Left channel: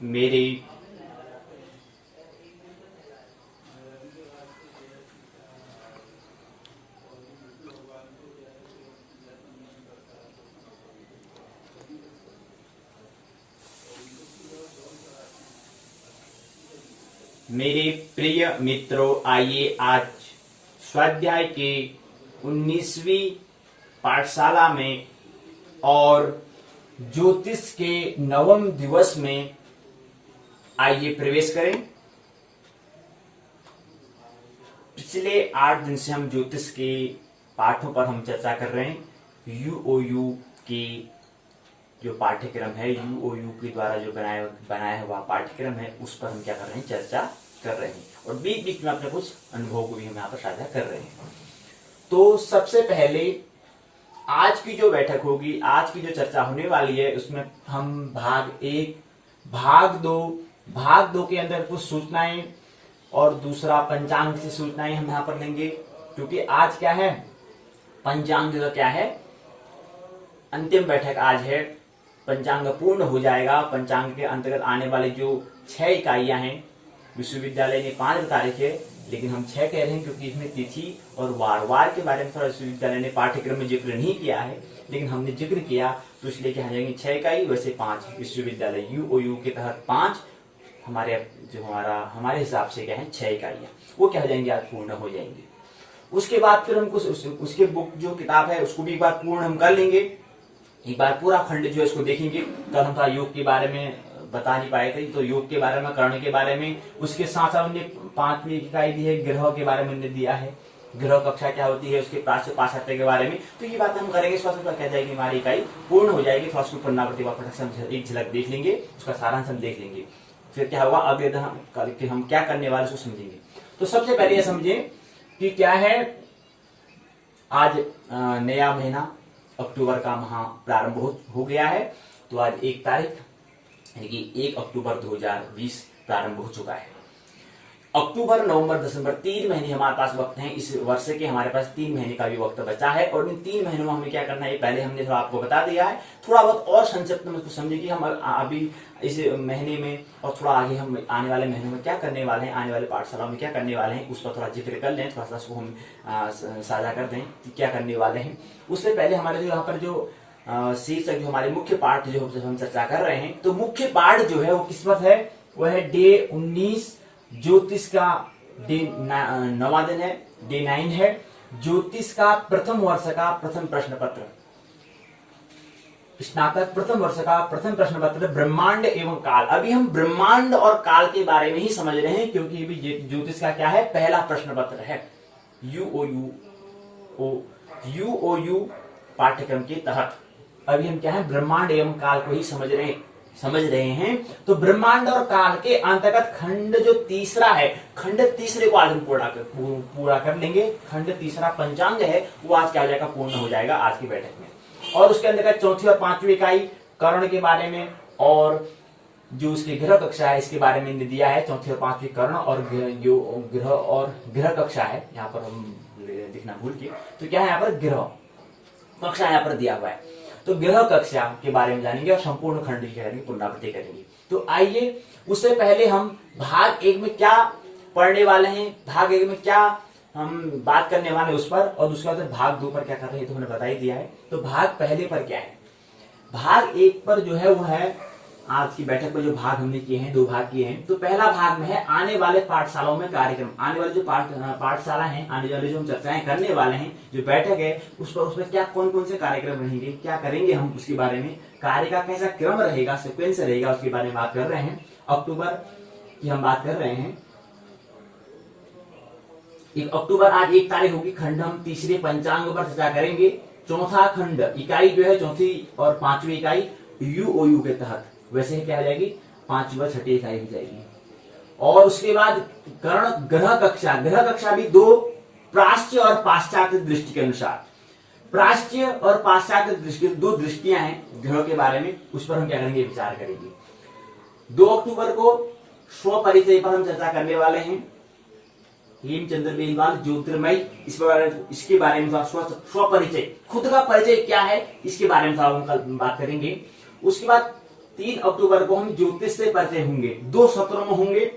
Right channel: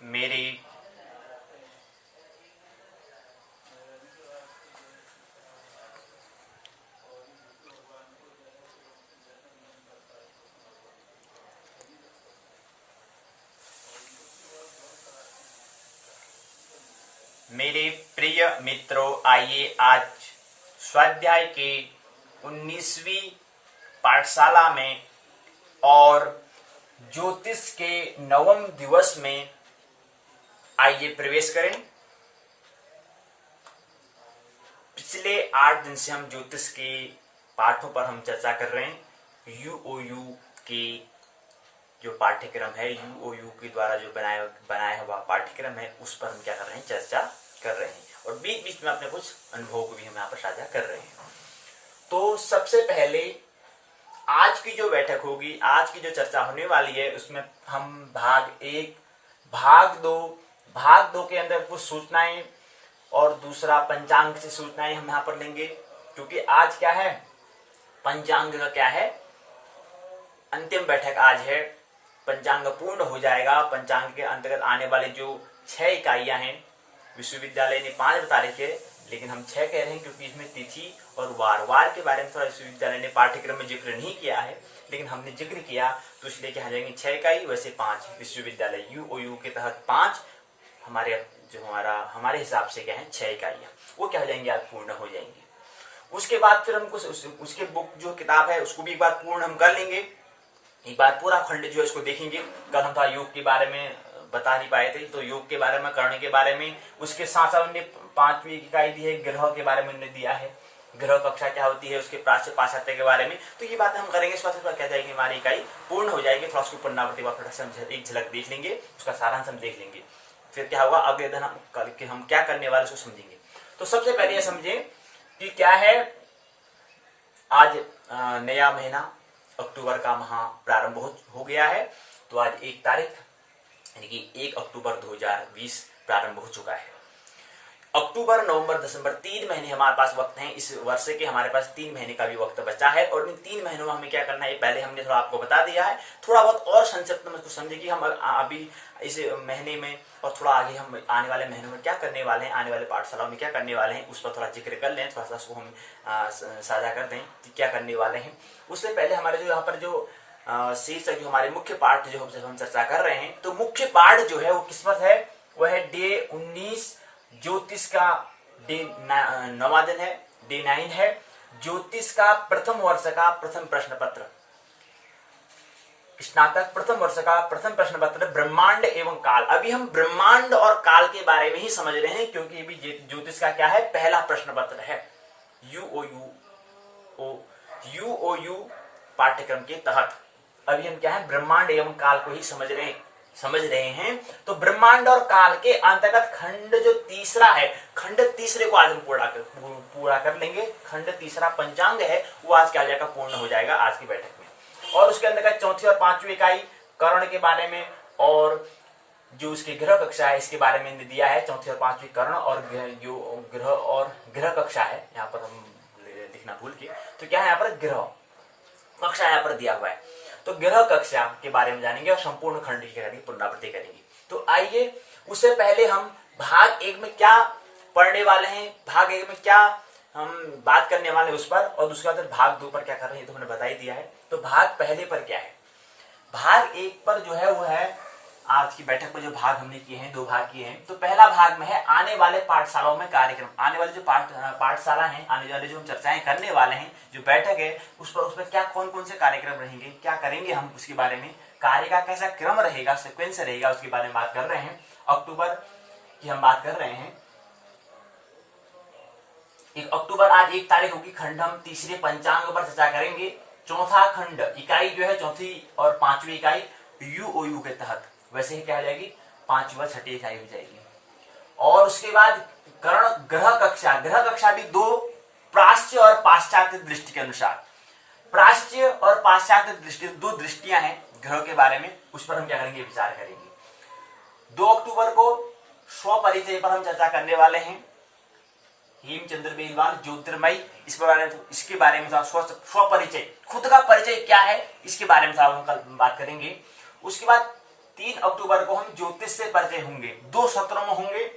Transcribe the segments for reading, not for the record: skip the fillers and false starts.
मेरे मेरे प्रिय मित्रों, आइए आज स्वाध्याय के 19वीं पाठशाला में और ज्योतिष के 9वें दिवस में आइए प्रवेश करें। पिछले 8 दिन से हम ज्योतिष के पाठों पर हम चर्चा कर रहे हैं। यूओयू के जो पाठ्यक्रम है, यूओयू के द्वारा जो बनाया हुआ पाठ्यक्रम है, उस पर हम क्या कर रहे हैं, चर्चा कर रहे हैं और बीच बीच में अपने कुछ अनुभवों को भी हम यहाँ पर साझा कर रहे हैं। तो सबसे पहले आज की जो बैठक होगी, आज की जो चर्चा होने वाली है, उसमें हम भाग 1, भाग 2 के अंदर कुछ सूचनाएं और दूसरा पंचांग से सूचनाएं हम यहाँ पर लेंगे, क्योंकि आज क्या है, पंचांग का क्या है, अंतिम बैठक आज है। पंचांग पूर्ण हो जाएगा। पंचांग के अंतर्गत आने वाले जो 6 इकाइयां हैं, विश्वविद्यालय ने 5 बता रखे है, लेकिन हम 6 कह रहे हैं क्योंकि इसमें तिथि और वार के बारे में थोड़ा विश्वविद्यालय ने पाठ्यक्रम में जिक्र नहीं किया है, लेकिन हमने जिक्र किया तो इसलिए क्या जाएंगे 6 इकाई, वैसे 5 विश्वविद्यालय यूओयू के तहत 5 हमारे हिसाब से क्या है 6 इकाइयां, वो क्या हो जाएंगे, आज पूर्ण हो जाएंगे। उसके बाद फिर हम कुछ उसके बुक जो किताब है उसको भी एक बार पूर्ण हम कर लेंगे, एक बार पूरा खंड जो है इसको देखेंगे। कल हम था योग के बारे में बता नहीं पाए थे, तो योग के बारे में, कर्ण के बारे में, उसके साथ साथ हमने 5वीं इकाई दी है, ग्रह के बारे में हमने दिया है, ग्रह कक्षा क्या होती है, उसके प्राच्य पाश्चात्य के बारे में। तो ये बात हम करेंगे, इस बात क्या जाएगी, हमारी इकाई पूर्ण हो जाएगी। थोड़ा उसको पुनरावृत्ति से एक झलक देख लेंगे, उसका सारांश हम देख लेंगे। फिर क्या होगा, अगले दिन हम क्या करने वाले उसको समझेंगे। तो सबसे पहले ये समझे कि क्या है, आज नया महीना अक्टूबर का माह प्रारंभ हो गया है। तो आज 1 तारीख यानी कि 1 अक्टूबर 2020 प्रारंभ हो चुका है। अक्टूबर, नवंबर, दिसंबर 3 महीने हमारे पास वक्त हैं। इस वर्ष के हमारे पास 3 महीने का भी वक्त बचा है और इन 3 महीनों में हमें क्या करना है, पहले हमने थोड़ा आपको बता दिया है। थोड़ा बहुत और संक्षिप्त में इसको समझे कि हम अभी इस महीने में और थोड़ा आगे हम आने वाले महीनों में क्या करने वाले हैं, आने वाले पाठशालाओं में क्या करने वाले हैं, उस पर थोड़ा जिक्र कर लें, थोड़ा सा उसको हम साझा कर दें कि क्या करने वाले हैं। उससे पहले हमारे जो यहाँ पर जो शीर्षक जो हमारे मुख्य पाठ जो हम चर्चा कर रहे हैं, तो मुख्य पाठ जो है वो किस पर है, वह है डे 19 ज्योतिष का डे 9वां दिन है, डे 9 है। ज्योतिष का प्रथम वर्ष का प्रथम प्रश्न पत्र, स्नातक प्रथम वर्ष का प्रथम प्रश्न पत्र, ब्रह्मांड एवं काल। अभी हम ब्रह्मांड और काल के बारे में ही समझ रहे हैं, क्योंकि अभी ज्योतिष का क्या है, पहला प्रश्न पत्र है यूओयू पाठ्यक्रम के तहत। अभी हम क्या है, ब्रह्मांड एवं काल को ही समझ रहे हैं। तो ब्रह्मांड और काल के अंतर्गत खंड जो तीसरा है, खंड तीसरे को आज हम पूरा कर लेंगे। खंड तीसरा पंचांग है, वो आज क्या हो जाएगा, पूर्ण हो जाएगा आज की बैठक में। और उसके अंतर्गत 4थी और 5वीं इकाई कर्ण के बारे में और जो उसकी ग्रह कक्षा है इसके बारे में दिया है। 4थी और 5वीं कर्ण और ग्रह कक्षा है, यहाँ पर हम लिखना भूल गए, तो क्या है यहाँ पर ग्रह कक्षा यहाँ पर दिया हुआ है। तो ग्रह कक्षा के बारे में जानेंगे और संपूर्ण खंड की पुनरावृत्ति करेंगे। तो आइए, उससे पहले हम भाग 1 में क्या पढ़ने वाले हैं, भाग 1 में क्या हम बात करने वाले हैं उस पर, और दूसरा भाग 2 पर क्या कर रहे हैं तो हमने बता ही दिया है। तो भाग पहले पर क्या है, भाग 1 पर जो है वो है आज की बैठक में जो भाग हमने किए हैं, 2 भाग किए हैं। तो पहला भाग में है आने वाले पाठशालाओं में कार्यक्रम, आने वाले जो पाठशाला है, आने वाले जो हम चर्चाएं करने वाले हैं, जो बैठक है उस पर क्या कौन कौन से कार्यक्रम रहेंगे, क्या करेंगे हम, उसके बारे में, कार्य का कैसा क्रम रहेगा, सिक्वेंस रहेगा, उसके बारे में बात कर रहे हैं। अक्टूबर की हम बात कर रहे हैं, 1 अक्टूबर आज 1 तारीख होगी। खंड हम तीसरे पंचांग पर चर्चा करेंगे। चौथा खंड इकाई जो है 4थी और 5वीं इकाई यूओयू के तहत, वैसे क्या हो जाएगी, 5वीं और 6ठी इकाई हो जाएगी। और उसके बाद ग्रह कक्षा भी 2 प्राच्य और पाश्चात्य दृष्टि के अनुसार, प्राच्य और पाश्चात्य दृष्टि 2 दृष्टियां हैं ग्रह के बारे में, उस पर हम क्या करेंगे, विचार करेंगे। 2 अक्टूबर को स्व परिचय पर हम चर्चा करने वाले हैं। हेमचंद्र बेलवाल ज्योतिर्मय, इसके बारे में स्व परिचय, खुद का परिचय क्या है, इसके बारे में हम कल बात करेंगे। उसके बाद 3 अक्टूबर को हम ज्योतिष से परिचय होंगे, 2 सत्रों में होंगे।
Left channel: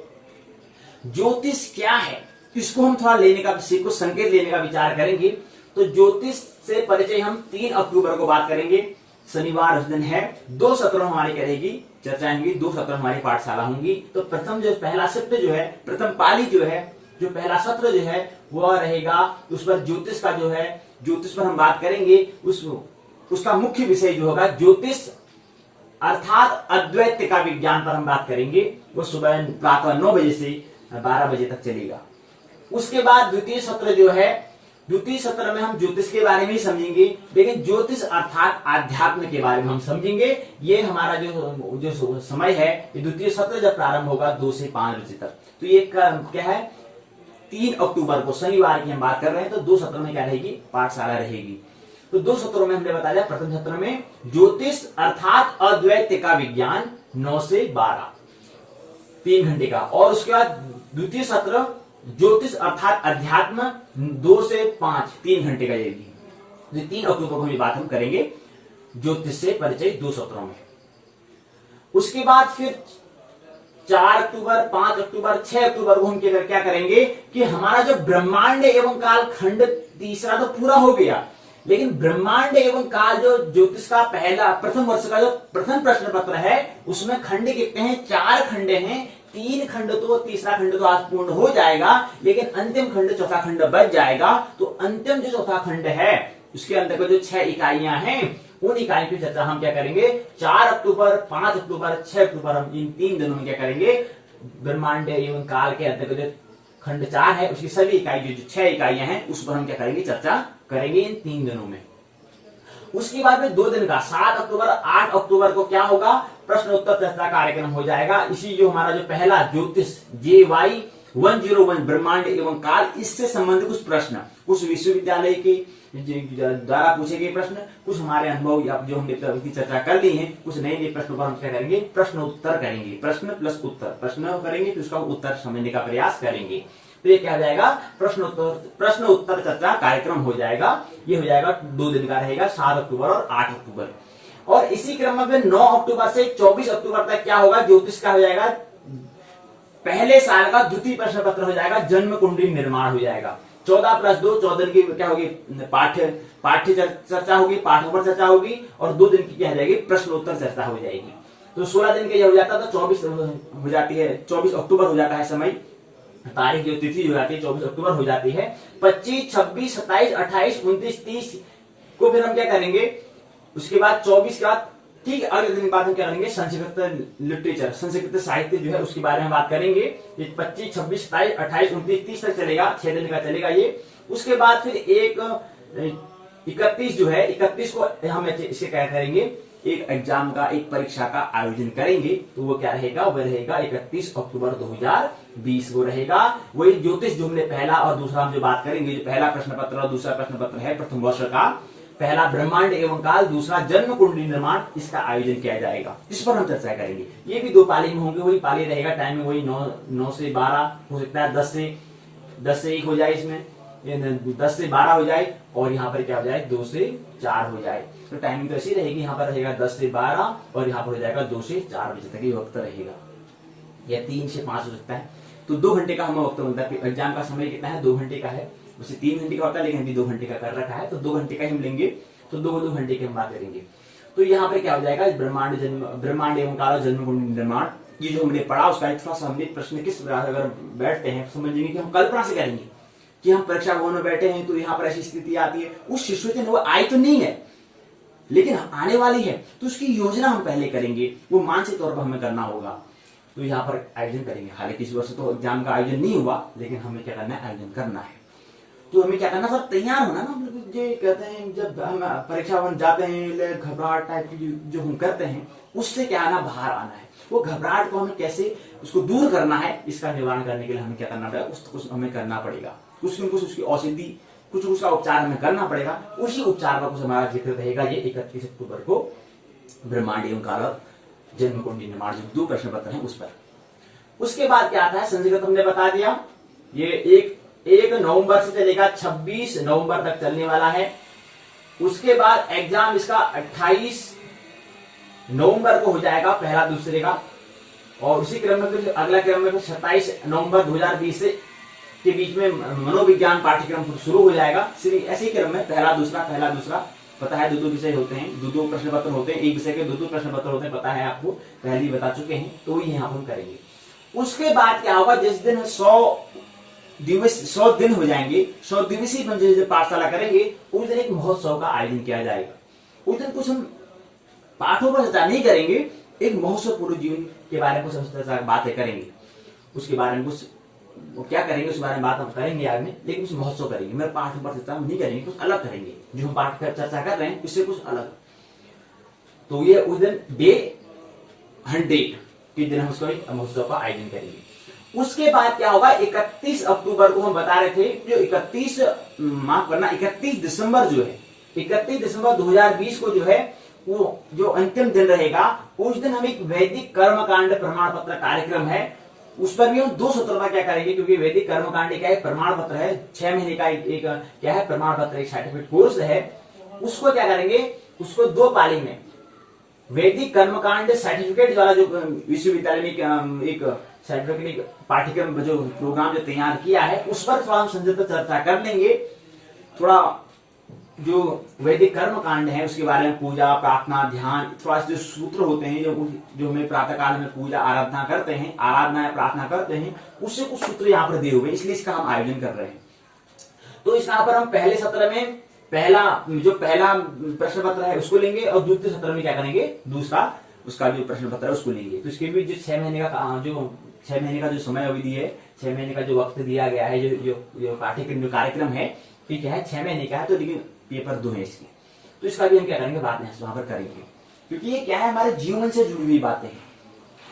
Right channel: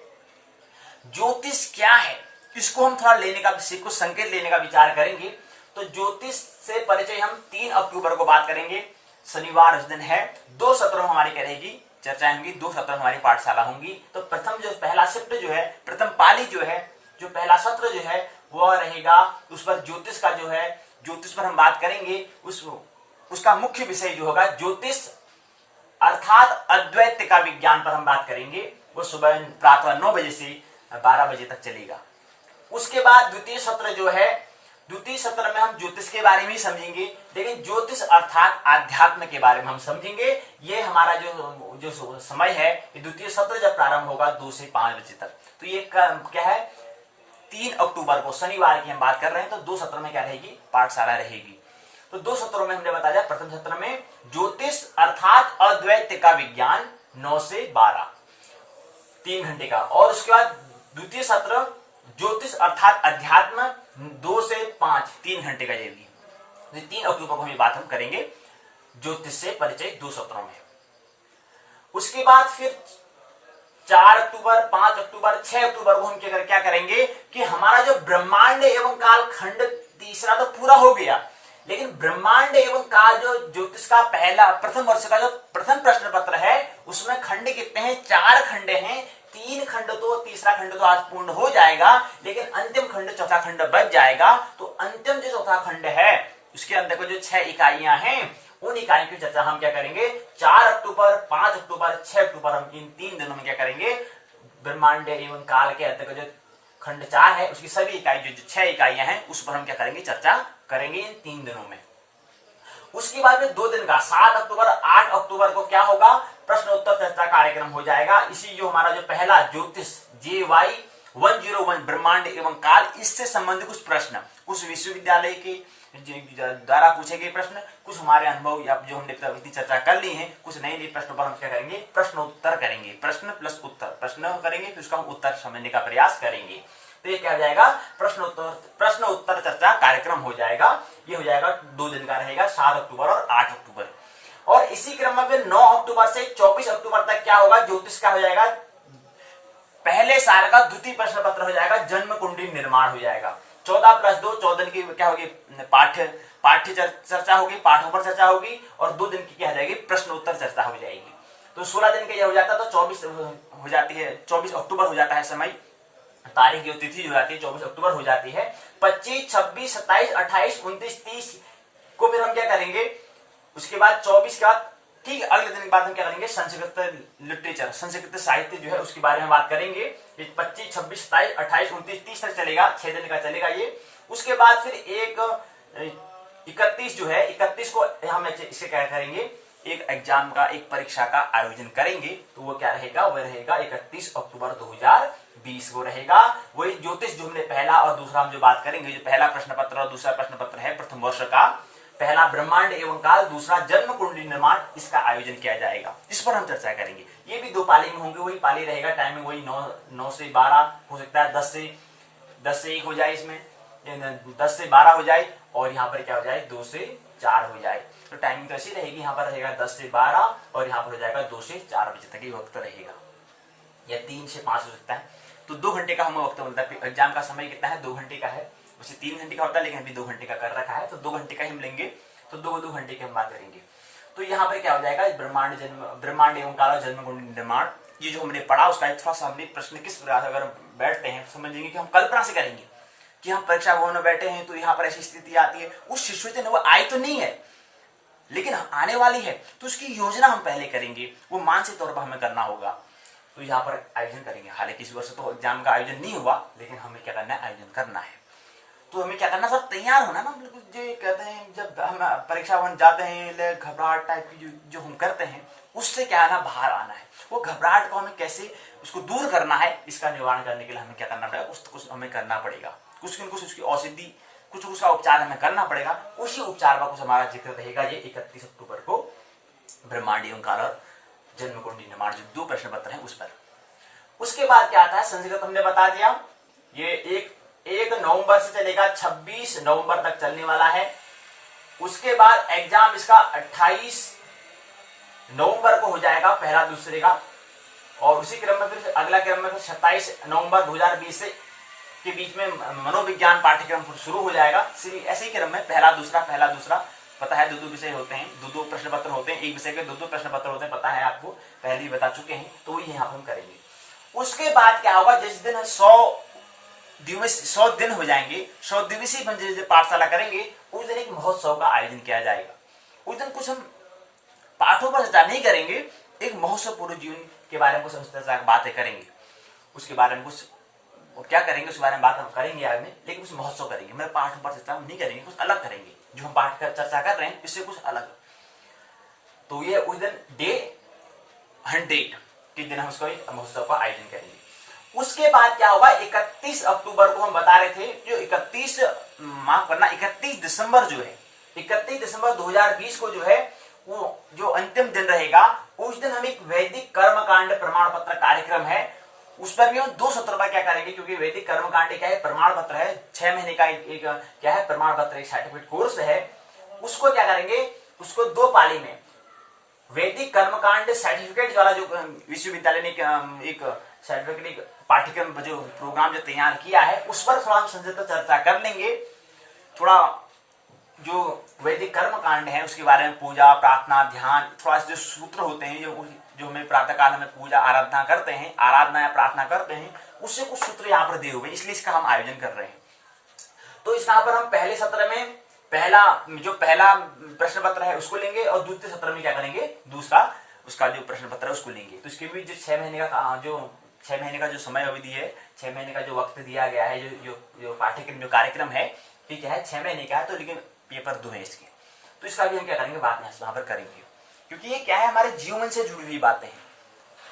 ज्योतिष क्या है इसको हम थोड़ा लेने का, कुछ संकेत लेने का विचार करेंगे। तो ज्योतिष से परिचय हम 3 अक्टूबर को बात करेंगे, शनिवार उस दिन है। 2 सत्रों हमारी क्या रहेगी, चर्चा होंगी, 2 सत्र हमारी पाठशाला होंगी। तो प्रथम जो पहला शिफ्ट जो है, प्रथम पाली जो है, जो पहला सत्र जो है वह रहेगा, उस पर ज्योतिष का जो है, ज्योतिष पर हम बात करेंगे। उसका मुख्य विषय जो होगा ज्योतिष अर्थात अद्वैत का विज्ञान पर हम बात करेंगे। वो सुबह प्रातः 9 बजे से 12 बजे तक चलेगा। उसके बाद द्वितीय सत्र जो है, द्वितीय सत्र में हम ज्योतिष के बारे में ही समझेंगे, लेकिन ज्योतिष अर्थात आध्यात्म के बारे में हम समझेंगे। ये हमारा जो समय है, ये द्वितीय सत्र जब प्रारंभ होगा 2 से 5 बजे तक। तो ये क्या है, 3 अक्टूबर को शनिवार की हम बात कर रहे हैं। तो 2 सत्र में क्या रहेगी, पाठशाला रहेगी। तो 2 सत्रों में हमने बता दिया, प्रथम सत्र में ज्योतिष अर्थात अद्वैत का विज्ञान 9 से 12, 3 घंटे का। और उसके बाद द्वितीय सत्र ज्योतिष अर्थात अध्यात्म 2 से 5, 3 घंटे का रहेगी। 3 अक्टूबर को ये बात हम करेंगे ज्योतिष से परिचय 2 सत्रों में। उसके बाद फिर 4 अक्टूबर, 5 अक्टूबर, 6 अक्टूबर को हम क्या करेंगे कि हमारा जो ब्रह्मांड एवं काल खंड तीसरा तो पूरा हो गया, लेकिन ब्रह्मांड एवं काल जो ज्योतिष का प्रथम वर्ष का जो प्रथम प्रश्न पत्र है, उसमें खंड कितने हैं, 4 खंड हैं। 3 खंड तो, तीसरा खंड तो आज पूर्ण हो जाएगा, लेकिन अंतिम खंड, चौथा खंड बच जाएगा। तो अंतिम जो चौथा खंड है उसके अंदर को जो 6 इकाइयां हैं, उन इकाइयों की चर्चा हम क्या करेंगे 4 अक्टूबर, 5 अक्टूबर, 6 अक्टूबर, हम इन 3 दिनों में क्या करेंगे, ब्रह्मांड एवं काल के अंदर जो खंड 4 है उसकी सभी इकाई जो 6 इकाइयां हैं उस पर हम क्या करेंगे, चर्चा करेंगे इन 3 दिनों में। उसके बाद में 2 दिन का 7 अक्टूबर, 8 अक्टूबर को क्या होगा, प्रश्न उत्तर चर्चा कार्यक्रम हो जाएगा। इसी जो हमारा जो पहला ज्योतिष JY 101 ब्रह्मांड एवं काल, इससे संबंधित कुछ प्रश्न, कुछ विश्वविद्यालय के द्वारा पूछे गए प्रश्न, कुछ हमारे अनुभव या जो हमने इतनी चर्चा कर ली है, कुछ नए नए प्रश्नों पर हम क्या करेंगे, प्रश्न उत्तर करेंगे। प्रश्न प्लस उत्तर, प्रश्न करेंगे फिर उसका उत्तर समझने का प्रयास करेंगे। तो ये क्या हो जाएगा, प्रश्न उत्तर चर्चा कार्यक्रम हो जाएगा। ये हो जाएगा 2 दिन का रहेगा, 7 अक्टूबर और 8 अक्टूबर। और इसी क्रम में फिर 9 अक्टूबर से 24 अक्टूबर तक क्या होगा, ज्योतिष का हो जाएगा पहले साल का द्वितीय प्रश्न पत्र हो जाएगा, जन्म कुंडली निर्माण हो जाएगा। 14 + 2 14 दिन की क्या होगी, पाठ्य चर्चा होगी, पाठों पर चर्चा होगी, और 2 दिन की क्या हो जाएगी, प्रश्न उत्तर चर्चा हो जाएगी। तो 16 दिन का यह हो जाता है, तो 24 हो जाती है, 24 अक्टूबर हो जाता है समय, तारीख जो तिथि हो जाती है 24 अक्टूबर हो जाती है। 25, 26, 27, 28, 29, 30 को फिर हम क्या करेंगे, उसके बाद 24 का ठीक अगले दिन के बाद हम क्या करेंगे, संस्कृत लिटरेचर, संस्कृत साहित्य जो है उसके बारे में बात करेंगे। 25, 26, 27, 28, 29, 30 तक चलेगा, 6 दिन का चलेगा ये। उसके बाद फिर 31 जो है, 31 को हम इसे क्या करेंगे, एक एग्जाम का, एक परीक्षा का आयोजन करेंगे। तो वो क्या रहेगा, वो रहेगा 31 अक्टूबर 2020 वो रहेगा। वही ज्योतिष जो हमने पहला और दूसरा हम जो बात करेंगे, जो पहला प्रश्न पत्र और दूसरा प्रश्न पत्र है प्रथम वर्ष का, पहला ब्रह्मांड एवं काल, दूसरा जन्म कुंडली निर्माण, इसका आयोजन किया जाएगा। इस पर हम चर्चा करेंगे। ये भी 2 पाली में होंगे, वही पाली रहेगा, टाइमिंग वही 9 से 12 हो सकता है, 10 से 1 हो जाए, इसमें 10 से 12 हो जाए, और यहाँ पर क्या हो जाए 2 से 4 हो जाए। तो टाइमिंग तो ऐसी रहेगी, यहाँ पर रहेगा 10 से 12 और यहाँ पर हो जाएगा 2 से 4 बजे तक ये वक्त रहेगा, या 3 से 5 हो सकता है। तो 2 घंटे का हमें वक्त मिलता है। एग्जाम का समय कितना है, 2 घंटे का है, उसे 3 घंटे का होता है, लेकिन अभी 2 घंटे का कर रखा है, तो 2 घंटे का ही हम लेंगे। तो 2 घंटे की हम बात करेंगे। तो यहाँ पर क्या हो जाएगा, ब्रह्मांड एवं काल, जन्म कुंडली निर्माण, ये जो हमने पढ़ा उसका थोड़ा सा हमने प्रश्न किस प्रकार अगर बैठते हैं समझेंगे कि हम कल्पना से करेंगे कि हम परीक्षा भवन में बैठे हैं, तो यहाँ पर ऐसी स्थिति आती है, उस सिचुएशन वो आई तो नहीं है लेकिन आने वाली है, तो उसकी योजना हम पहले करेंगे, वो मानसिक तौर पर हमें करना होगा। तो यहाँ पर आयोजन करेंगे। हालांकि इस वर्ष तो एग्जाम का आयोजन नहीं हुआ, लेकिन हमें क्या करना है, आयोजन करना है। तो हमें क्या करना सर, तैयार होना ना। जो कहते हैं जब हम परीक्षा भवन जाते हैं, घबराहट टाइप की जो हम करते हैं, उससे क्या आना, बाहर आना है। वो घबराहट को हमें कैसे उसको दूर करना है, इसका निवारण करने के लिए हमें क्या करना पड़ेगा, कुछ हमें करना पड़ेगा, कुछ न कुछ उसकी औषधि, कुछ उसका उपचार हमें करना पड़ेगा। उसी उपचार का कुछ हमारा जिक्र रहेगा ये 31 अक्टूबर को, ब्रह्मांड एवं काल और जन्म कुंडली निर्माण, जो 2 प्रश्न पत्र हैं उस पर। उसके बाद क्या आता है, संस्कृत हमने बता दिया, ये 1 नवंबर से चलेगा, 26 नवंबर तक चलने वाला है। उसके बाद एग्जाम इसका 28 नवंबर को हो जाएगा पहला दूसरे का, और उसी क्रम में फिर अगला क्रम में फिर 27 नवंबर 2020 से के बीच में मनोविज्ञान पाठ्यक्रम शुरू हो जाएगा। सिर्फ ऐसे ही क्रम में पहला दूसरा पता है, दो विषय होते हैं, दो प्रश्न पत्र होते हैं, एक विषय के दो प्रश्न पत्र होते हैं, पता है आपको, पहले ही बता चुके हैं, तो वही यहाँ पर हम करेंगे। उसके बाद क्या होगा, जिस दिन 100 दिन हो जाएंगे, 100 दिवसीय जो पाठशाला करेंगे, उस दिन एक महोत्सव का आयोजन किया जाएगा। उस दिन कुछ हम पाठों पर चर्चा नहीं करेंगे, एक महोत्सव पूर्व जीवन के बारे में कुछ बातें करेंगे, उसके बारे में कुछ क्या करेंगे उसके बारे में बात हम करेंगे आगे में, लेकिन कुछ महोत्सव करेंगे। मैं पाठों पर चर्चा नहीं करेंगे, कुछ अलग करेंगे, जो हम पाठ कर चर्चा कर रहे हैं इससे कुछ अलग। तो ये उस दिन डे 100 के दिन हम उसको महोत्सव का आयोजन करेंगे। उसके बाद क्या होगा, 31 अक्टूबर को हम बता रहे थे, जो 31 दिसंबर जो है, 31 दिसंबर 2020 को जो है वो जो अंतिम दिन रहेगा, उस दिन हम एक वैदिक कर्मकांड प्रमाण पत्र कार्यक्रम है, उस पर भी हम 2 सत्र में क्या करेंगे, क्योंकि वैदिक कर्मकांड क्या है, प्रमाण पत्र है, 6 महीने का एक क्या है, प्रमाण पत्र, एक सर्टिफिकेट कोर्स है। उसको क्या करेंगे, उसको 2 पाली में वैदिक कर्मकांड सर्टिफिकेट वाला जो विश्वविद्यालय ने एक सर्टिफिकेट पाठ्यक्रम जो प्रोग्राम जो तैयार किया है, उस पर थोड़ा हम संक्षिप्त चर्चा कर लेंगे। थोड़ा जो वैदिक कर्म कांड है उसके बारे में, पूजा प्रार्थना ध्यान, थोड़ा जो सूत्र होते हैं, जो हमें प्रातः काल में पूजा आराधना करते हैं, आराधना या प्रार्थना करते हैं, उससे कुछ सूत्र यहाँ पर दिए हुए, इसलिए इसका हम आयोजन कर रहे हैं। तो इस यहाँ पर हम पहले सत्र में पहला प्रश्न पत्र है उसको लेंगे, और द्वितीय सत्र में क्या करेंगे, दूसरा उसका जो प्रश्न पत्र है उसको लेंगे। तो इसके भी जो 6 महीने का जो समय अवधि है, 6 महीने का जो वक्त दिया गया है, जो पाठ्यक्रम जो कार्यक्रम है, ठीक है, 6 महीने का है, तो लेकिन पेपर 2 है इसके, तो इसका भी हम क्या करेंगे, बाद में वहां पर करेंगे, क्योंकि ये क्या है, हमारे जीवन से जुड़ी हुई बातें हैं।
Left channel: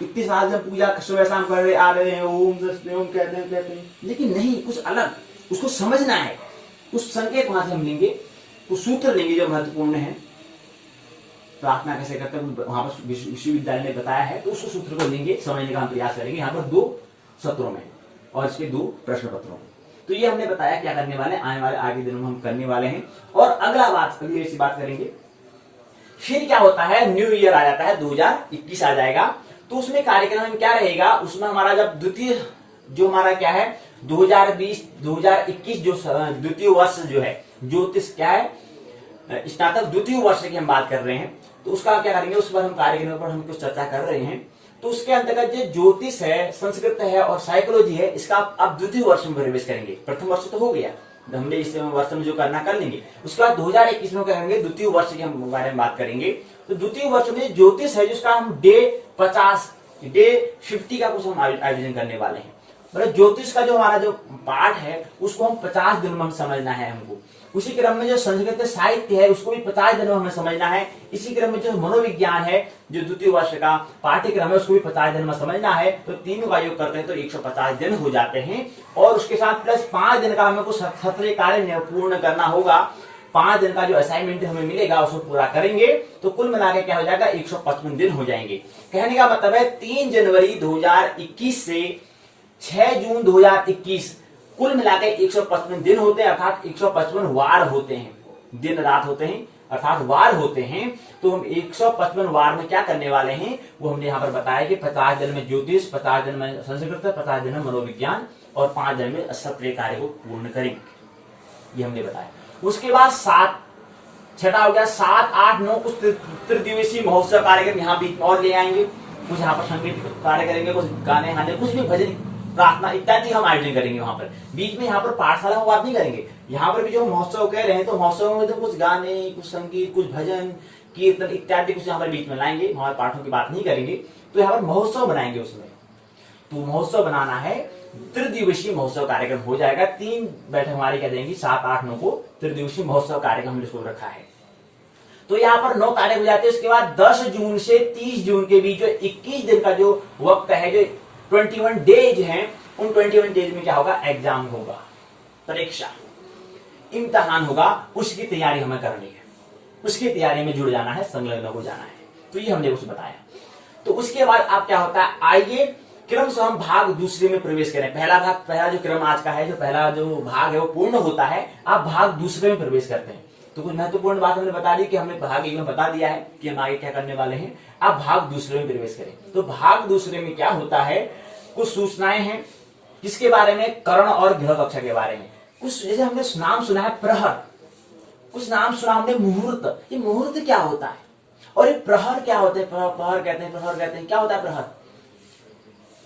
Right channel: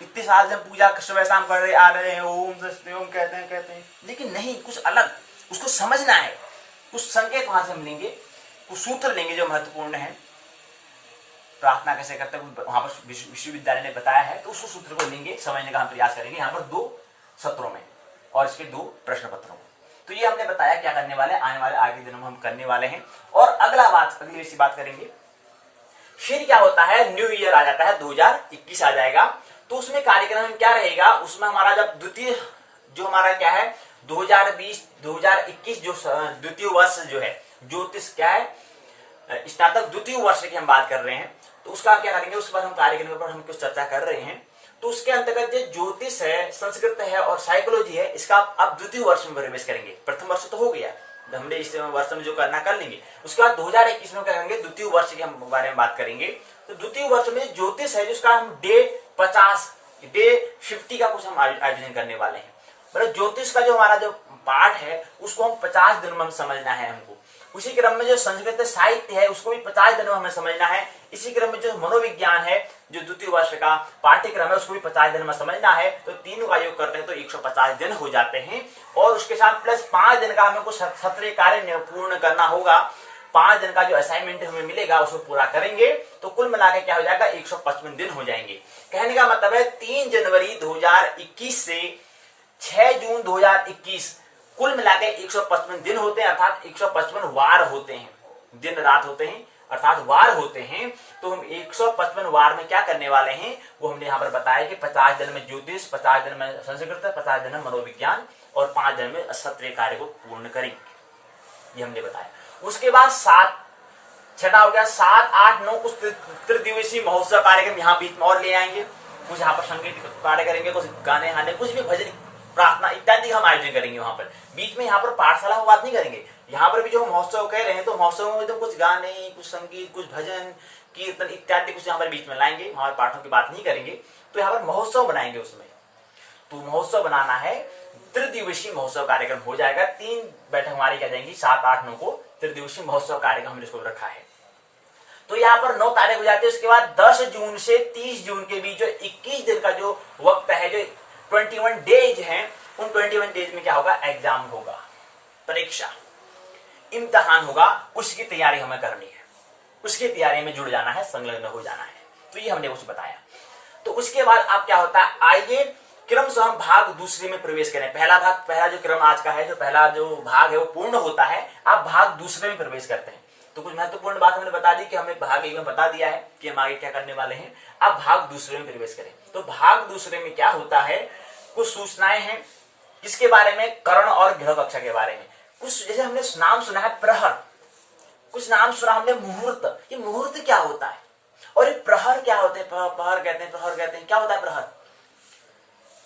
इतने साल से पूजा सुबह शाम कर रहे आ रहे हैं, ओम कहते हैं, लेकिन नहीं, कुछ अलग उसको समझना है, कुछ संकेत वहां से हम लेंगे, कुछ सूत्र लेंगे जो महत्वपूर्ण है। प्रार्थना कैसे करते हैं वहां पर विश्वविद्यालय ने बताया है, तो उस सूत्र को लेंगे, समझने का हम प्रयास करेंगे यहाँ पर 2 सत्रों में, और इसके 2 प्रश्न पत्रों में। तो ये हमने बताया क्या करने वाले, आने वाले आगे दिनों में हम करने वाले हैं। और अगली ऐसी बात करेंगे, फिर क्या होता है, न्यू ईयर आ जाता है, 2021 आ जाएगा, तो उसमें कार्यक्रम में क्या रहेगा, उसमें हमारा जब द्वितीय जो हमारा क्या है 2020-2021 जो द्वितीय वर्ष जो है, ज्योतिष क्या है, स्नातक द्वितीय वर्ष की हम बात कर रहे हैं, तो उसका क्या करेंगे, उस पर हम कार्यक्रम पर हम कुछ चर्चा कर रहे हैं। तो उसके अंतर्गत जो ज्योतिष है, संस्कृत है और साइकोलॉजी है, इसका आप द्वितीय वर्ष में प्रवेश करेंगे। प्रथम वर्ष तो हो गया, हमने इस वर्ष में जो करना कर लेंगे, उसके बाद 2021 में क्या करेंगे, द्वितीय वर्ष के हम बारे में बात करेंगे। तो द्वितीय वर्ष में ज्योतिष है, जिसका हम डे 50 का कुछ हम आयोजन करने वाले हैं। मतलब ज्योतिष का जो हमारा जो पाठ है, उसको हम 50 दिन में हम समझना है हमको। उसी क्रम में जो संस्कृत साहित्य है, उसको भी 50 दिन में हमें समझना है। इसी क्रम में जो मनोविज्ञान है, जो द्वितीय वर्ष का पाठ्यक्रम है, उसको भी 50 दिन में समझना है। तो तीनों का योग करते हैं तो 150 दिन हो जाते हैं, और उसके साथ प्लस 5 दिन का हमें कुछ सत्र कार्य पूर्ण करना होगा। 5 दिन का जो असाइनमेंट हमें मिलेगा उसको पूरा करेंगे, तो कुल मिलाकर क्या हो जाएगा, 155 दिन हो जाएंगे। कहने का मतलब है 3 जनवरी 2021 से 6 जून 2021 कुल मिलाकर 155 दिन होते हैं, अर्थात 155 वार होते हैं, दिन रात होते हैं, अर्थात वार होते हैं। तो हम 155 वार में क्या करने वाले हैं, वो हमने यहाँ पर बताया कि 50 दिन में ज्योतिष, 50 दिन में संस्कृत, 50 दिन में मनोविज्ञान, और 5 दिन में सत्र कार्य को पूर्ण करेंगे, ये हमने बताया। उसके बाद 6 हो गया, 7, 8, 9 कुछ त्रिदिवसीय महोत्सव कार्यक्रम यहाँ बीच में और ले आएंगे। कुछ यहाँ पर संगीत कार्य करेंगे, कुछ गाने हाने, कुछ भी भजन प्रार्थना इत्यादि हम आयोजन करेंगे वहां पर। बीच में यहाँ पर पाठशाला में बात नहीं करेंगे, यहाँ पर भी जो महोत्सव कह रहे हैं, तो महोत्सव में तो कुछ गाने, कुछ संगीत, कुछ भजन कीर्तन इत्यादि कुछ यहाँ पर बीच में लाएंगे, वहां पाठों की बात नहीं करेंगे। तो यहाँ पर महोत्सव बनाएंगे उसमें। तो महोत्सव बनाना है, त्रिदिवसीय महोत्सव कार्यक्रम हो जाएगा। 3 बैठक हमारी क्या जाएंगी, 7, 8, 9 को त्रिदिवसीय महोत्सव कार्यक्रम हमने इसको रखा है। तो यहाँ पर 9 तारीख हो जाते हैं। उसके बाद 10 जून से 30 जून के बीच जो 21 दिन का जो वक्त है, जो 21 डेज हैं, उन 21 डेज में क्या होगा, एग्जाम होगा, परीक्षा, इम्तिहान होगा। उसकी तैयारी हमें करनी है, उसकी तैयारी में जुड़ जाना है, संलग्न हो जाना है। तो ये हमने उसे बताया। तो उसके बाद आप क्या होता है, आइए क्रम से हम भाग दूसरे में प्रवेश करें। पहला जो क्रम आज का है, जो पहला जो भाग है वो पूर्ण होता है, आप भाग दूसरे में प्रवेश करते हैं। तो कुछ महत्वपूर्ण बात हमने बता दी कि हमें भाग एक में बता दिया है कि हम आगे क्या करने वाले हैं। अब भाग दूसरे में प्रवेश करें। तो भाग दूसरे में क्या होता है, कुछ सूचनाएं हैं किसके बारे में, कर्ण और गृह कक्षा के बारे में। कुछ जैसे हमने नाम सुना है प्रहर, कुछ नाम सुना हमने मुहूर्त। ये मुहूर्त क्या होता है और ये प्रहर क्या होते हैं, प्रहर कहते हैं, क्या होता है प्रहर?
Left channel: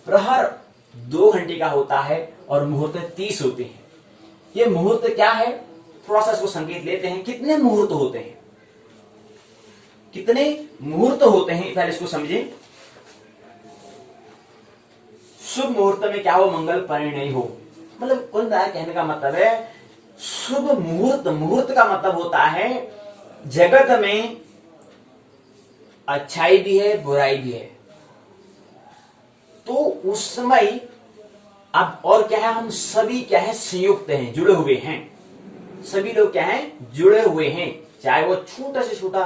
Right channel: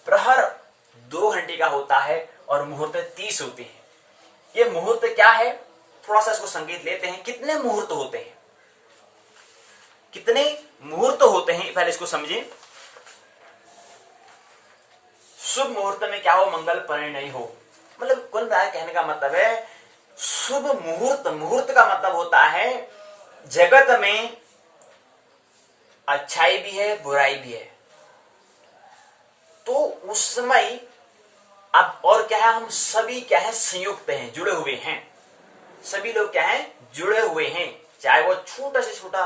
प्रहर 2 घंटे का होता है और मुहूर्त 30 होते हैं। ये मुहूर्त क्या है, थोड़ा सा इसको संकेत लेते हैं। कितने मुहूर्त होते हैं, कितने मुहूर्त होते हैं, पहले इसको समझें। शुभ मुहूर्त में क्या हो, मंगल परिणय हो। मतलब कुल मिलाकर कहने का मतलब है शुभ मुहूर्त, मुहूर्त का मतलब होता है जगत में अच्छाई भी है बुराई भी है, तो उस समय अब और क्या है, हम सभी क्या है, संयुक्त हैं, जुड़े हुए हैं। सभी लोग क्या हैं, जुड़े हुए हैं। चाहे वो छोटा से छोटा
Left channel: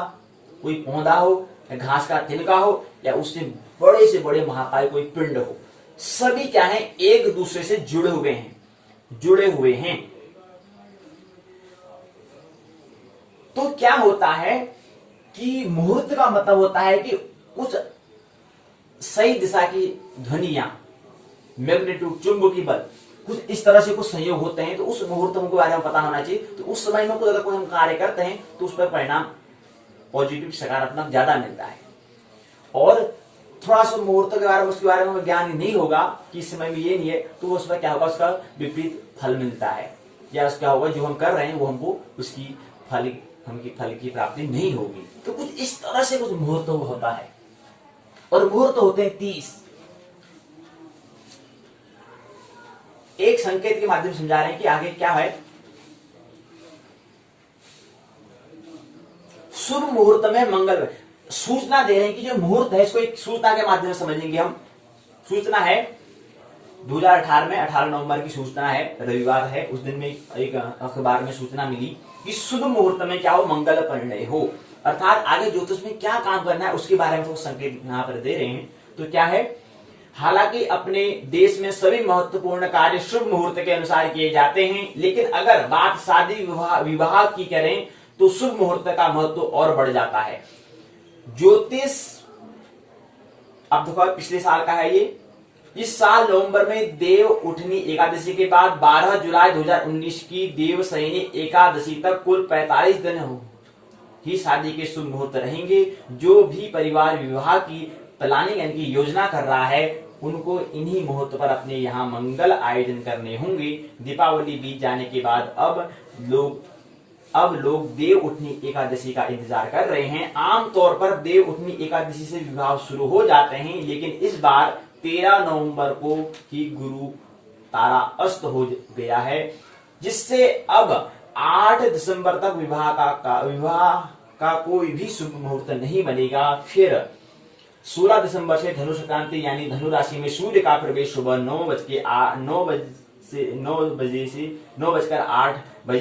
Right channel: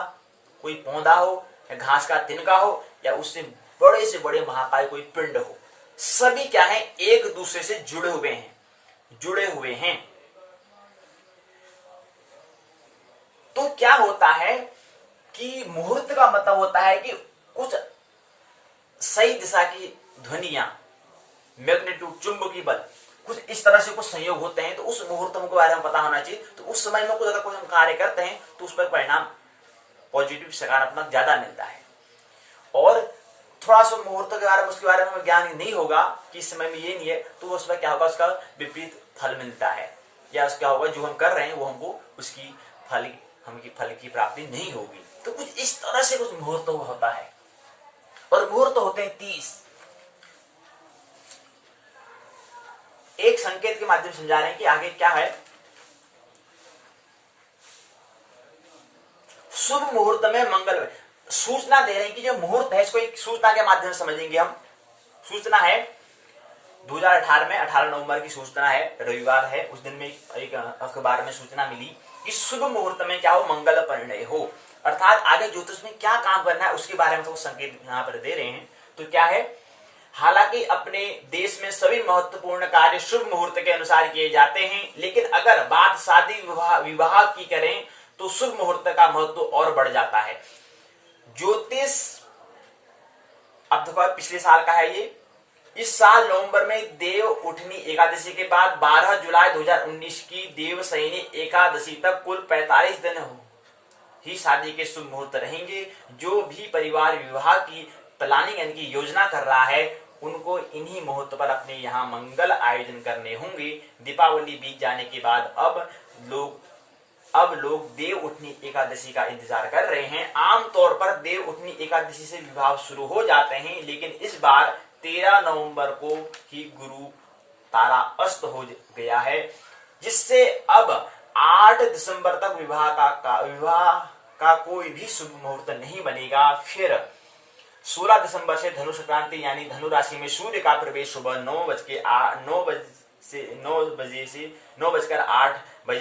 कोई पौधा हो या घास का तिनका हो या उससे बड़े से बड़े महाकाय कोई पिंड हो, सभी क्या है, एक दूसरे से जुड़े हुए हैं, जुड़े हुए हैं। तो क्या होता है कि मुहूर्त का मतलब होता है कि कुछ सही दिशा की ध्वनियां, मैग्नीट्यूड, चुंबकीय बल, कुछ इस तरह से कुछ संयोग होते हैं। तो उस मुहूर्त के बारे में पता होना चाहिए। तो उस समय में कुछ अगर कोई हम कार्य करते हैं तो उस पर परिणाम पॉजिटिव, सकारात्मक ज्यादा मिलता है। और थोड़ा सा मुहूर्त के बारे में, उसके बारे में हमें ज्ञान नहीं होगा कि इस समय में ये नहीं है, तो उसमें क्या होगा, उसका विपरीत फल मिलता है, या उसका होगा जो हम कर रहे हैं वो हमको उसकी फल की प्राप्ति नहीं होगी। तो कुछ इस तरह से कुछ मुहूर्त होता है। और मुहूर्त होते हैं 30। एक संकेत के माध्यम से समझा रहे हैं कि आगे क्या है। शुभ मुहूर्त में मंगल, सूचना दे रहे हैं कि जो मुहूर्त है इसको एक सूचना के माध्यम से समझेंगे हम। सूचना है 2018 में 18 नवंबर की सूचना है, रविवार है, उस दिन में एक अखबार में सूचना मिली कि शुभ मुहूर्त में क्या हो, मंगल परिणय हो। अर्थात आगे ज्योतिष में क्या काम करना है उसके बारे में तो संकेत यहाँ पर दे रहे हैं। तो क्या है, हालांकि अपने देश में सभी महत्वपूर्ण कार्य शुभ मुहूर्त के अनुसार किए जाते हैं, लेकिन अगर बात शादी विवाह की करें तो शुभ मुहूर्त का महत्व और बढ़ जाता है। ज्योतिष अब देखो पिछले साल का है ये, इस साल नवंबर में देव उठनी एकादशी के बाद 12 जुलाई 2019 की देवशयनी एकादशी तक कुल 45 दिन ही शादी के शुभ मुहूर्त रहेंगे। जो भी परिवार विवाह की प्लानिंग यानी कि योजना कर रहा है उनको इन्हीं मुहूर्त पर अपने यहाँ मंगल आयोजन करने होंगे। दीपावली बीत जाने के बाद अब लोग देव उठनी एकादशी का इंतजार कर रहे हैं। आमतौर पर देव उठनी एकादशी से विवाह शुरू हो जाते हैं, लेकिन इस बार 13 नवंबर को ही गुरु तारा अस्त हो गया है, जिससे अब 8 दिसंबर तक विवाह का कोई भी शुभ मुहूर्त नहीं बनेगा। फिर 16 दिसंबर से धनु संक्रांति यानी धनु राशि में सूर्य का प्रवेश सुबह 9:08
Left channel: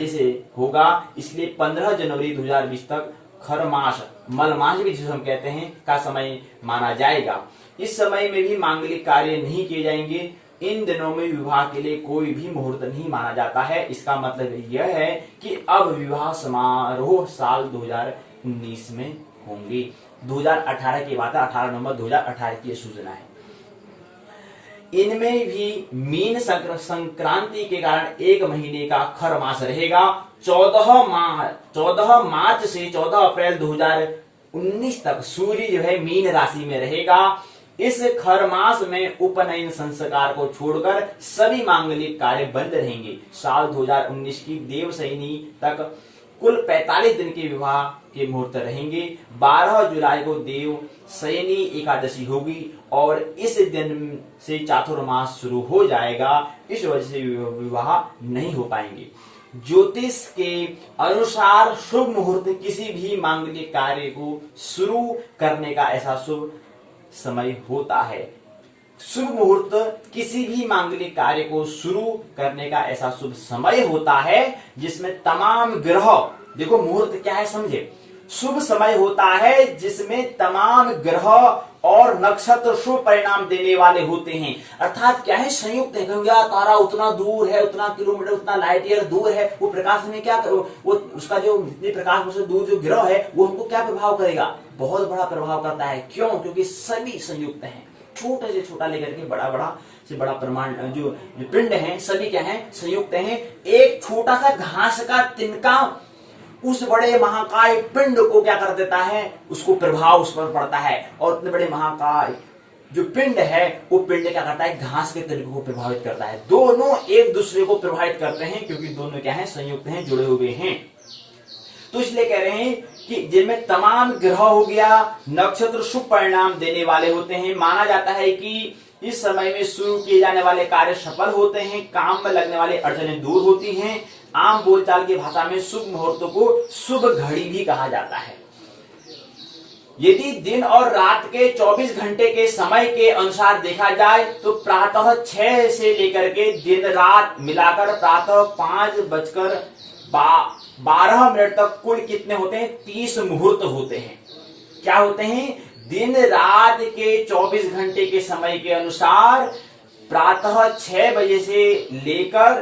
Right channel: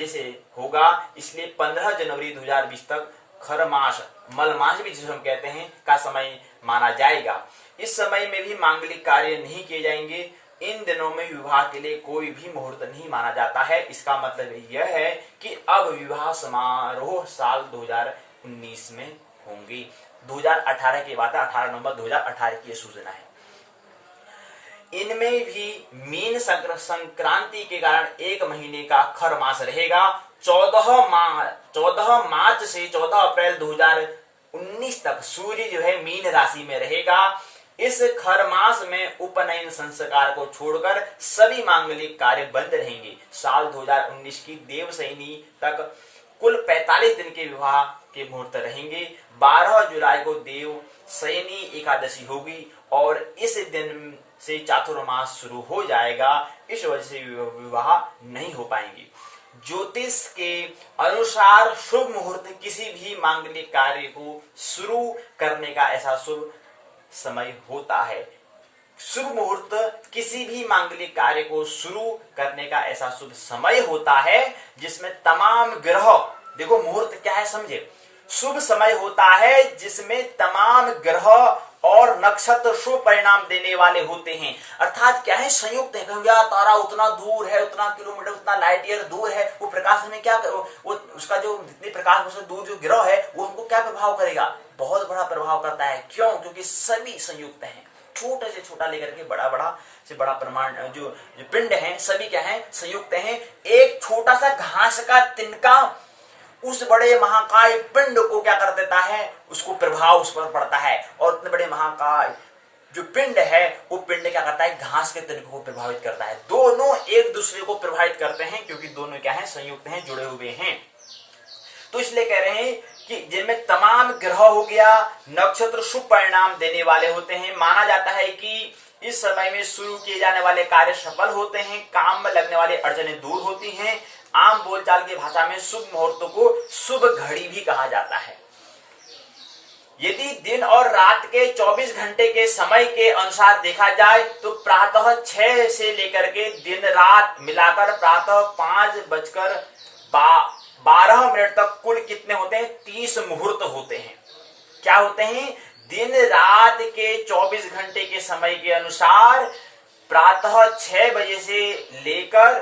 से होगा। इसलिए 15 जनवरी 2020 तक खर मास, मल मास भी जिसे हम कहते हैं, का समय माना जाएगा। इस समय में भी मांगलिक कार्य नहीं किए जाएंगे। इन दिनों में विवाह के लिए कोई भी मुहूर्त नहीं माना जाता है। इसका मतलब यह है कि अब विवाह समारोह साल 2019 में होंगे। 2018 की बात है, 18 नवंबर 2018 की यह सूचना है। इनमें भी मीन संक्रांति के कारण 1 महीने का खर मास रहेगा। 14 मार्च से 14 अप्रैल 2019 तक सूर्य जो है मीन राशि में रहेगा। इस खर मास में उपनयन संस्कार को छोड़कर सभी मांगलिक कार्य बंद रहेंगे। साल 2019 की देवशयनी तक कुल 45 दिन के विवाह के मुहूर्त रहेंगे। 12 जुलाई को देव शयनी एकादशी होगी और इस दिन से चातुर्मास शुरू हो जाएगा। इस वजह से विवाह नहीं हो पाएंगे। ज्योतिष के अनुसार शुभ मुहूर्त किसी भी मांगलिक कार्य को शुरू करने का ऐसा शुभ समय होता है। शुभ मुहूर्त किसी भी मांगलिक कार्य को शुरू करने का ऐसा शुभ समय होता है जिसमें तमाम ग्रह, देखो मुहूर्त क्या है समझे, शुभ समय होता है जिसमें तमाम ग्रह और नक्षत्र शुभ परिणाम देने वाले होते हैं। अर्थात क्या है, संयुक्त है। गंगा तारा उतना दूर है, उतना किलोमीटर, उतना लाइट ईयर दूर है, वो प्रकाश हमें क्या वो उसका जो जितनी प्रकाश से दूर जो ग्रह है वो हमको क्या प्रभाव करेगा, बहुत बड़ा प्रभाव करता है। क्यों? क्योंकि सभी संयुक्त हैं, छोटे से छोटा लेकर के बड़ा बड़ा से बड़ा परमाणु जो पिंड है सभी क्या है, संयुक्त हैं। एक छोटा सा घास का तिनका उस बड़े महाकाय पिंड को क्या कर देता है, उसको प्रभाव उस पर पड़ता है। और उतने बड़े महाकाय जो पिंड है वो पिंड क्या करता है, घास के तिनके को प्रभावित करता है। दोनों एक दूसरे को प्रभावित करते हैं क्योंकि दोनों क्या है, संयुक्त हैं, जुड़े हुए हैं। तो इसलिए कह रहे हैं कि जिनमें तमाम ग्रह हो गया, नक्षत्र शुभ परिणाम देने वाले होते हैं। माना जाता है कि इस समय में शुरू किए जाने वाले कार्य सफल होते हैं, काम में लगने वाली अड़चनें दूर होती हैं। आम बोलचाल की भाषा में शुभ मुहूर्तों को शुभ घड़ी भी कहा जाता है। यदि दिन और रात के 24 घंटे के समय के अनुसार देखा जाए तो प्रातः 6 से लेकर के दिन रात मिलाकर प्रातः 5:12 तक कुल कितने होते हैं, 30 मुहूर्त होते हैं। क्या होते हैं, दिन रात के 24 घंटे के समय के अनुसार प्रातः 6 बजे से लेकर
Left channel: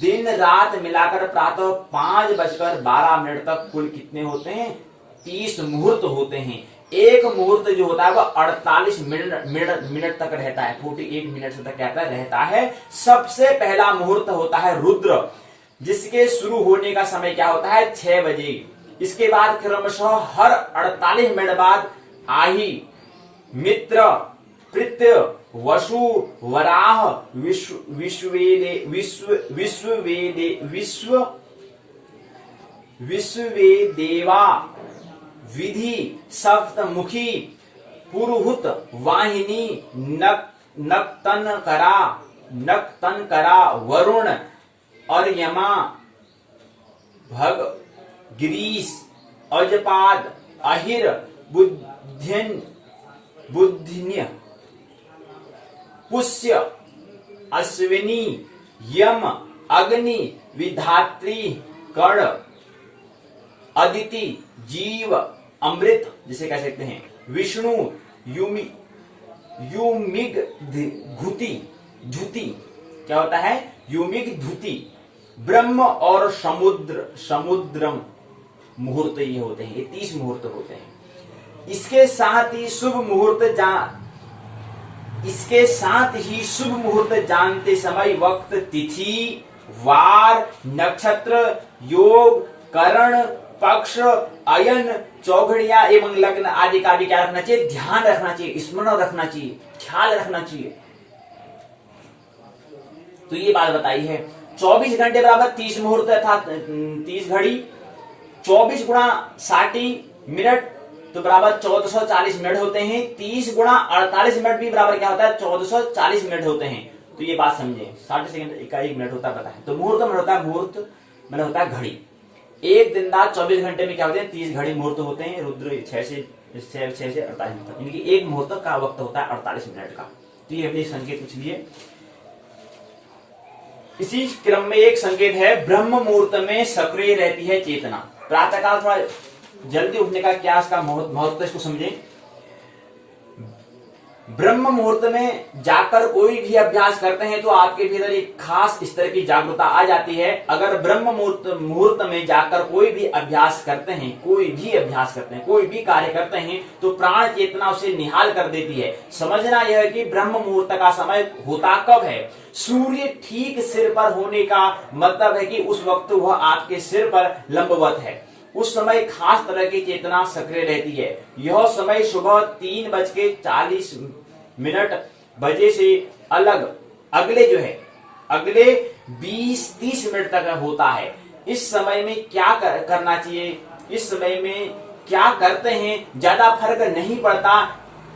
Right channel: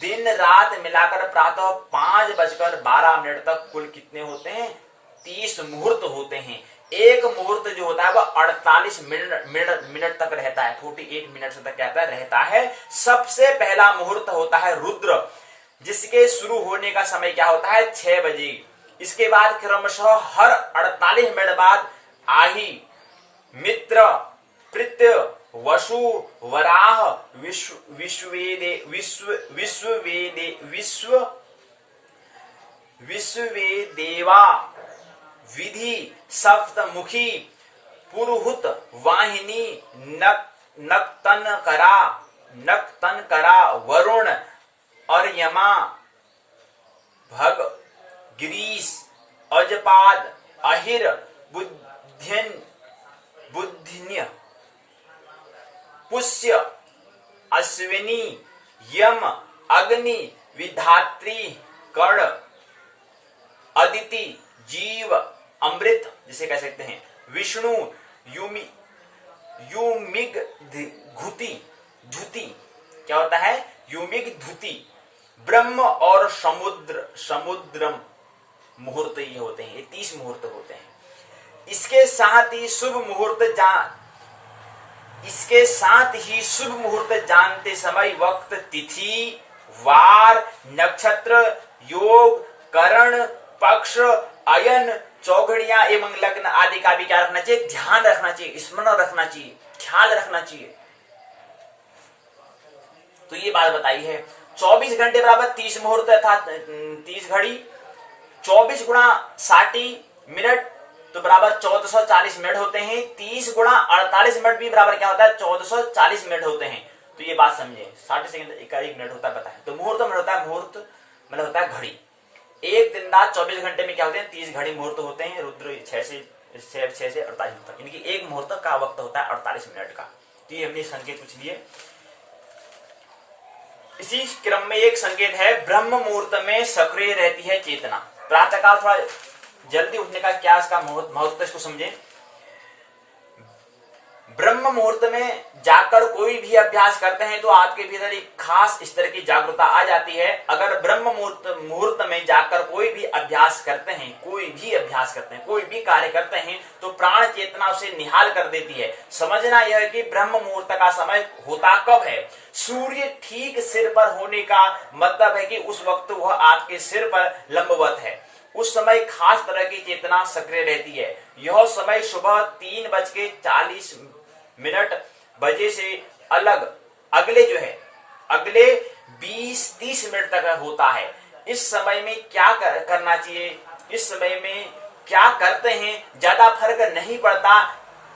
दिन रात मिलाकर प्रातः 5:12 तक कुल कितने होते हैं, 30 मुहूर्त होते हैं। एक मुहूर्त जो होता है वह 48 मिनट तक रहता है, 48 मिनट तक क्या रहता है। सबसे पहला मुहूर्त होता है रुद्र, जिसके शुरू होने का समय क्या होता है, 6 बजे। इसके बाद क्रमशः हर 48 मिनट बाद आही, मित्र, प्रत्य, वसु, वराह, विश्ववेदेवा, विधि, सप्तमुखी, पुरुहुत, वाहिनी, नक्तनकरा, वरुण, अर्यमा, भग, गिरीश, अजपाद, अहिर, बुद्धिन्य, पुष्य, अश्विनी, यम, अग्नि, विधात्री, कर्ण, अदिति, जीव, अमृत जिसे कह सकते हैं, विष्णु, युमिग धुति, क्या होता है, युमिग धुति, ब्रह्म और समुद्रम मुहूर्त ये होते हैं। ये 30 मुहूर्त होते हैं। इसके साथ ही शुभ मुहूर्त जानते समय वक्त, तिथि, वार, नक्षत्र, योग, करण, पक्ष, अयन, चौघड़ियां एवं लग्न आदि का भी क्या रखना चाहिए, ध्यान रखना चाहिए, स्मरण रखना चाहिए, ख्याल रखना चाहिए। तो ये बात बताई है। 24 घंटे बराबर 30 मुहूर्त अर्थात 30 घड़ी, 24 गुणा 60 मिनट तो बराबर 1440 मिनट होते हैं। 30 गुणा 48 मिनट भी बराबर क्या होता है, 1440 मिनट होते हैं। तो ये बात समझे, 60 सेकंड का 1 मिनट होता है, बताएं। तो मुहूर्त में होता है, मुहूर्त मतलब होता है घड़ी। एक दिन रात 24 घंटे में क्या होते हैं, 30 घड़ी मुहूर्त होते हैं। रुद्र 6 से 48 तक, इनकी एक मुहूर्त का वक्त होता है 48 मिनट का। तो ये हमने संकेत कुछ लिए। इसी क्रम में एक संकेत है, ब्रह्म मुहूर्त में सक्रिय रहती है चेतना। प्रातःकाल थोड़ा जल्दी उठने का क्या इसका महत्व, इसको समझे। ब्रह्म मुहूर्त में जाकर कोई भी अभ्यास करते हैं तो आपके भीतर एक खास स्तर की जागरूकता आ जाती है। अगर ब्रह्म मुहूर्त में जाकर कोई भी अभ्यास करते हैं, कोई भी कार्य करते हैं तो प्राण चेतना उसे निहाल कर देती है। समझना यह है कि ब्रह्म मुहूर्त का समय होता कब है, सूर्य ठीक सिर पर होने का मतलब है कि उस वक्त वह आपके सिर पर लंबवत है। उस समय खास तरह की चेतना सक्रिय रहती है। यह समय सुबह 3:40 बजे से अगले 20-30 मिनट तक होता है। इस समय में क्या करना चाहिए, इस समय में क्या करते हैं ज्यादा फर्क नहीं पड़ता,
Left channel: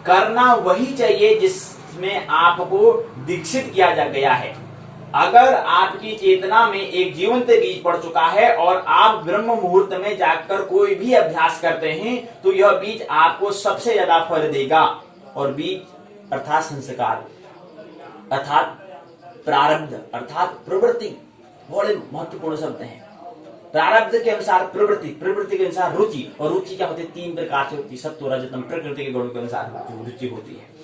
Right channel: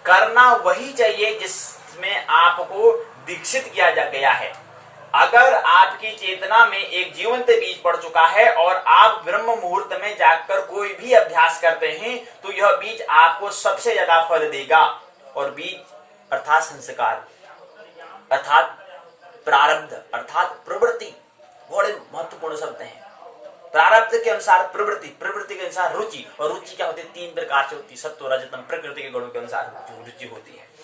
करना वही चाहिए जिसमें आपको दीक्षित किया गया है। अगर आपकी चेतना में एक जीवंत बीज पड़ चुका है और आप ब्रह्म मुहूर्त में जाकर कोई भी अभ्यास करते हैं तो यह बीज आपको सबसे ज्यादा फल देगा। और बीज अर्थात संस्कार, अर्थात प्रारब्ध, अर्थात प्रवृत्ति, बड़े महत्वपूर्ण शब्द हैं। प्रारब्ध के अनुसार प्रवृत्ति, प्रवृत्ति के अनुसार रुचि, और रुचि क्या होती है? 3 प्रकार से होती है, सत्व रज तम, प्रकृति के गुणों के अनुसार रुचि होती है।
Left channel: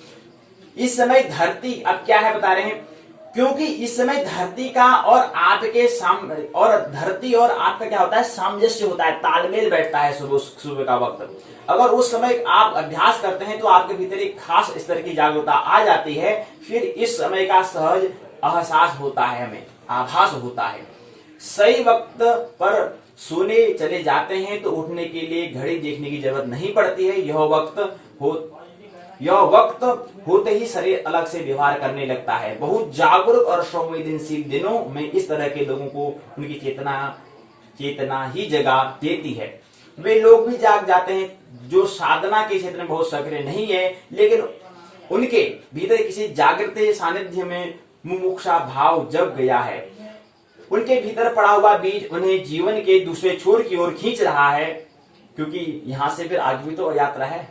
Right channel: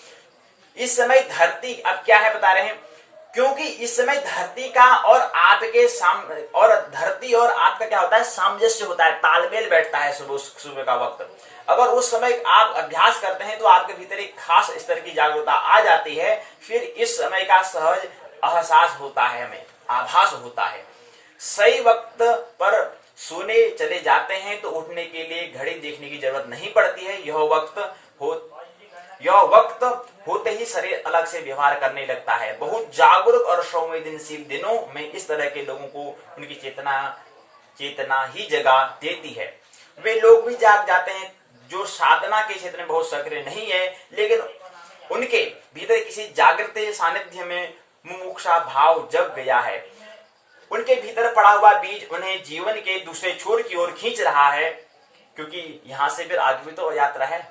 इस समय धरती, अब क्या है बता रहे हैं, क्योंकि इस समय धरती का और आपके और धरती और आपका क्या होता है? सामंजस्य होता है, तालमेल बैठता है सुबह का वक्त। अगर उस समय आप अभ्यास करते हैं तो आपके भीतर एक खास स्तर की जागरूकता आ जाती है, फिर इस समय का सहज एहसास होता है, हमें आभास होता है। सही वक्त पर सोने चले जाते हैं तो उठने के लिए घड़ी देखने की जरूरत नहीं पड़ती है। यह वक्त होते ही शरीर अलग से व्यवहार करने लगता है। बहुत जागरूक और संवेदनशील दिनों में इस तरह के लोगों को उनकी चेतना ही जगा देती है। वे लोग भी जाग जाते हैं जो साधना के क्षेत्र में बहुत सक्रिय नहीं है, लेकिन उनके भीतर किसी जागृत सानिध्य में मुमुक्षा भाव जग गया है। उनके भीतर पड़ा हुआ बीज उन्हें जीवन के दूसरे छोर की ओर खींच रहा है, क्योंकि यहां से फिर आगे भी तो यात्रा है,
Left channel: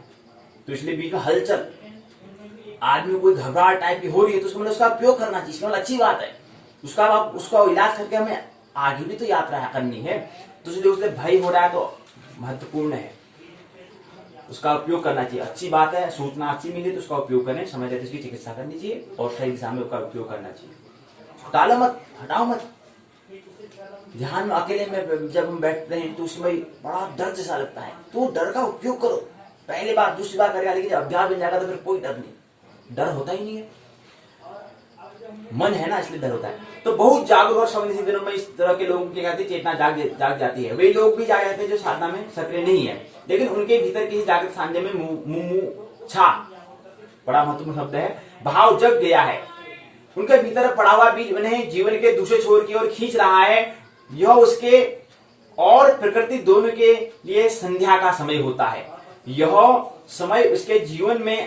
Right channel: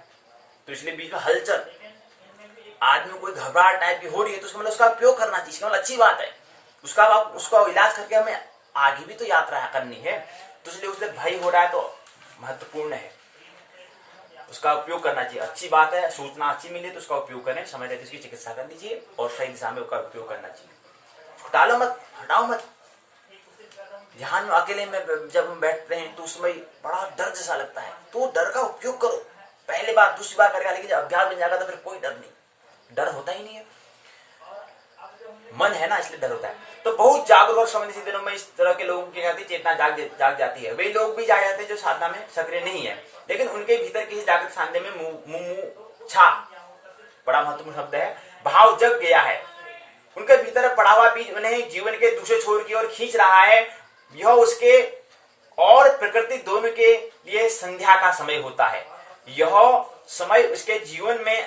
तो इसलिए बीच में हलचल, आदमी कोई घबराहट टाइप की हो रही है तो उसका उपयोग करना चाहिए, अच्छी बात है। उसका इलाज करके हमें आगे भी तो यात्रा करनी है, तो इसलिए उससे भय हो रहा है तो महत्वपूर्ण है, उसका उपयोग करना चाहिए। अच्छी बात है, सूचना अच्छी मिली तो उसका उपयोग करें, समय रहते उसकी चिकित्सा करनी चाहिए और सही दिशा में उसका उपयोग करना चाहिए। टालो मत, हटाओ मत। ध्यान में अकेले में जब हम बैठते हैं तो उसमें बड़ा डर जैसा लगता है, तो डर का उपयोग करो। पहली बार दूसरी बार करेगा, लेकिन जब अभ्यास बन जाएगा तो फिर कोई डर नहीं, डर होता ही नहीं है, मन है ना, इसलिए डर होता है। तो बहुत जागरूक और संवेदनशील दिनों में इस तरह के लोगों की चेतना जाग जाती है। वे लोग भी जाग जाते हैं जो साधना में सक्रिय नहीं है, लेकिन उनके भीतर किसी जागृत साधना में मुमुक्षा, बड़ा महत्वपूर्ण शब्द है, भाव जग गया है। उनके भीतर पड़ा हुआ बीज उन्हें जीवन के दूसरे छोर की ओर खींच रहा है। यह उसके और प्रकृति दोनों के लिए संध्या का समय होता है। यह समय उसके जीवन में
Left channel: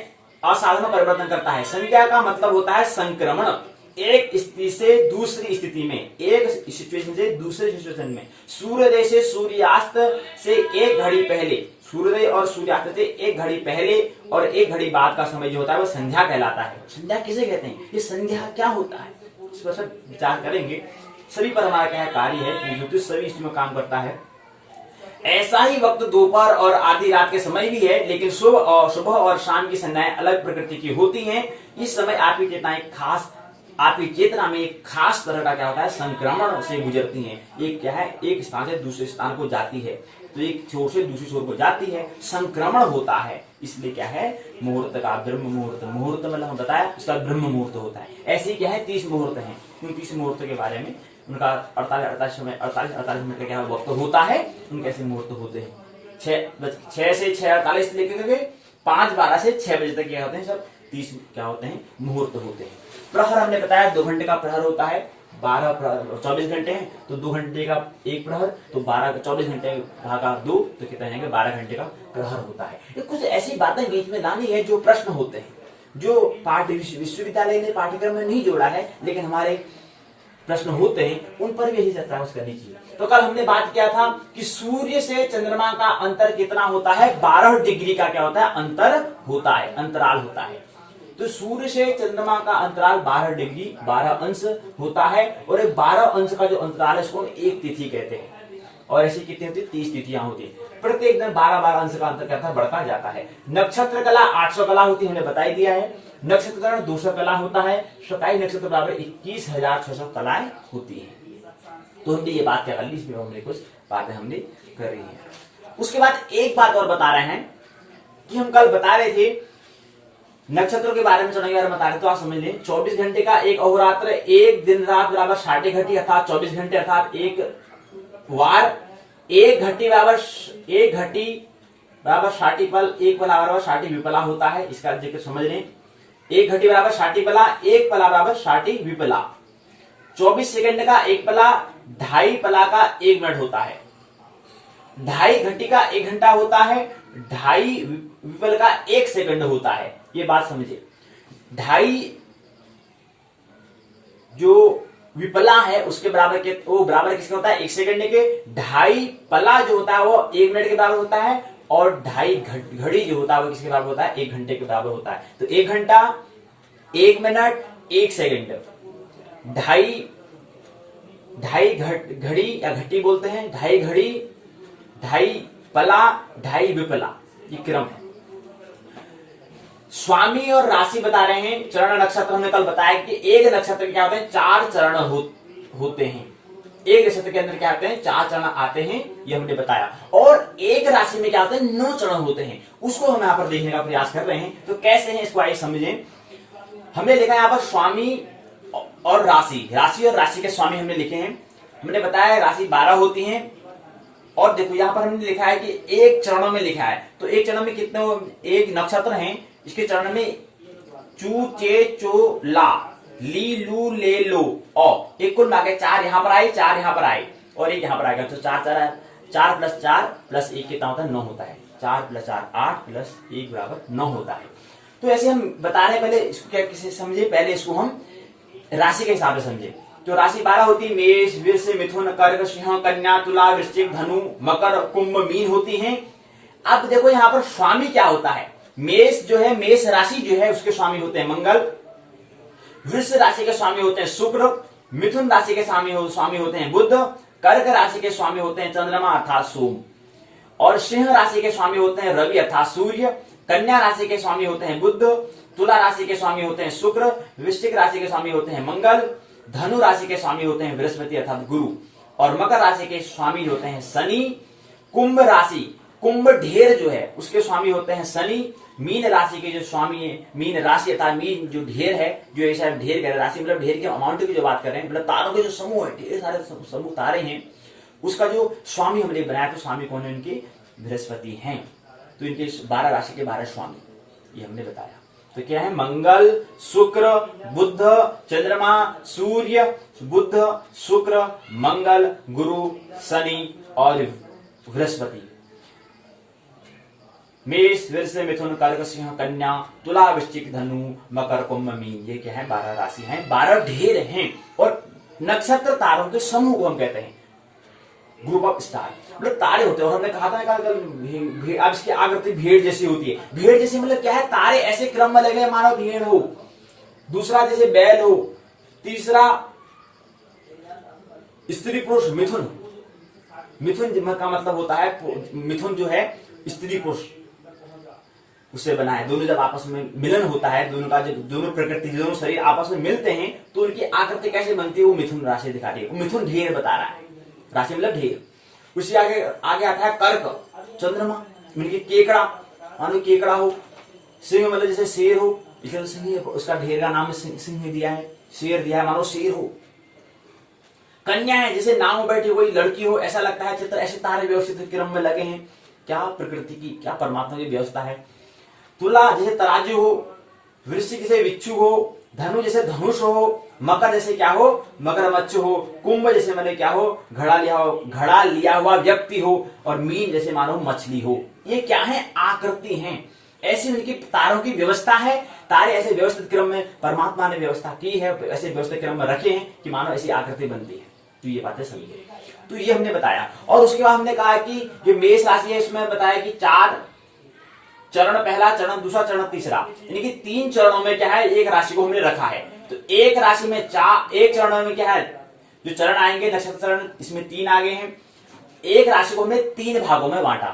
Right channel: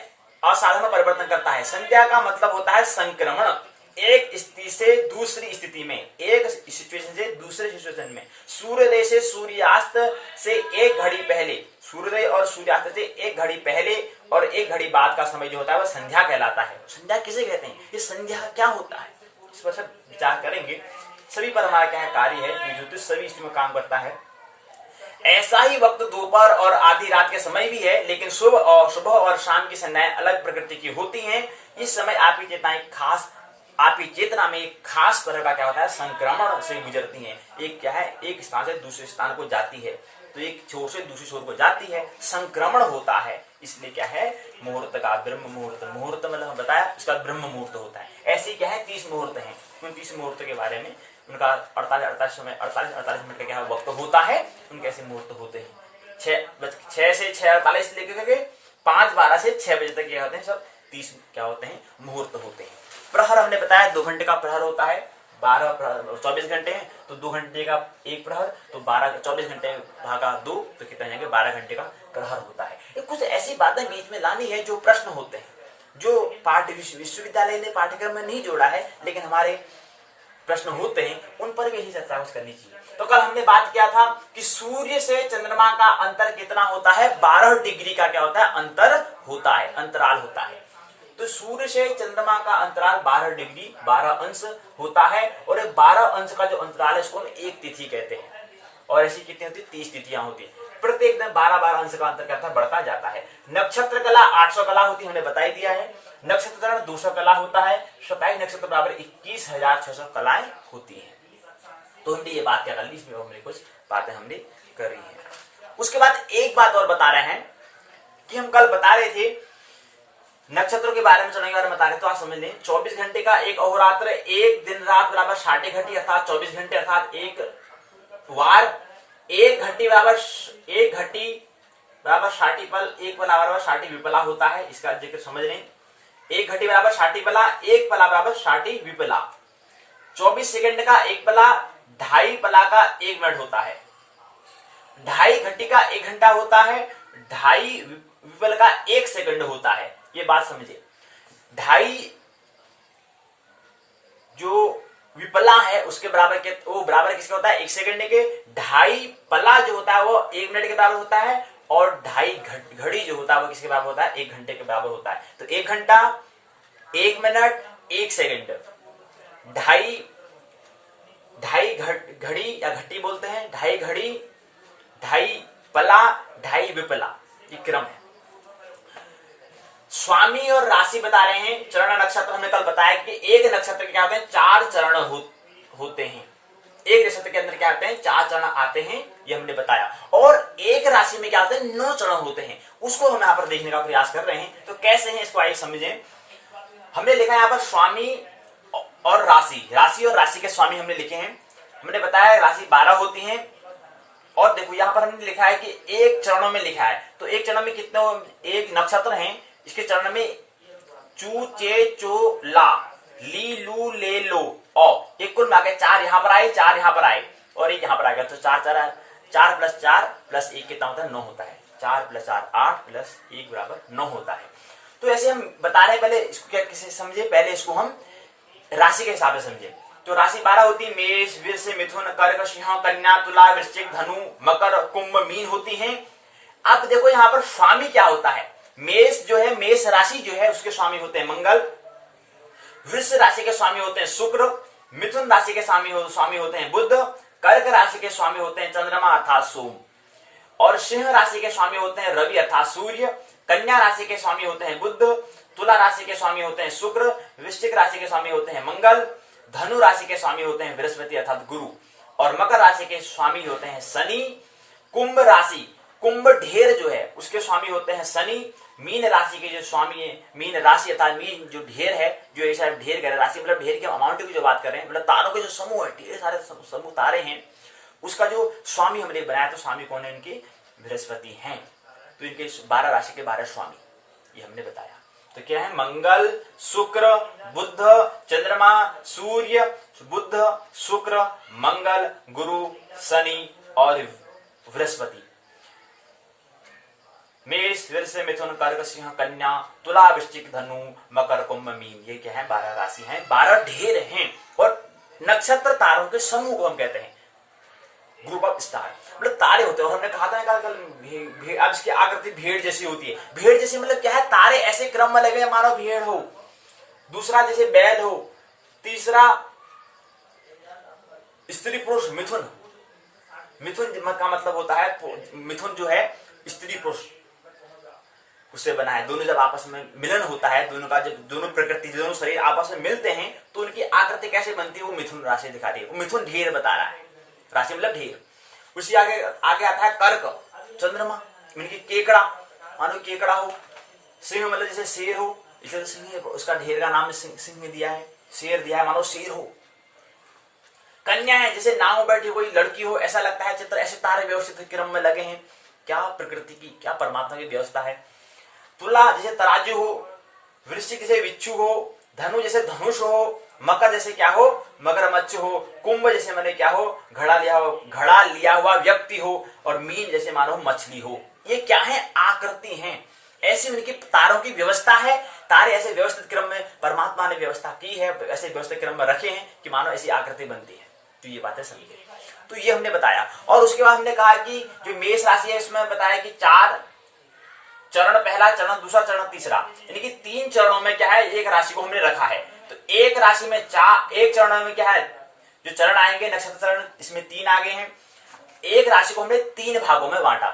असाधारण परिवर्तन करता है। संध्या का मतलब होता है संक्रमण, एक स्थिति से दूसरी स्थिति में, एक सिचुएशन से दूसरे सिचुएशन में। सूर्योदय से सूर्यास्त से एक घड़ी पहले, सूर्योदय और सूर्यास्त से एक घड़ी पहले और एक घड़ी बाद का समय जो होता है वह संध्या कहलाता है। संध्या किसे कहते हैं? ये संध्या क्या होता है, इस पर सब विचार करेंगे। सभी पर हमारा क्या कार्य है कि ज्योतिष सभी इसमें काम करता है। ऐसा ही वक्त दोपहर और आधी रात के समय भी है, लेकिन सुबह और शाम की संध्याएं अलग प्रकृति की होती हैं। इस समय आपकी चेतना में एक खास तरह का क्या होता है? संक्रमण से गुजरती हैं। एक क्या है? एक स्थान से दूसरे स्थान को जाती है, तो एक छोर से दूसरी छोर को जाती है, संक्रमण होता है। इसलिए क्या है? मुहूर्त का ब्रह्म मुहूर्त, मुहूर्त मतलब हम बताया इसका ब्रह्म मुहूर्त होता है। ऐसे ही क्या है? 30 मुहूर्त हैं। उन 30 मुहूर्त के बारे में उनका 48 मिनट का क्या वक्त होता है, उनके ऐसे मुहूर्त होते हैं। 6 से 6:48 लेकर 5:12 से 6 बजे तक क्या होते हैं? सब 30 क्या होते हैं? मुहूर्त होते हैं। प्रहर हमने बताया 2 घंटे का प्रहर होता है। 24 घंटे हैं तो 2 घंटे का एक प्रहर, तो 24 घंटे भागा 2 तो कितना जाएंगे? 12 घंटे का प्रहर होता है। कुछ ऐसी बातें बीच में लानी है जो प्रश्न होते हैं, जो विश्वविद्यालय ने पाठ्यक्रम में नहीं जोड़ा है, लेकिन हमारे प्रश्न होते हैं, उन पर भी यही चर्चा करनी चाहिए। तो कल हमने बात किया था कि सूर्य से चंद्रमा का अंतर कितना होता है? 12 डिग्री का क्या होता है? अंतर होता है, अंतराल होता है। तो सूर्य से चंद्रमा का अंतराल 12 डिग्री 12 अंश होता है, और 12 अंश का जो अंतराल है इसको एक तिथि कहते हैं। और ऐसी कितनी होती है? 30 तिथियां होती है। प्रत्येक दिन 12-12 अंश का अंतर क्या था? बढ़ता जाता है। नक्षत्र कला 800 कला होती है, हमने बताई दिया है। नक्षत्र 200 कला होता है। 27 नक्षत्र बराबर 21,600 कलाएं होती है। तो हमने ये बात क्या कर ली, इसमें हमने कुछ बातें हमने कर रही है। उसके बाद एक बात और बता रहे हैं कि हम कल बता रहे थे नक्षत्रों के बारे में, चढ़ने के बारे में बता रहे, तो आप समझ लें 24 घंटे का एक अहोरात्र, एक दिन रात बराबर 60 घंटे अर्थात 24 घंटे, अर्थात एक वार, एक घटी बराबर 60 पल, एक पला बराबर 60 विपला होता है। इसका जिक्र समझ लें। एक घटी बराबर 60 पला, एक पला बराबर 60 विपला। 24 सेकंड का एक पला, 2.5 पला का 1 मिनट होता है। 2.5 घंटे का 1 घंटा होता है। 2.5 विपल का 1 सेकंड होता है। ये बात समझिए। 2.5 जो विपला है उसके बराबर के, वो बराबर किसके होता है? 1 सेकंड के। 2.5 पला जो होता है वो 1 मिनट के बराबर होता है, और 2.5 घड़ी जो होता है वो किसके बराबर होता है? 1 घंटे के बराबर होता है। तो 1 घंटा, 1 मिनट, 1 सेकंड, 2.5 ढाई घड़ी या घटी बोलते हैं, ढाई घड़ी, ढाई पला, ढाई विपला, ये क्रम है। स्वामी और राशि बता रहे हैं। चरण नक्षत्र हमने कल बताया कि एक नक्षत्र के क्या होते हैं, 4 चरण होते हैं। एक नक्षत्र के अंदर क्या आते हैं, 4 चरण आते हैं, ये हमने बताया। और एक राशि में क्या होते हैं, 9 चरण होते हैं। उसको हम यहाँ पर देखने का प्रयास कर रहे हैं। तो कैसे हैं इसको आइए समझें। हमने लिखा यहाँ पर स्वामी और राशि, राशि और राशि के स्वामी हमने लिखे हैं। हमने बताया राशि 12 होती है। और देखो यहाँ पर हमने लिखा है कि एक चरणों में लिखा है। तो एक चरण में कितने, एक नक्षत्र हैं, इसके चरण में चू चे चो ला, ली लू ले लो औ, एक कुल मिला 4 यहाँ पर आए, 4 यहाँ पर आए और एक यहाँ पर आएगा। तो 4 4 प्लस 4 प्लस 1 कितना होता है, 9 होता है। 4 प्लस 4 8 प्लस 1 बराबर 9 होता है। तो ऐसे हम बता रहे हैं, पहले इसको क्या किसे समझे, पहले इसको हम राशि के हिसाब से समझे। तो राशि 12 होती है, मेष, वृष, मिथुन, कर्क, सिंह, कन्या, तुला, वृश्चिक, धनु, मकर, कुंभ, मीन होती हैं। अब देखो यहाँ पर स्वामी क्या होता है। मेष जो है, मेष राशि जो है उसके स्वामी होते हैं मंगल, वृष राशि के स्वामी होते हैं शुक्र, मिथुन राशि के स्वामी होते हैं बुध, कर्क राशि के स्वामी होते हैं चंद्रमा अर्थात सोम, और सिंह राशि के स्वामी होते हैं रवि अर्थात सूर्य, कन्या राशि के स्वामी होते हैं बुध, तुला राशि के स्वामी होते हैं शुक्र, वृश्चिक राशि के स्वामी होते हैं मंगल, धनु राशि के स्वामी होते हैं बृहस्पति अर्थात गुरु, और मकर राशि के स्वामी होते हैं शनि, कुंभ राशि, कुंभ ढेर जो है उसके स्वामी होते हैं शनि, मीन राशि के जो स्वामी है, मीन राशि अर्थात मीन जो ढेर है, जो ऐसा ढेर कर राशि मतलब ढेर के अमाउंट की जो बात कर रहे हैं, मतलब तारों के जो समूह है, ढेर सारे समूह तारे हैं, उसका जो स्वामी हमने बनाया। तो स्वामी कौन है, इनके बृहस्पति हैं। तो इनके 12 राशि के 12 स्वामी, ये हमने बताया। तो क्या है, मंगल, शुक्र, बुध, चंद्रमा, सूर्य, बुध, शुक्र, मंगल, गुरु, शनि और बृहस्पति। मेष, वृष, मिथुन, कर्क, सिंह, कन्या, तुला, वृश्चिक, धनु, मकर, कुंभ, मीन, ये क्या है, 12 राशि हैं, 12 ढेर हैं। और नक्षत्र तारों के समूह को हम कहते हैं, ग्रुप ऑफ स्टार, मतलब तारे होते हैं। और हमने कहा था कल अब इसकी आकृति भेड़ जैसी होती है। भेड़ जैसे मतलब क्या है, तारे ऐसे क्रम में लगे मानो भेड़ हो, दूसरा जैसे बैल हो, तीसरा स्त्री पुरुष मिथुन, मिथुन का मतलब होता है, मिथुन जो है स्त्री पुरुष उससे बना है। दोनों जब आपस में मिलन होता है, दोनों का जब दोनों प्रकृति, दोनों शरीर आपस में मिलते हैं तो उनकी आकृति कैसे बनती है, वो मिथुन राशि दिखा रही है। मिथुन ढेर बता रहा है, राशि मतलब ढेर। उसी आगे आता है कर्क, चंद्रमा, इनकी केकड़ा, मानो केकड़ा हो, सिंह मतलब जैसे शेर हो, इसलिए सिंह, उसका ढेर का नाम सिंह दिया है, शेर दिया है, मानो शेर हो। कन्या है, जैसे नाव में बैठी कोई लड़की हो, ऐसा लगता है चित्र, ऐसे तारे व्यवस्थित क्रम में लगे हैं। क्या प्रकृति की, क्या परमात्मा की व्यवस्था है। तुला जैसे तराजू हो, वृश्चिक जैसे बिच्छू हो, धनु जैसे धनुष हो, मकर जैसे क्या हो, मगरमच्छ हो, कुंभ जैसे मैंने क्या हो, घड़ा लिया हुआ व्यक्ति हो, और मीन जैसे मानो मछली हो। ये क्या है, आकृति हैं। ऐसी उनकी तारों की व्यवस्था है। तारे ऐसे व्यवस्थित क्रम में परमात्मा ने व्यवस्था की है, ऐसे व्यवस्थित क्रम में रखे हैं कि मानो ऐसी आकृति बनती है। तो ये बातें समझिए। तो ये हमने बताया। और उसके बाद हमने कहा कि जो मेष राशि है इसमें बताया कि 4 चरण, पहला चरण, दूसरा चरण, तीसरा, यानी कि 3 चरणों में क्या है, एक राशि को हमने रखा है। तो एक राशि में एक चरण में क्या है, जो चरण आएंगे नक्षत्र चरण, इसमें 3 आगे हैं। एक राशि को हमने 3 भागों में बांटा।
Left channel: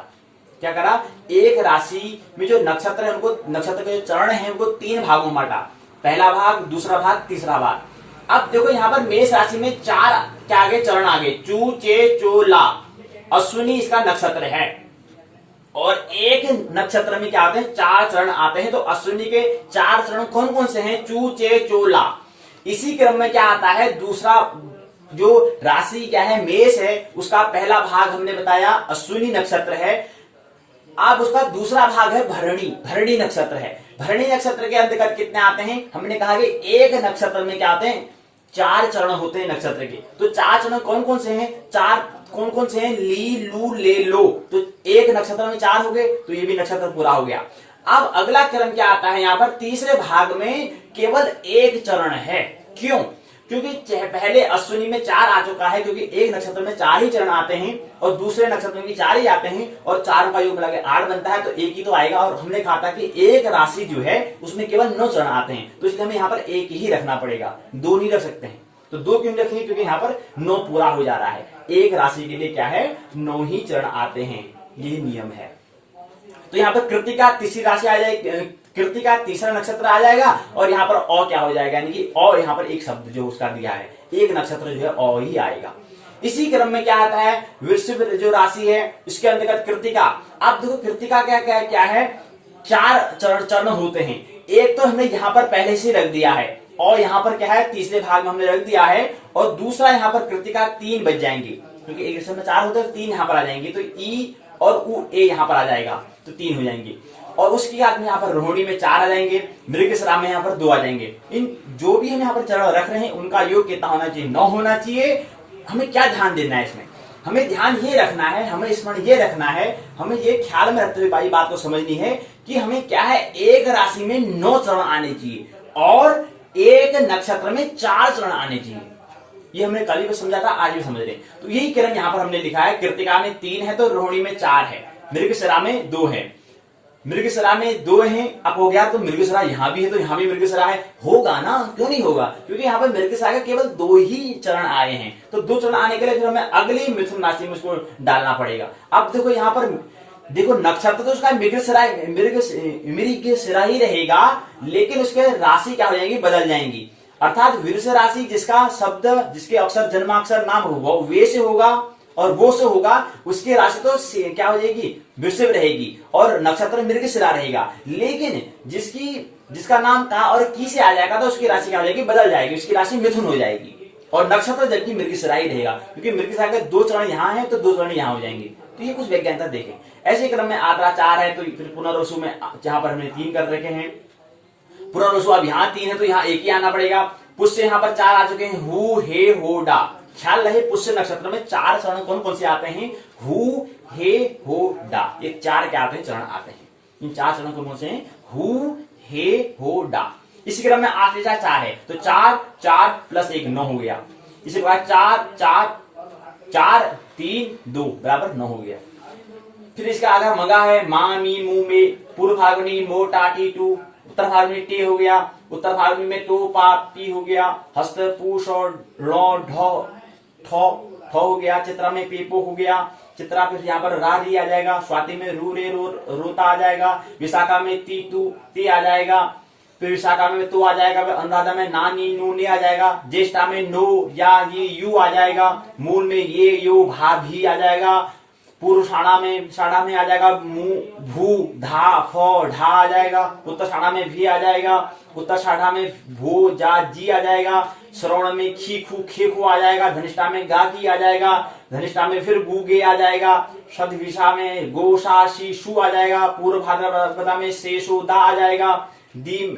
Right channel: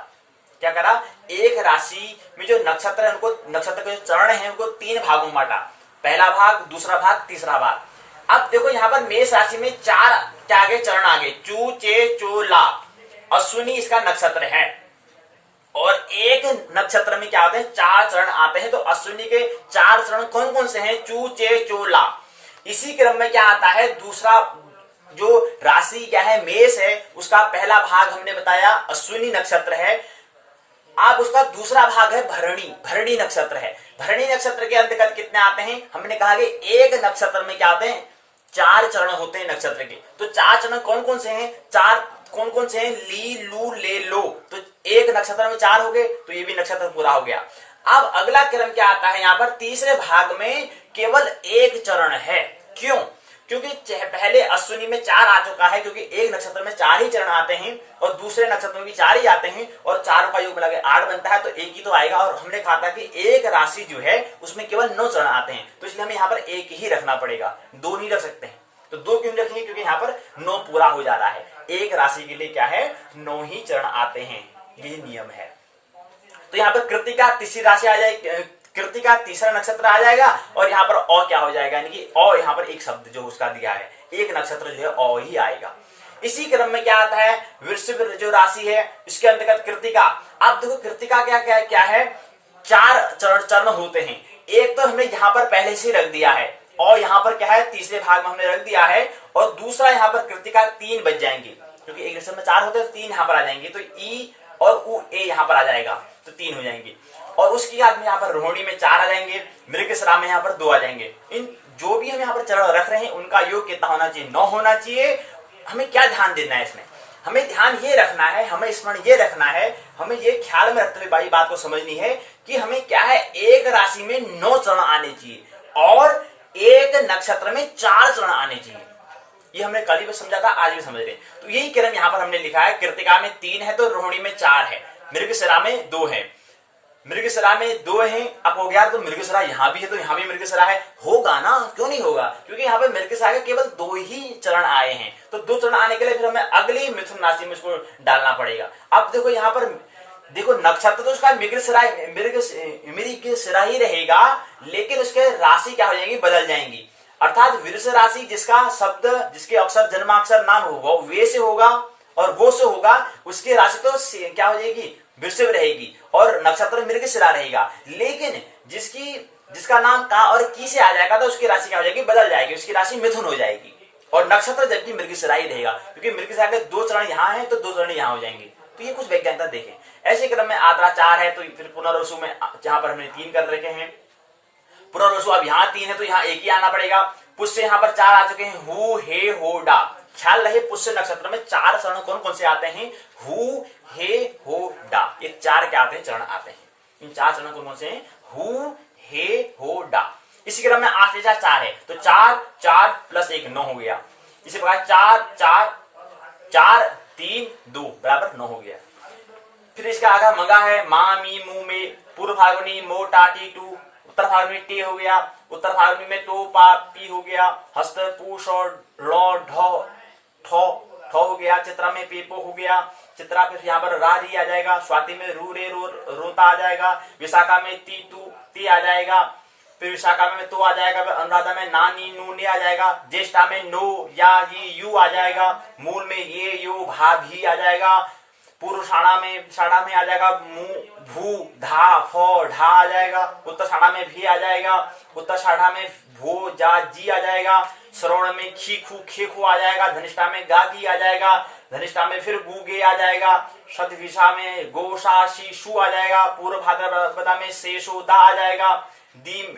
क्या करा, एक राशि में जो नक्षत्र है उनको, नक्षत्र के जो चरण है उनको 3 भागों में बांटा। पहला भाग, दूसरा भाग, तीसरा भाग। अब देखो यहाँ पर मेष राशि में 4 क्या आगे चरण आगे, चू चे चो ला, अश्विनी इसका नक्षत्र है। और एक नक्षत्र में क्या आते हैं, 4 चरण आते हैं। तो अश्विनी के 4 चरण कौन कौन से हैं, चू चे चो ला। इसी क्रम में क्या आता है, दूसरा जो राशि क्या है, मेष है, उसका पहला भाग हमने बताया अश्विनी नक्षत्र है। अब उसका दूसरा भाग है भरणी, भरणी नक्षत्र है। भरणी नक्षत्र के अंतर्गत कितने आते हैं, हमने कहा कि एक नक्षत्र में क्या आते हैं, 4 चरण होते हैं नक्षत्र के। तो 4 चरण कौन कौन से हैं, 4 कौन कौन से हैं, ली लू ले लो। तो एक नक्षत्र में 4 हो गए, तो ये भी नक्षत्र पूरा हो गया। अब अगला क्रम क्या आता है, यहाँ पर तीसरे भाग में केवल 1 चरण है। क्यों, क्योंकि पहले अश्विनी में 4 आ चुका है, क्योंकि एक नक्षत्र में 4 ही चरण आते हैं और दूसरे नक्षत्र में भी 4 ही आते हैं, और 4 का योग मिला के 8 बनता है, तो 1 ही तो आएगा। और हमने कहा था कि एक राशि जो है उसमें केवल 9 चरण आते हैं, तो इसलिए हमें यहाँ पर 1 ही रखना पड़ेगा, 2 नहीं रख सकते हैं। तो 2 क्यों रखेंगे, क्योंकि यहाँ पर 9 पूरा हो जा रहा है। एक राशि के लिए क्या है, 9 ही चरण आते हैं, ये नियम है। तो यहाँ पर कृतिका तीसरी राशि आ जाएगी, कृतिका तीसरा नक्षत्र आ जाएगा, और यहाँ पर अ क्या हो जाएगा, यानी कि अ यहाँ पर एक शब्द जो उसका दिया है, एक नक्षत्र जो है अ ही आएगा। इसी क्रम में क्या आता है, वृश्चिक जो राशि है इसके अंतर्गत कृतिका। अब देखो कृतिका क्या है, 4 चरण होते हैं। एक तो हमने यहाँ पर पहले से रख दिया है, और यहाँ पर क्या है, तीसरे भाग में हमने रख दिया है, और दूसरा यहाँ पर कृतिका 3 बच जाएंगे, क्योंकि एक में 4 होते हैं, 3 यहाँ पर आ जाएंगे, तो ई और उ ए यहाँ पर आ जाएगा, तो 3 हो जाएंगे। और उसके बाद में यहाँ पर रोहिणी में 4 आ जाएंगे, मृगशिरा में यहाँ पर 2 आ जाएंगे। इन जो भी हम यहाँ पर चरण रख रहे हैं उनका योग कितना होना चाहिए, 9 होना चाहिए। हमें क्या ध्यान देना है इसमें, हमें ध्यान ये रखना है, हमें स्मरण ये रखना है, हमें ये ख्याल में रखते हुए भाई बात को समझनी है कि हमें क्या है, एक राशि में 9 चरण आने चाहिए और एक नक्षत्र में 4 चरण आने चाहिए। ये हमने कल भी समझा था, आज भी समझ रहे हैं। तो यही क्रम यहाँ पर हमने लिखा है, कृतिका में 3 है तो रोहिणी में 4 है, मृगशिरा में 2 है, मृगशिरा में 2 है। अब हो गया तो मृगशिरा यहाँ भी है, तो यहाँ भी मृगशिरा है, होगा ना, क्यों नहीं होगा, क्योंकि यहाँ पे मृगशिरा के केवल 2 ही चरण आए हैं। तो 2 चरण आने के लिए फिर हमें अगली मिथुन राशि में उसको डालना पड़ेगा। अब देखो यहाँ पर देखो नक्षत्र तो उसका मृगशिरा ही रहेगा, लेकिन उसके राशि क्या हो जाएगी, बदल जाएंगी। अर्थात वृष राशि जिसका शब्द, जिसके अक्षर जन्माक्षर नाम होगा वे से होगा और वो से होगा, उसकी राशि तो क्या हो जाएगी, वृषभ रहेगी, और नक्षत्र मृगशिरा रहेगा। लेकिन जिसका नाम का और की से आ जाएगा तो उसकी राशि क्या हो जाएगी, बदल जाएगी, उसकी राशि मिथुन हो जाएगी, और नक्षत्र जबकि मृगशिरा ही रहेगा, क्योंकि मृगशिरा के 2 चरण यहाँ है तो 2 चरण यहाँ हो जाएंगे। तो ये कुछ वैज्ञानिकता देखें। ऐसे क्रम में आद्रा 4 है, तो फिर पुनर्वसु में जहां पर हमने 3 कर रखे हैं, पुनर्वसु अब यहाँ 3 है तो यहाँ 1 ही आना पड़ेगा। पुष्य यहाँ पर 4 आ चुके हैं, हु हे हो डा। ख्याल रहे पुष्य नक्षत्र में 4 चरण कौन कौन से आते हैं, हु हे हो डा, ये 4 क्या आते हैं, चरण आते हैं। इन 4 चरण कौन कौन से हैं, हु हे हो डा। इसी क्रम में 8 से 4 है, तो 4 प्लस 1 9 हो गया। इसी प्रकार 4 3 2 बराबर 9 हो गया। फिर इसका आगे मगा है, मा मी मु में, पूर्व फाल्गुनी मो टा टी टू, उत्तर फाल्गुनी टे हो गया, उत्तर फाल्गुनी में टो पा पी हो गया, हस्त पूष और लौ ढ ठो हो गया, चित्रा में पेपो हो गया, चित्रा फिर यहाँ पर रा री आ जाएगा, स्वाति में रू रे रो रोता आ जाएगा, विशाखा में ती तू ती आ जाएगा, फिर विशाखा में तो आ जाएगा, अनुराधा में ना नी नू ने आ जाएगा, ज्येष्ठा में नो या ये यू आ जाएगा, मूल में ये यो भा भी आ जाएगा, पूर्व साढ़ा में आ जाएगा मु भू धा फो ढा आ जाएगा, उत्तर साढ़ा में भी आ जाएगा, उत्तर साढ़ा में भो जा जी आ जाएगा, श्रवण में खी खू खे खू आ जाएगा, धनिष्ठा में गा की आ जाएगा, धनिष्ठा में फिर गु गे आ जाएगा, शतभिषा में गो सा शी शू आ जाएगा, पूर्व भाद्रपदा में शेषो दा आ जाएगा, दी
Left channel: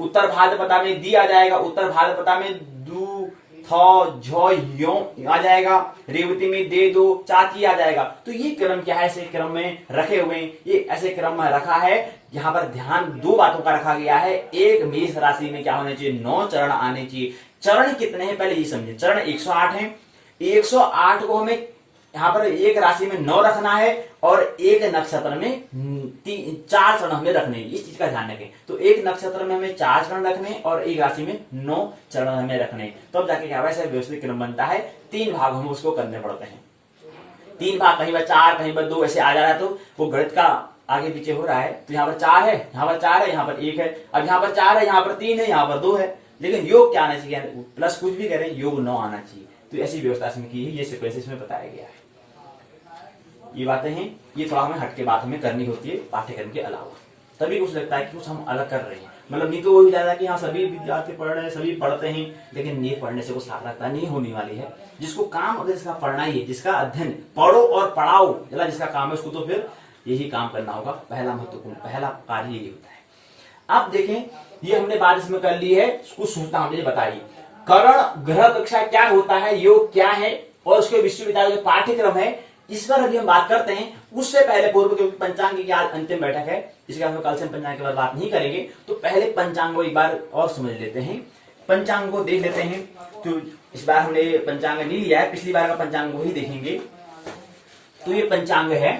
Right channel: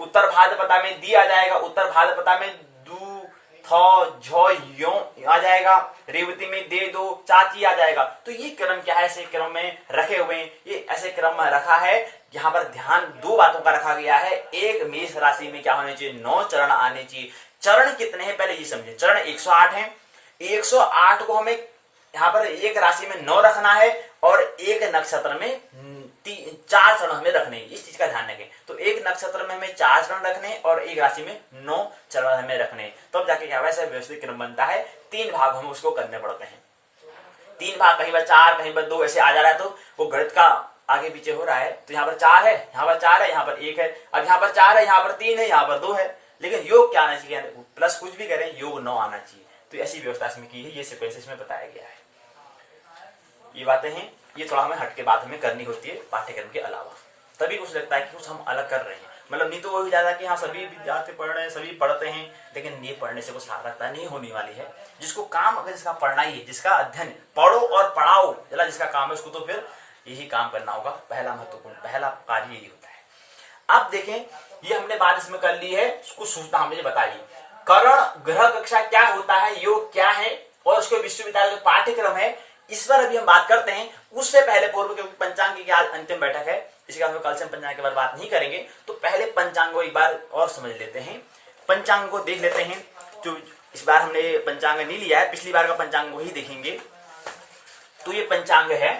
उत्तर भाद्रपदा में दी आ जाएगा, उत्तर भाद्रपदा में दू यो आ जाएगा, रेवती में दे दो चाची आ जाएगा। तो ये क्रम क्या है, ऐसे क्रम में रखे हुए, ये ऐसे क्रम में रखा है। यहाँ पर ध्यान 2 बातों का रखा गया है। एक, मेष राशि में क्या होने चाहिए, 9 चरण आने चाहिए। चरण कितने हैं पहले ये समझे, चरण 108 है, 108 को हमें यहाँ पर एक राशि में 9 रखना है और एक नक्षत्र में 4 चरण हमें रखने, इस चीज का ध्यान रखें। तो एक नक्षत्र में हमें 4 चरण रखने और एक राशि में 9 चरण हमें रखने, तब तो जाके क्या वैसे व्यवस्थित क्रम बनता है। 3 भाग हम उसको करने पड़ते हैं, 3 भाग, कहीं पर 4 कहीं पर 2 ऐसे आ जा रहा है, तो वो गणित का आगे पीछे हो रहा है। तो यहाँ पर 4 है, यहाँ पर 4 है, यहाँ पर 1 है, अब यहाँ पर 4 है, यहाँ पर 3 है, यहाँ पर 2 है, लेकिन योग क्या आना चाहिए, प्लस कुछ भी करें योग 9 आना चाहिए। तो ऐसी व्यवस्था इसमें की है, ये सीक्वेंस इसमें बताया गया है। ये बातें हैं, ये थोड़ा हमें हटके बात हमें करनी होती है पाठ्यक्रम के अलावा, तभी कुछ लगता है कि कुछ हम अलग कर रहे हैं। मतलब नहीं तो वही ज्यादा कि हाँ सभी विद्यार्थी पढ़ रहे हैं, सभी पढ़ते हैं, लेकिन ये पढ़ने से कुछ सार्थकता नहीं होने वाली है। जिसको काम अगर इसका पढ़ना ही है, जिसका अध्ययन पढ़ो और पढ़ाओ जला जिसका काम है, उसको तो फिर यही काम करना होगा। पहला महत्वपूर्ण पहला कार्य यही होता है। अब देखें, ये हमने बात इसमें कर ली है, कुछ सूचना हमने बताई। करण ग्रह कक्षा क्या होता है, योग क्या है, और उसके विश्वविद्यालय जो पाठ्यक्रम है इस पर अभी हम बात करते हैं। उससे पहले पूर्व, क्योंकि पंचांग की आज अंतिम बैठक है, इसके बाद कल से हम पंचांग के बारे में बात नहीं करेंगे, तो पहले पंचांग को एक बार और समझ लेते हैं, पंचांग को देख लेते हैं। जो इस बार हमने पंचांग नहीं लिया है, पिछली बार का पंचांग को ही देखेंगे। तो ये पंचांग है,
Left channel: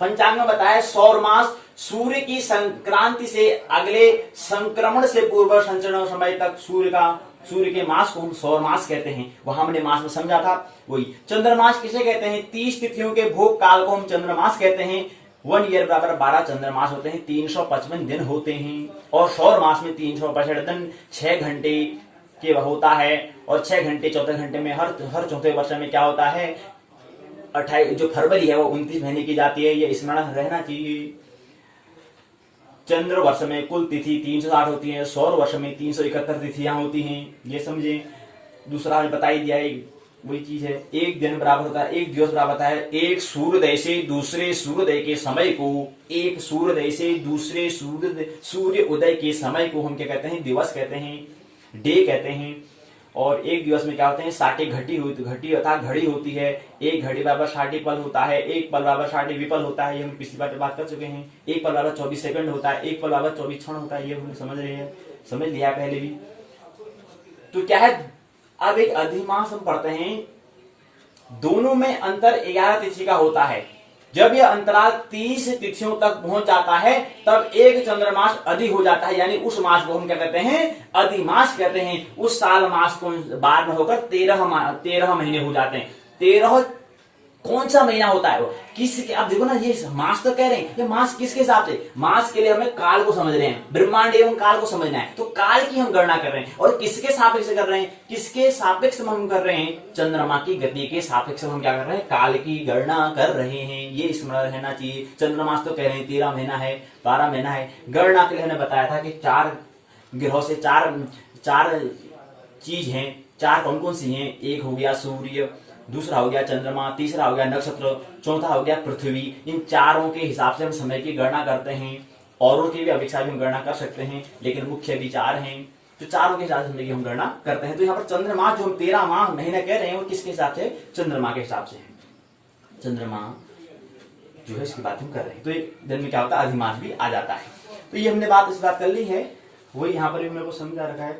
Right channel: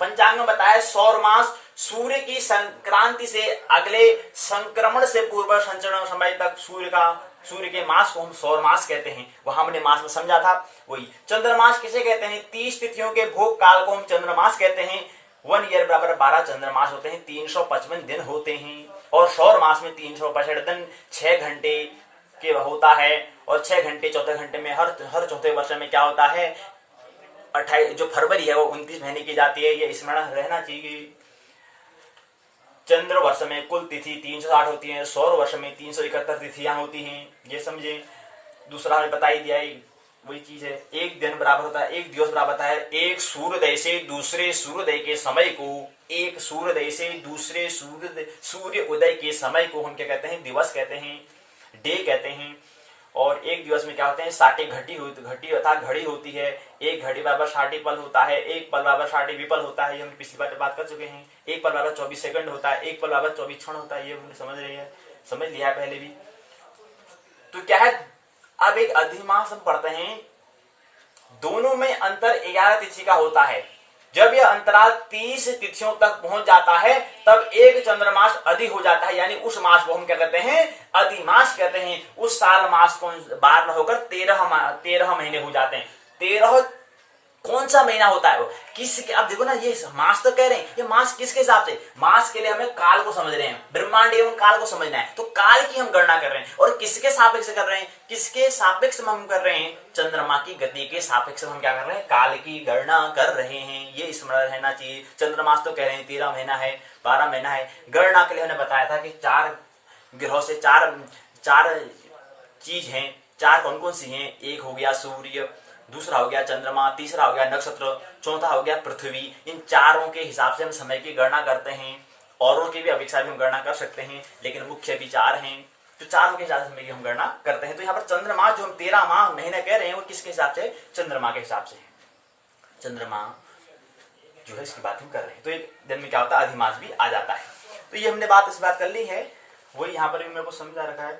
पंचांग में बताया सौर मास सूर्य की संक्रांति से अगले संक्रमण से पूर्व संचरण समय तक सूर्य का सूर्य के मास को हम सौर मास कहते हैं, वहां हमने मास में समझा था। वही चंद्रमास किसे कहते हैं? 30 तिथियों के भोग काल को हम चंद्रमास कहते हैं। 1 ईयर बराबर 12 चंद्रमास होते हैं, 355 दिन होते हैं। और सौर मास में 365 दिन 6 घंटे के होता है। और 6 घंटे 14 घंटे में हर चौथे वर्ष में क्या होता है? 28 जो फरवरी है वो 29 महीने की जाती है, ये स्मरण रहना चाहिए। चंद्र वर्ष में कुल तिथि 360 होती है, सौर वर्ष में 371 तिथियां होती हैं, ये समझे। दूसरा हमने बता ही दिया है, वही चीज है। एक दिन बराबर होता है, एक दिवस बराबर होता है एक सूर्योदय से दूसरे सूर्योदय के समय को। एक सूर्योदय से दूसरे सूर्य उदय के समय को हम क्या कहते हैं? दिवस कहते हैं, डे कहते हैं। और एक दिवस में क्या होते हैं? 60 घटी अर्थात घड़ी होती है। एक घड़ी बराबर 60 पल होता है, एक पल बराबर 60 विपल होता है, ये हम पिछली बात कर चुके हैं। एक पल बराबर 24 सेकंड होता है, एक पल बराबर 24 क्षण होता है, ये हम समझ रहे हैं, समझ लिया है पहले भी। तो क्या है, अब एक अधिमास हम पढ़ते हैं, दोनों में अंतर 11 तिथि का होता है। जब यह अंतराल 30 तिथियों तक पहुंच जाता है तब एक चंद्रमास अधिक हो जाता है, यानी उस मास को हम क्या कहते हैं? अधिमास कहते हैं। उस साल मास को 12 में होकर 13 महीने हो जाते हैं। 13 कौन सा महीना होता है वो? किसके? अब देखो ना, ये मास तो कह रहे हैं, ये मास किसके हिसाब से? मास के लिए हमें काल को समझ रहे हैं, ब्रह्मांड एवं काल को समझना है, तो काल की हम गणना कर रहे हैं। और किसके सापेक्ष कर रहे हैं? किसके सापेक्ष हम कर रहे हैं? चंद्रमा की गति के सापेक्ष हम क्या कर रहे हैं? काल की गणना कर रहे हैं, ये स्मरण रहना चाहिए। चंद्रमास तो कह रहे हैं 13 महीना है, 12 महीना है। गणना के लिए हमने बताया था कि 4 ग्रहों से 4 चीज है। 4 कौन कौन सी हैं? एक हो गया सूर्य, दूसरा हो गया चंद्रमा, तीसरा हो गया नक्षत्र, चौथा हो गया पृथ्वी। इन चारों के हिसाब से हम समय की गणना करते हैं। औरों की भी अपेक्षा भी हम गणना कर सकते हैं, लेकिन मुख्य विचार हैं तो चारों के हिसाब से समय की हम गणना करते हैं। तो यहाँ पर चंद्रमा जो हम 13 माह महीने कह रहे हैं वो किसके हिसाब से? चंद्रमा के हिसाब से है। चंद्रमा जो है इसकी बात हम कर रहे हैं। तो एक दिन में क्या होता है? अधिमास भी आ जाता है। तो ये हमने इस बात कर ली है, वही यहाँ पर भी मेरे को समझा रखा है।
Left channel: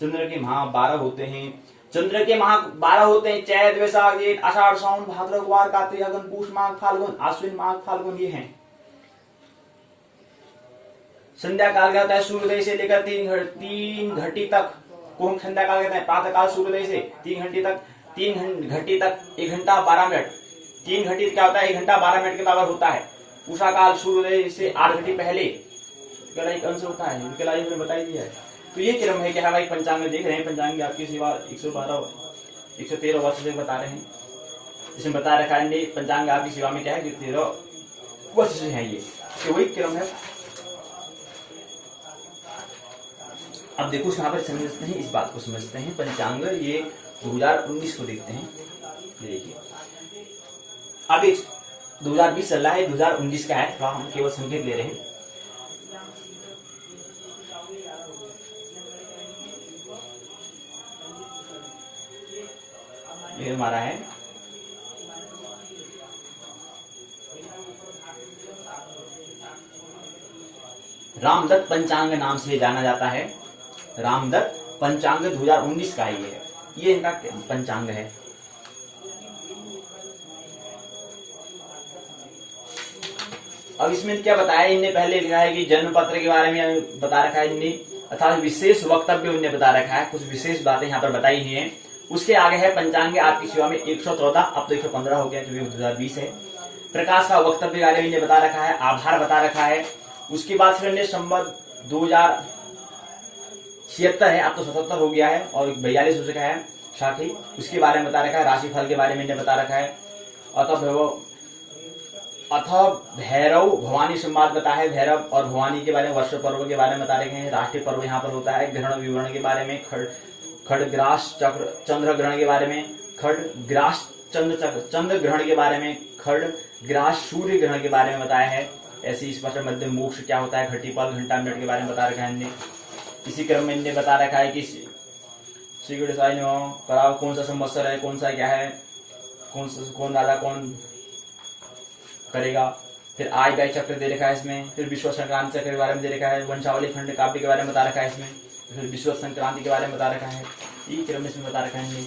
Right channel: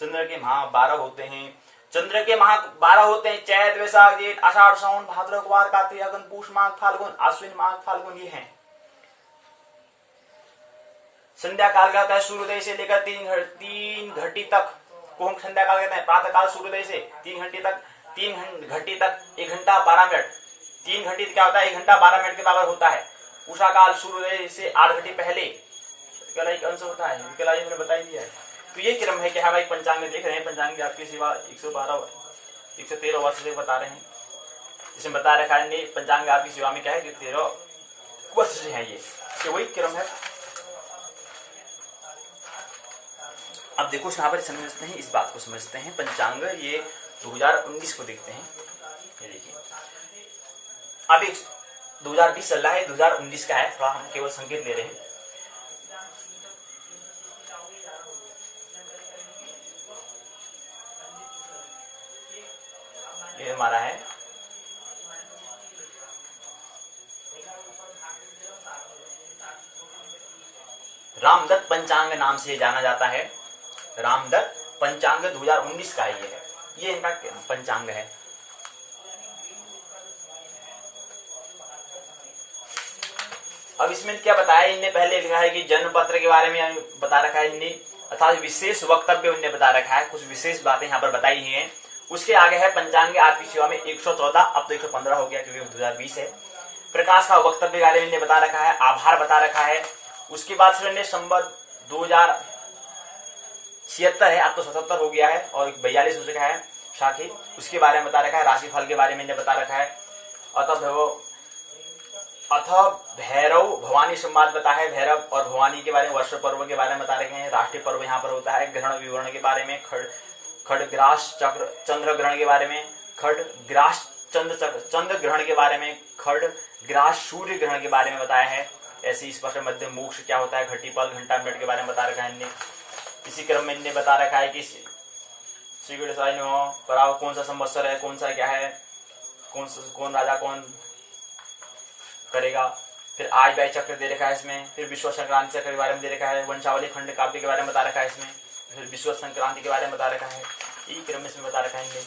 चंद्र के माह 12 होते हैं। चंद्र के माह 12 होते हैं। चैत, वैशाख, जेठ, आषाढ़, सावन, भाद्रव, कुमार, कार्तिक, अगन, पूष, माघ, फाल्गुन, आश्विन, माघ, फाल्गुन, ये हैं। संध्या काल क्या होता है? सूर्योदय से लेकर 3 घटी तक को हम संध्या काल कहते हैं। प्रातः काल सूर्योदय से 3 घंटे तक 1 घंटा 12 मिनट। 3 घंटी क्या होता है? 1 घंटा 12 मिनट के बराबर होता है। उषा काल सूर्योदय से 8 घंटे पहले एक अंश होता है, कल हमने बता दिया है। तो ये क्रम है कि हम एक पंचांग में देख रहे हैं। पंचांग आपकी सेवा 113 वर्ष से बता रहे हैं, जिसमें बता रखा है पंचांग आपकी सेवा में क्या है कि 13 वर्ष से है ये, तो वही क्रम है। अब देखो यहाँ पर समझते हैं, इस बात को समझते हैं। पंचांग ये 2019 को देखते हैं। ये देखिए अभी 2020 चल रहा है, 2019 का है, थोड़ा हम केवल संकेत ले रहे हैं। ये हमारा है रामदत्त पंचांग नाम से जाना जाता है। रामदत्त पंचांग 2019 का ये इनका पंचांग है। अब इसमें क्या बताया इनने? पहले लिखा है कि जन्म पत्र के बारे में बता रखा है इनने, अर्थात विशेष वक्तव्य उन्हें बता रखा है, कुछ विशेष बातें यहाँ पर बताई ही हैं। उसके आगे है पंचांग आपकी सेवा में 114, अब तो 115 हो गया क्योंकि 2020 है। प्रकाश का वक्तव्य के बारे में इन्हें बता रखा है, आभार बता रखा है। उसके बाद फिर इन्हें संबत 2076 है, अब तो 77 हो गया है, और 42 हो चुका है साथी, उसके बारे में बता रखा है। राशिफल के बारे में इन्हें बता रखा है। अतः भैरव भवानी संवाद बता है, भैरव और भवानी के बारे में, वर्ष पर्व के बारे में बता रखे हैं। राष्ट्रीय पर्व यहाँ पर होता है। ग्रहण विवरण के बारे में, खड़ग्रास चंद्र ग्रहण के बारे में, खड़ग्रास चंद्र ग्रहण के बारे में, खड़ग्रास सूर्य ग्रहण के बारे में बताया है। ऐसे इस पर मध्य मोक्ष क्या होता है, घटीपल घंटा मिनट के बारे में बता रखा है इनने। इसी क्रम में इनने बता रखा है कि श्री गणेशाय नमः, पराव कौन सा संवत्सर है, कौन सा क्या है, कौन राजा कौन करेगा। फिर आय व्यय चक्र दे रखा है इसमें। फिर विश्व संक्रांति चक्र के बारे में दे रखा है। वंशावली खंड काव्य के बारे में बता रखा है इसमें। फिर विश्व संक्रांति के बारे में बता रखा है, ये क्रम इसमें बता रखा है इनने।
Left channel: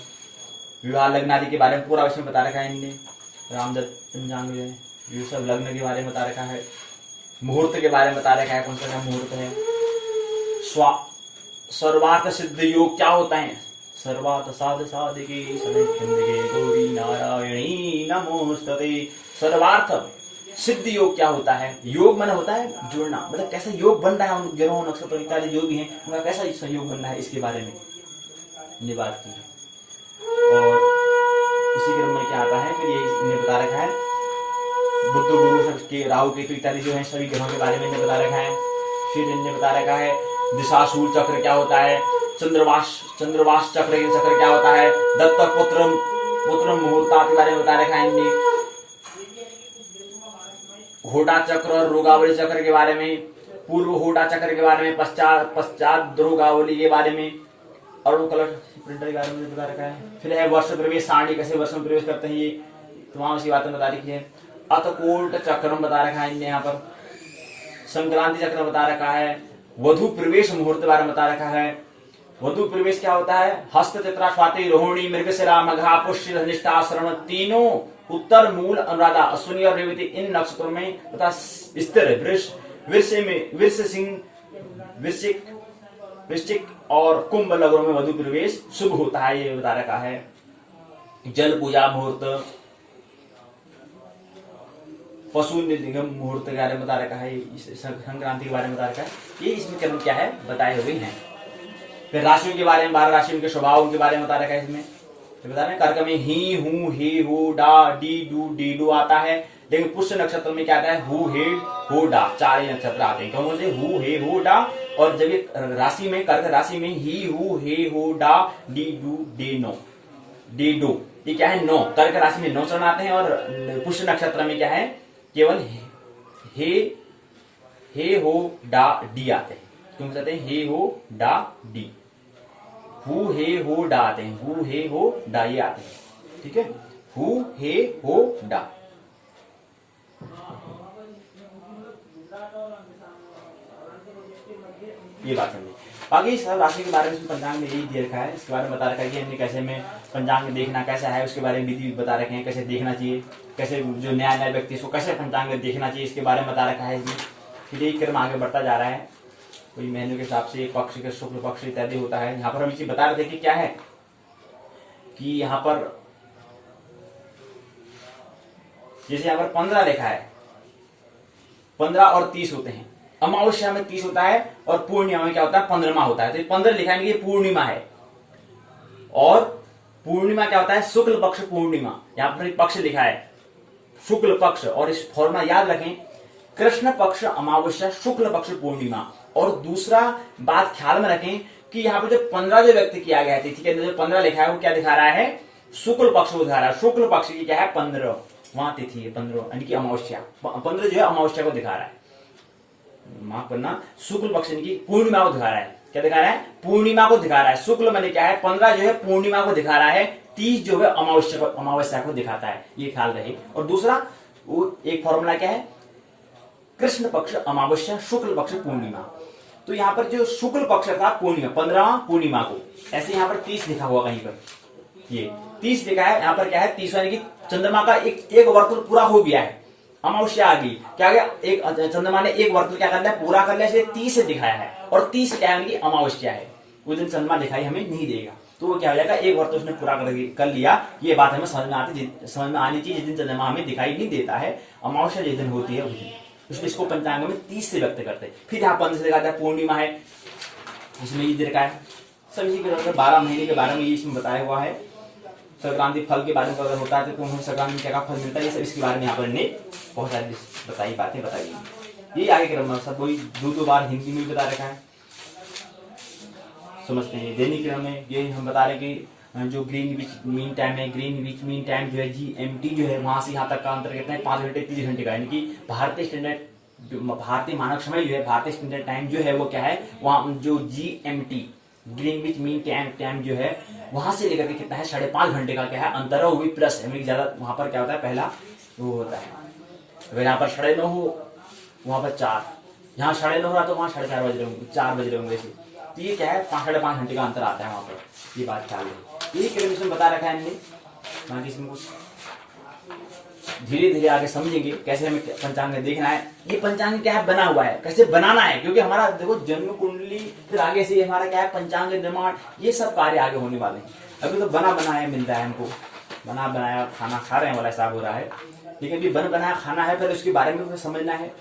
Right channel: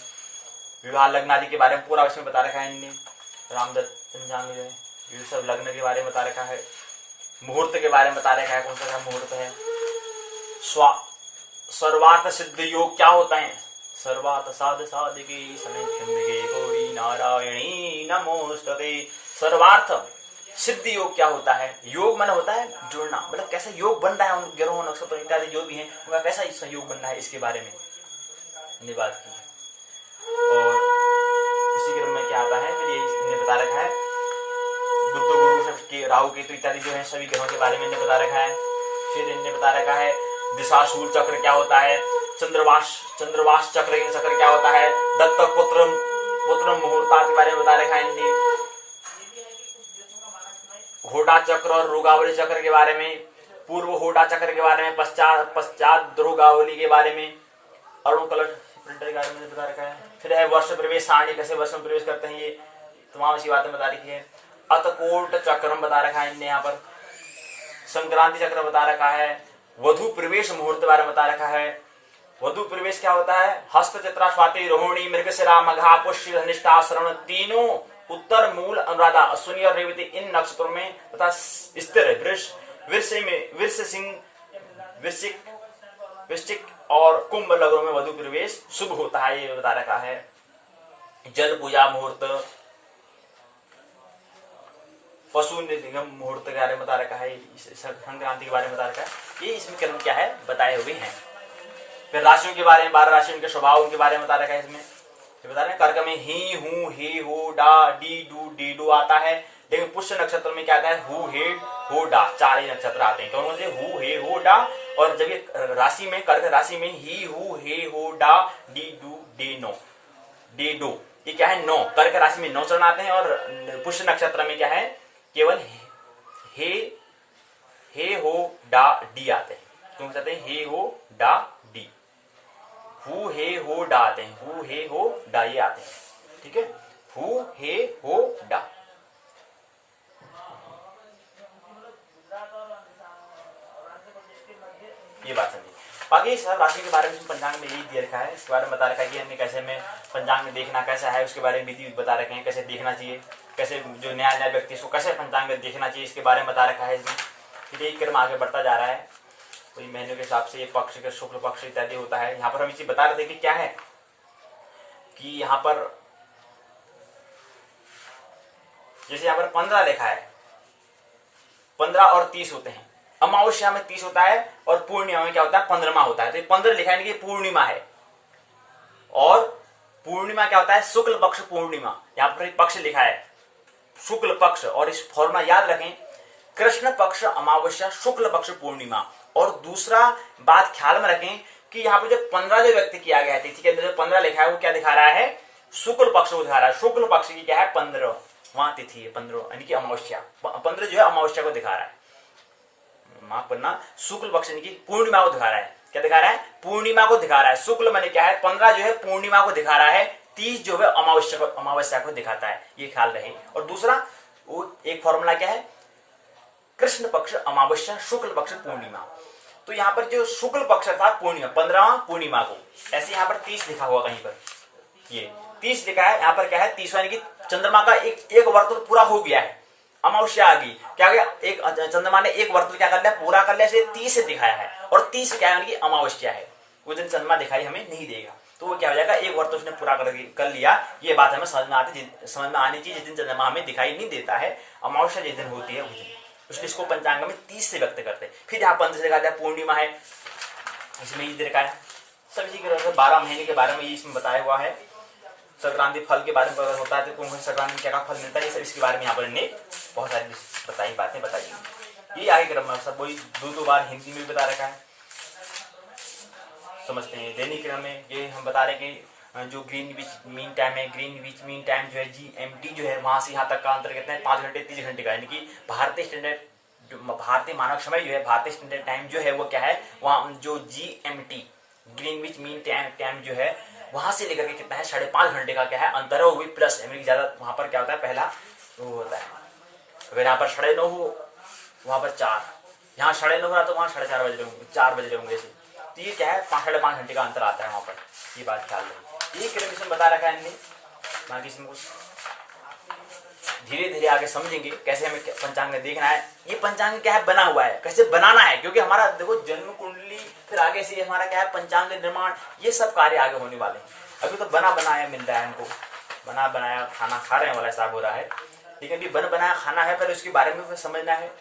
विवाह लग्न आदि के बारे में पूरा इसमें बता रखा है इनने। रामदत्त पंचांग जो है ये सब लग्न के बारे में बता रखा है। मुहूर्त के बारे में बता रखा है, कौन सा मुहूर्त है। सर्वार्थ सिद्ध योग क्या होता है? सर्वार्थ साध साधके सविच्छिन्नके गौरी नारायणी नमोस्तुते। सर्वार्थ सिद्ध योग क्या होता है? योग मन होता है जुड़ना, मतलब कैसा योग बन रहा है उन ग्रहों नक्षत्र इत्यादि जो भी है उनका कैसा योग बन रहा है, इसके बारे में ये बात की। और इसी क्रम में क्या आता है, फिर ये इन्हें बता रखा है बुद्ध गुरु के राहु केतु इत्यादि जो है सभी ग्रहों के बारे में इन्हें बता रखा है। फिर इन्हें बता रखा है दिशाशूल चक्र क्या होता है, चंद्रवास चक्र क्या होता है, दत्तक पुत्र मुहूर्ता के बारे में बता रखा है इन्हें, होटा चक्र और रोगावली चक्र के बारे में, पूर्व होटा चक्र के बारे में, पश्चात रोगावली के बारे में, अरुण कलश प्रिंटर के बारे में बता रखा है। फिर है वर्ष प्रवेश सारणी, कैसे वर्ष में प्रवेश करते हैं, ये तमाम सी बातें बता रखी है। अतकोट चक्रम बता रखा है इनने, यहाँ पर संक्रांति चक्र बता रखा है। वधु प्रवेश मुहूर्त बारे में बता रखा है। वधु प्रवेश क्या होता है, हस्त चित्रा स्वाति रोहिणी मृगशिरा मघा पुष्य धनिष्ठा श्रवण तीनों उत्तर मूल अनुराधा अश्विनी और रेवती इन नक्षत्रों में तथा स्थिर वृश्चिक और कुंभ लग्नों में वधु प्रवेश शुभ होता है, ये बता रखा है। जल पूजा मुहूर्त, पशु निगम मुहूर्त के बारे में बता रखा है, संक्रांति के बारे में बता रखा है। ये इसमें कर्म क्या है बताए हुए हैं। फिर राशियों के बारे में 12 राशियों के स्वभाव के बारे में बता रखा है इसमें। तो बता रहे हैं कर्क में ही हूं हे हो डा डी डू डी डू आता है, लेकिन पुष्य नक्षत्र में क्या आता है हु हे हो डा, 4 ही नक्षत्र आते हैं। कौन से हु हे हो डा, और जब ये राशि में कर्क राशि में ही हु हे हो डा डी डू डे नो डे डो, ये क्या है 9, कर्क राशि में 9 चरण आते हैं। और पुष्य नक्षत्र में क्या है केवल हे हो डा डी आते हैं। तुम कहते हैं हे हो डा डी, हु हे हो डा आते हैं, हु हे हो डा ये आते हैं, ठीक है, हु हे हो डा। ये बात समझिए। बाकी सब राशि के बारे में पंचांग में यही दिया रखा है, इसके बारे में बता रखा है कि हमने कैसे में पंचांग देखना कैसा है, उसके बारे में विधि बता रखे हैं, कैसे देखना चाहिए, कैसे जो नया व्यक्ति इसको कैसे पंचांग देखना चाहिए, इसके बारे में बता रखा है। फिर यही क्रम आगे बढ़ता जा रहा है। तो महीनों के हिसाब से पक्ष के शुक्ल पक्ष इत्यादि होता है। यहाँ पर हम इसे बता रहे थे कि क्या है कि यहाँ पर जैसे यहाँ पर 15 लिखा है, 15 और 30 होते हैं। अमावस्या में 30 होता है और पूर्णिमा में क्या होता है 15वां होता है। तो 15 लिखा है कि पूर्णिमा है, और पूर्णिमा क्या होता है शुक्ल पक्ष पूर्णिमा। यहाँ पर पक्ष लिखा है शुक्ल पक्ष, और इस फॉर्मूला याद रखें कृष्ण पक्ष अमावस्या शुक्ल पक्ष पूर्णिमा। और दूसरा बात ख्याल में रखें कि यहाँ पे जो 15 जो व्यक्त किया गया है तिथि के अंदर जो 15 लिखा है वो क्या दिखा रहा है शुक्ल पक्ष को दिखा रहा है। शुक्ल पक्ष की क्या है 15वां तिथि है, 15 यानी कि अमावस्या, 15 जो है अमावस्या को दिखा रहा है, माफ करना शुक्ल पक्ष यानी कि पूर्णिमा को दिखा रहा है। क्या दिखा रहा है पूर्णिमा को दिखा रहा है। शुक्ल माने क्या है 15 जो है पूर्णिमा को दिखा रहा है, 30 जो है अमावस्या को दिखाता है, ये ख्याल रहे। और दूसरा वो एक फॉर्मूला क्या है कृष्ण पक्ष अमावस्या शुक्ल पक्ष पूर्णिमा। तो यहाँ पर जो शुक्ल पक्ष था पूर्णिमा 15वां पूर्णिमा को, ऐसे यहाँ पर 30 लिखा हुआ कहीं पर, ये 30 लिखा है। यहाँ पर क्या है 30 यानी कि चंद्रमा का एक वर्तुल पूरा हो गया है, अमावस्या आ गई, क्या गया एक चंद्रमा ने एक वर्तुल क्या कर लिया पूरा कर लिया, 30 से दिखाया है। और 30 क्या है अमावस्या है, उस दिन चंद्रमा दिखाई हमें नहीं देगा, तो वो क्या हो जाएगा एक वर्तुल उसने पूरा कर लिया। ये बात हमें समझ में आनी चाहिए। जिस दिन चंद्रमा हमें दिखाई नहीं देता है, अमावस्या जिस दिन होती है उस दिन, उसने इसको पंचांग में 30 से व्यक्त करते हैं। फिर यहाँ 15 से दिखाता है पूर्णिमा है, इसमें ये देखा है सभी के 12 महीने के बारे में ये इसमें बताया हुआ है। संक्रांति फल के बारे में अगर होता है तो संक्रांति में क्या फल मिलता है, ये सब इसके बारे में यहाँ पर ने बहुत सारी बताई बातें बताई। ये आगे क्रम में सब वही दो बार हिंदी में बता रखा है, समझते हैं। दैनिक क्रम में ये हम बता रहे कि जो ग्रीनविच मीन टाइम है, ग्रीनविच मीन टाइम जो है GMT जो है वहां से यहाँ तक का अंतर कितना है 5 घंटे 30 घंटे का, यानी कि भारतीय मानक समय जो है भारतीय स्टैंडर्ड टाइम जो है वो क्या है वहां जो GMT ग्रीनविच मीन टाइम जो है वहां से लेकर के कितना है 5.5 घंटे का क्या है अंतर है, वो भी प्लस है, ज्यादा वहां पर क्या होता है पहला वो होता है। अगर यहाँ पर 9:30 हो वहां पर 4, यहाँ 9:30 हो रहा तो वहां 4:30 बज रहे होंगे, 4 बज रहे होंगे। तो ये क्या है 5.5 घंटे का अंतर आता है वहां पर, ये बात ख्याल रहे। ये कैलकुलेशन बता रखा है इनने, बाकी इसमें कुछ धीरे धीरे आगे समझेंगे कैसे हमें पंचांग में देखना है, ये पंचांग क्या है, बना हुआ है, कैसे बनाना है, क्योंकि हमारा देखो जन्म कुंडली, फिर आगे से हमारा क्या है पंचांग निर्माण, ये सब कार्य आगे होने वाले हैं। अभी तो बना बनाया मिल रहा है हमको, बना बनाया खाना खा रहे हैं वाला हिसाब हो रहा है, लेकिन अभी बन बनाया खाना है, फिर उसके बारे में समझना है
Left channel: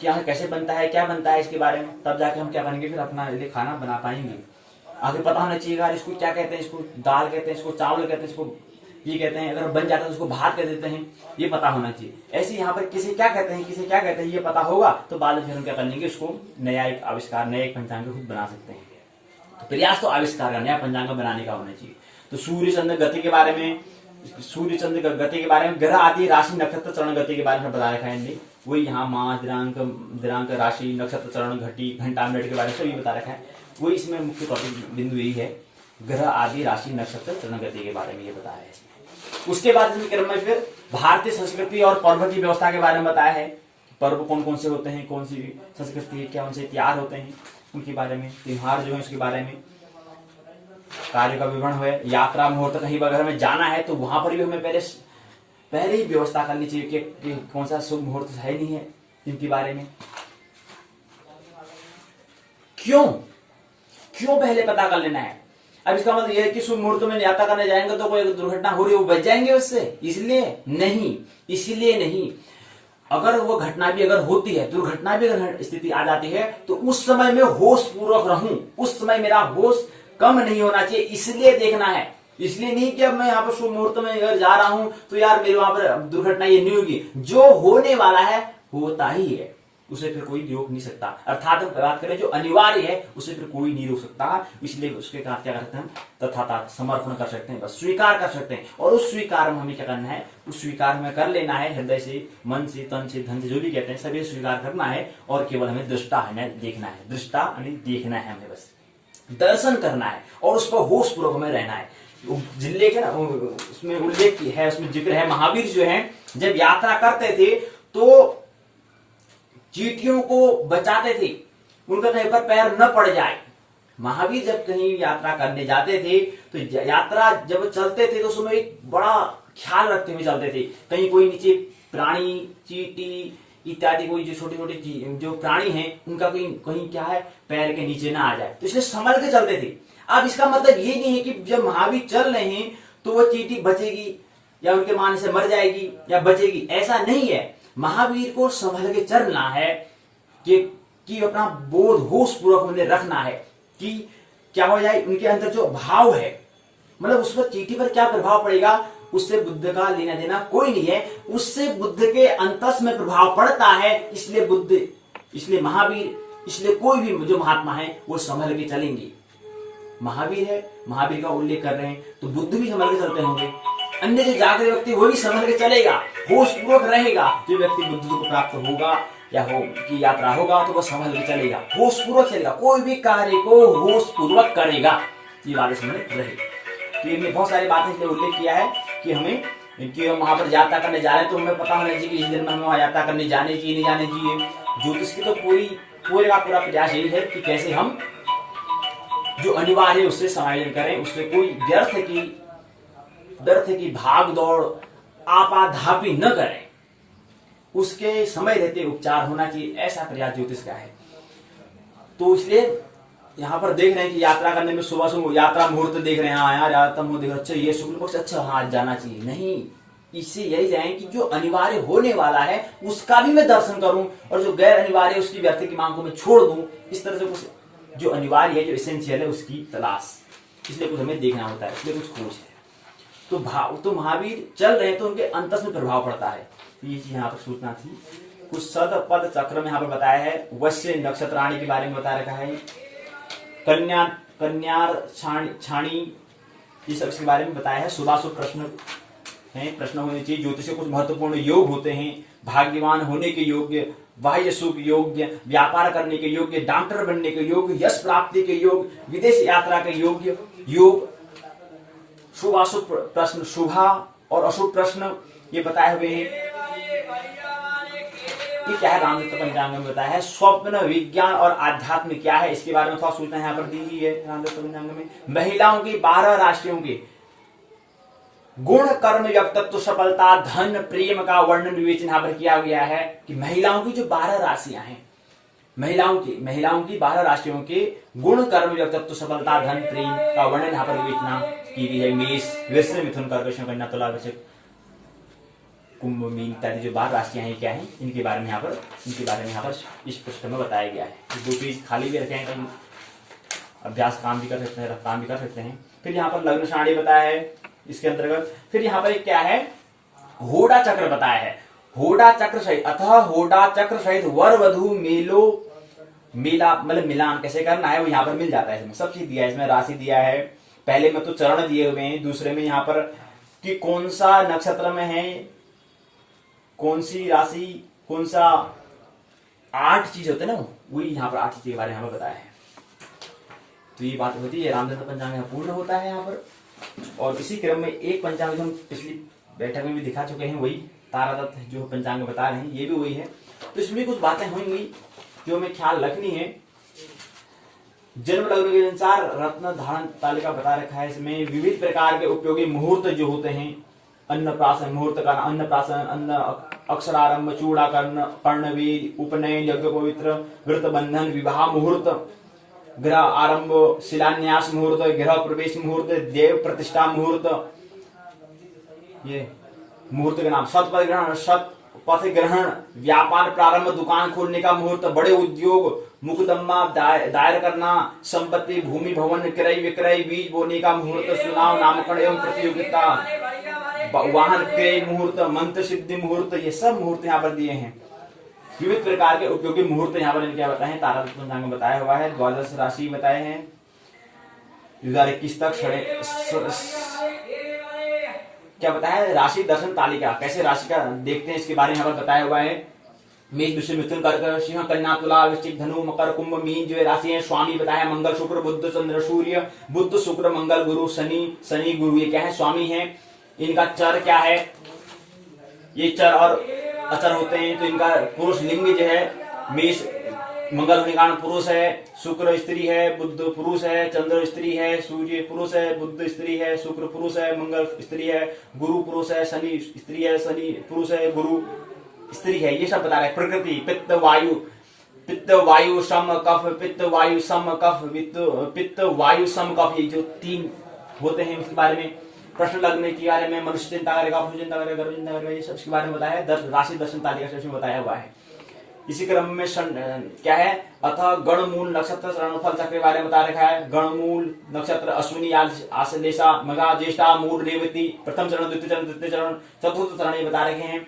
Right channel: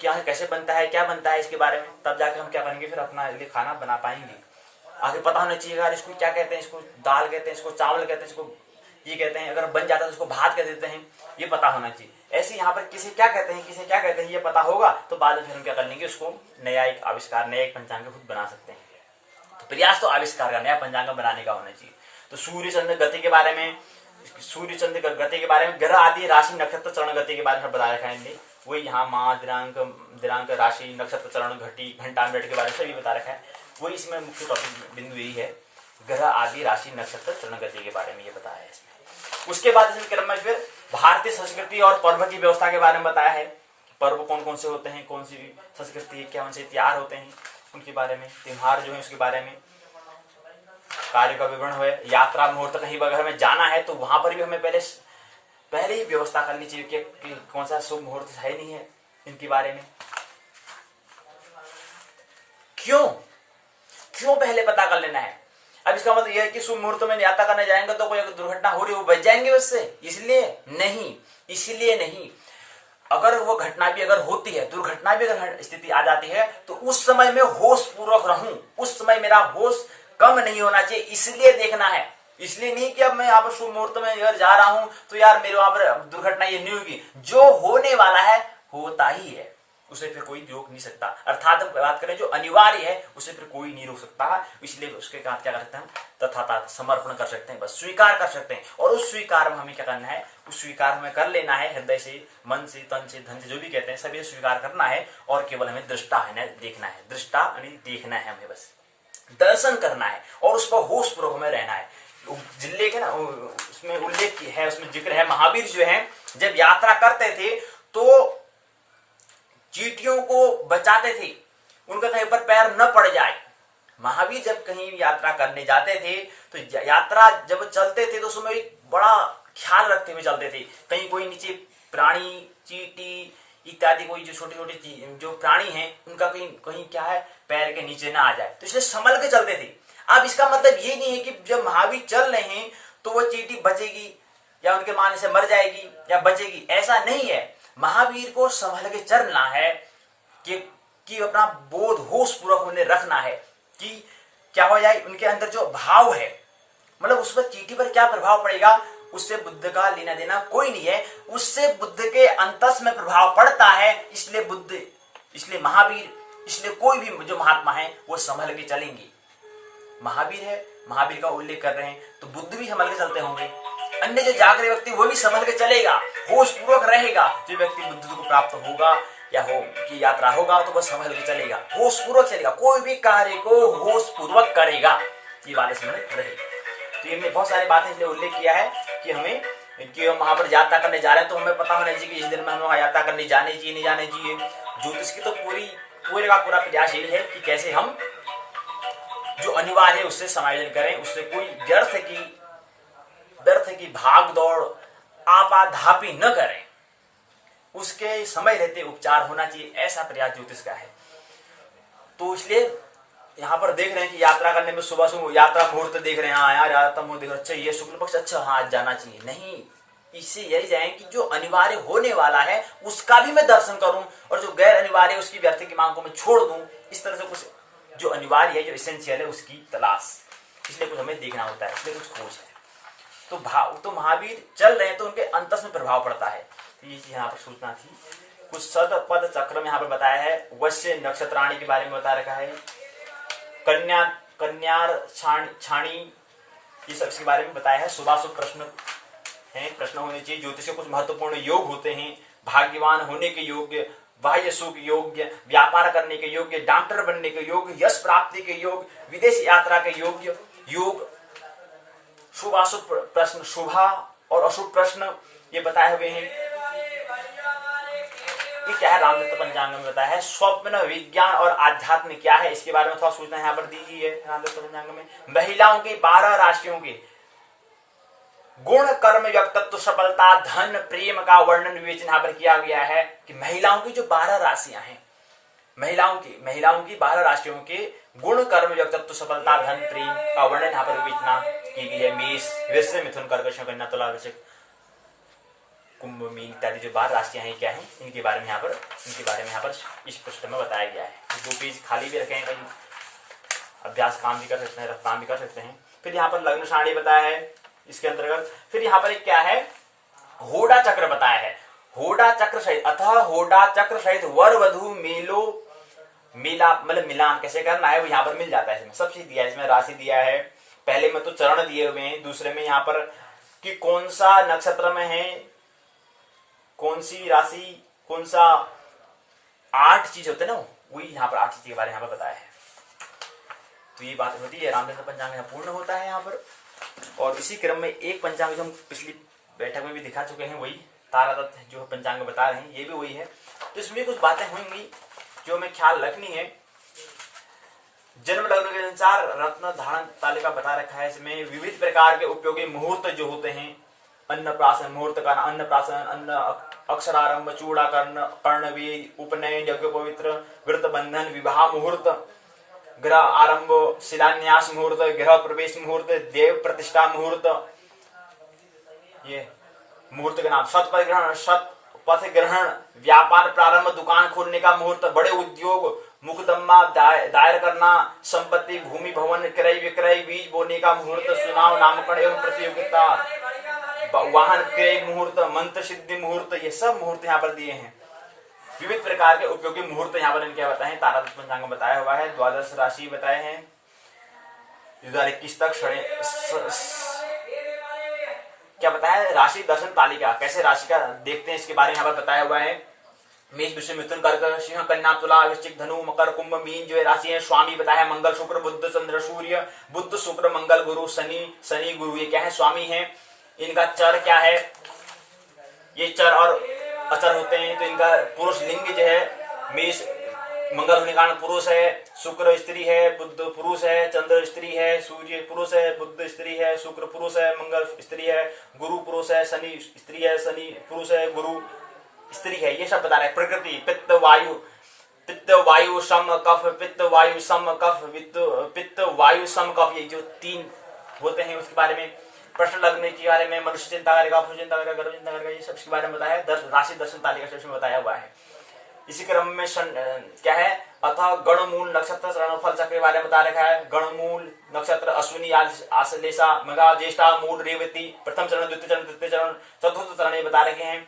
क्या है, कैसे बनता है, क्या बनता है इसके बारे में, तब जाके हम क्या करेंगे, फिर अपना ये खाना बना पाएंगे। आगे पता होना चाहिए यार इसको क्या कहते हैं, इसको दाल कहते हैं, इसको चावल कहते हैं, इसको ये कहते हैं, अगर बन जाता है तो उसको भात कह देते हैं, ये पता होना चाहिए। ऐसे यहाँ पर किसे क्या कहते हैं, किसे क्या कहते हैं, ये पता होगा तो बाद में फिर हम क्या कर लेंगे, उसको नया एक आविष्कार, नया एक पंचांग खुद बना सकते हैं। तो प्रयास तो आविष्कार का, नया पंचांग बनाने का होना चाहिए। तो सूर्य चंद्र गति के बारे में, सूर्य चंद्र गति के बारे में, ग्रह आदि राशि नक्षत्र चरण गति के बारे में बता रखा है, वही यहाँ माह दिनांक राशि नक्षत्र चरण घटी घंटा मिनट के बारे में सभी बता रखा है। वही इसमें मुख्य टॉपिक बिंदु यही है, ग्रह आदि राशि नक्षत्र चरण गति के बारे में ये बताया है इसमें। उसके बाद इसमें क्रम में फिर भारतीय संस्कृति और पर्व की व्यवस्था के बारे में बताया है, पर्व कौन कौन से होते हैं, कौन सी संस्कृति है, क्या उनसे त्योहार होते हैं, उनके बारे में, त्योहार जो है उसके बारे में, कार्य का विवरण है, यात्रा मुहूर्त कहीं अगर हमें जाना है तो वहां पर भी हमें पहले ही व्यवस्था करनी चाहिए कि कौन सा शुभ मुहूर्त है नहीं है, इनके बारे में क्यों पहले पता कर लेना है। अब इसका मतलब यह है कि शुभ मुहूर्त में यात्रा करने जाएंगे तो कोई दुर्घटना हो रही है वो बच जाएंगे उससे, इसलिए नहीं। अगर वो घटना भी अगर होती है, दुर्घटना भी अगर स्थिति आ जाती है तो उस समय में होश पूर्वक रहूं, उस समय मेरा होश कम नहीं होना चाहिए, इसलिए देखना है। इसलिए नहीं कि अब मैं यहाँ पर शुभ मुहूर्त में अगर जा रहा हूं तो यार मेरे वहां पर दुर्घटना ये नहीं होगी, जो होने वाला है होता ही है, उसे फिर कोई रोक नहीं सकता। अर्थात हम बात करें जो अनिवार्य है उसे फिर कोई नहीं रोक सकता, इसलिए उसके साथ क्या कर सकते हैं हम, तथाता समर्पण कर सकते हैं, बस स्वीकार कर सकते हैं। और उस स्वीकार में हमें क्या करना है, उस स्वीकार में कर लेना है, हृदय से, मन से, तन से, धन से, जो भी कहते हैं सभी स्वीकार करना है। और केवल हमें दृष्टा है देखना है, दृष्टा यानी देखना है, हमें बस दर्शन करना है और उस पर होश पूर्वक हमें रहना है। जिल्लेख है ना, उसमें उल्लेख है, उसमें जिक्र है, महावीर जो है जब यात्रा करते थे तो चींटियों को बचाते थे, उनका कहीं पर पैर न पड़ जाए। महावीर जब कहीं यात्रा करने जाते थे तो यात्रा जब चलते थे तो उसमें एक बड़ा ख्याल रखते हुए चलते थे, कहीं कोई नीचे प्राणी, चींटी इत्यादि कोई जो छोटे छोटे जो प्राणी हैं उनका कहीं क्या है पैर के नीचे ना आ जाए, तो इसलिए संभल के चलते थे। अब इसका मतलब ये नहीं है कि जब महावीर चल रहे हैं तो वो चींटी बचेगी या उनके मारने से मर जाएगी या बचेगी, ऐसा नहीं है। महावीर को संभल के चलना है कि अपना बोध होश पूर्वक उन्हें रखना है कि क्या हो जाए, उनके अंदर जो भाव है, मतलब उस पर चींटी पर क्या प्रभाव पड़ेगा उससे बुद्ध का लेना देना कोई नहीं है, उससे बुद्ध के अंतस में प्रभाव पड़ता है। इसलिए बुद्ध, इसलिए महावीर, इसलिए कोई भी जो महात्मा है वो संभल के चलेंगे। महावीर है, महावीर का उल्लेख कर रहे हैं तो बुद्ध भी संभल के चलते होंगे, अन्य जो जागृत व्यक्ति वो भी संभल के चलेगा, होश पूर्वक रहेगा। जो व्यक्ति बुद्ध को प्राप्त होगा या हो की यात्रा होगा तो वह संभल के चलेगा, होश पूर्वक चलेगा, कोई भी कार्य को होश पूर्वक करेगा, ये बात इसमें रहे। तो ये बहुत सारी बातें इसलिए उल्लेख किया है कि हमें कि हम वहां पर यात्रा करने जा रहे हैं तो हमें पता होना चाहिए कि इस दिन में हमें वहां यात्रा करने जाने चाहिए नहीं जाने चाहिए। ज्योतिष की तो पूरे का पूरा प्रयास यही है कि कैसे हम जो अनिवार्य है उससे समायोजन करें, उससे कोई व्यर्थ की भाग दौड़ आपाधापी न करें, उसके समय रहते उपचार होना चाहिए, ऐसा प्रयास ज्योतिष का है। तो इसलिए यहाँ पर देख रहे हैं कि यात्रा करने में सुबह सुबह यात्रा मुहूर्त देख रहे हैं, हाँ यार यात्रा मुहूर्त देख, अच्छा ये शुक्ल पक्ष, अच्छा हाँ जाना चाहिए, नहीं, इससे यही जाए कि जो अनिवार्य होने वाला है उसका भी मैं दर्शन करूं और जो गैर अनिवार्य उसकी व्यर्थ की मांग को मैं छोड़ दूं। इस तरह से कुछ जो अनिवार्य है, जो एसेंशियल है उसकी तलाश, इसलिए कुछ हमें देखना होता है, इसलिए कुछ खोज है। तो महावीर चल रहे हैं तो उनके अंतस में प्रभाव पड़ता है, ये यहाँ पर सूचना थी। कुछ सद पद चक्र में यहाँ पर बताया है, वश्य नक्षत्राणी के बारे में बता रखा है, कन्यार छाणी ये सब इसके बारे में बताया है। शुभाशुभ प्रश्न है, प्रश्न होने चाहिए। ज्योतिष के कुछ महत्वपूर्ण योग होते हैं, भाग्यवान होने के योग्य, बाह्य सुख योग्य, व्यापार करने के योग्य, डॉक्टर बनने के योग्य, यश प्राप्ति के योग, विदेश यात्रा के योग्य योग। शुभाशुभ प्रश्न, शुभा और अशुभ प्रश्न ये बताए हुए हैं। क्या है रामदत्त पंचांग में बताया है। स्वप्न, विज्ञान और आध्यात्म क्या है इसके बारे में थोड़ा सूचना यहाँ पर दी गई है रामदत्त पंचांग में। महिलाओं की 12 राशियों के गुण कर्म व्यक्तित्व सफलता धन प्रेम का वर्णन विवेचन यहाँ पर किया गया है कि महिलाओं की जो 12 राशियां हैं, महिलाओं की 12 राशियों के गुण कर्म व्यक्तित्व सफलता धन प्रेम का वर्णन यहाँ पर विवेचना की गई है। मेष वृश्चिक मिथुन कर्क कन्या तुला वृश्चिक कुंभ मीन इत्यादि जो 12 राशियां हैं क्या हैं, इनके बारे में यहाँ पर इस पुस्तक में बताया गया है। 2 पेज खाली भी रखे हैं, कहीं अभ्यास काम भी कर सकते हैं। फिर यहाँ पर लग्न सारणी बताया है इसके अंतर्गत। फिर यहाँ पर एक क्या है, होड़ा चक्र बताया है। होड़ा चक्र सहित होड़ा चक्र सहित वर वधु मेला मतलब मिलान कैसे करना है वो यहाँ पर मिल जाता है। इसमें सब चीज दिया है, इसमें राशि दिया है, पहले में तो चरण दिए हुए हैं, दूसरे में यहाँ पर कि कौन सा नक्षत्र में है, कौन सी राशि, कौन सा 8 चीज होते हैं ना, वही यहाँ पर 8 चीज के बारे में यहाँ पर बताया है। तो ये बात होती है, रामचंद्र पंचांग यहाँ पूर्ण होता है यहाँ पर। और इसी क्रम में एक पंचांग जो हम पिछली बैठक में भी दिखा चुके हैं, वही तारादत्त जो पंचांग बता रहे हैं, ये भी वही है। तो इसमें कुछ बातें होंगी जो हमें ख्याल रखनी है। जन्म लग्न के अनुसार रत्न धारण तालिका बता रखा है। इसमें विविध प्रकार के उपयोगी मुहूर्त जो होते हैं, अन्नप्राशन मुहूर्त का अन्नप्राशन, अन्न अक्षरारंभ, चूड़ाकर्ण, कर्णवेद, उपनयन, यज्ञ पवित्र, व्रत बंधन, विवाह मुहूर्त, गृह आरंभ, शिलान्यास मुहूर्त, गृह प्रवेश मुहूर्त, देव प्रतिष्ठा मुहूर्त, ये मुहूर्त का नाम, शतपथ ग्रहण, शतपथ ग्रहण, व्यापार प्रारंभ, दुकान खोलने का मुहूर्त, बड़े उद्योग, मुकदमा दायर करना, संपत्ति, भूमि, भवन, क्रय विक्रय, बीज बोने का मुहूर्त, चुनाव, नामकरण एवं प्रतियोगिता, वाहन क्रय मुहूर्त, मंत्र सिद्धि मुहूर्त, ये सब मुहूर्त यहाँ पर दिए हैं। विविध प्रकार के उपयोगी मुहूर्त यहाँ पर इनके बताए हैं, तारादत्त पंचांग में बताया हुआ है। 12 राशि बताए हैं, 2021 तक क्या बताया है, राशि दर्शन तालिका, कैसे राशि का देखते हैं इसके बारे में यहाँ पर बताया हुआ है। मेष वृश्चिक मिथुन कर्क सिंह कन्या तुला वृश्चिक धनु मकर कुंभ मीन जो राशि है। स्वामी बताया मंगल शुक्र बुध चंद्र सूर्य, बुध शुक्र मंगल गुरु शनि गुरु, ये क्या है, स्वामी है। इनका चर क्या है, ये चर और अचर होते हैं। तो इनका पुरुष लिंग जो है, मेष मंगल होने के कारण पुरुष है, शुक्र स्त्री है, बुध पुरुष है, चंद्र स्त्री है, सूर्य पुरुष है, बुध स्त्री है, शुक्र पुरुष है, मंगल स्त्री है, गुरु पुरुष है, शनि स्त्री है, शनि पुरुष है, गुरु स्त्री है। ये सब बता रहे हैं। प्रकृति पित्त वायु सम कफ, पित्त वायु सम कफ, पित्त वायु सम कफ, ये जो 3 होते हैं उसके बारे में। प्रश्न लग्न के बारे में, मनुष्य चिंता करेगा, भूल चिंता करेगा, गर्भ चिंता करेगा, ये सब इसके बारे में बताया है। राशि दर्शन तालिका से इसमें बताया हुआ है। इसी क्रम में क्या है, अतः गणमूल नक्षत्र रणफल चक्र के बारे में बता रखा है। गणमूल नक्षत्र अश्विनी आश्लेषा मघा ज्येष्ठा मूल रेवती, प्रथम चरण, द्वितीय चरण, तृतीय चरण, चतुर्थ चरण ये बता रखे हैं।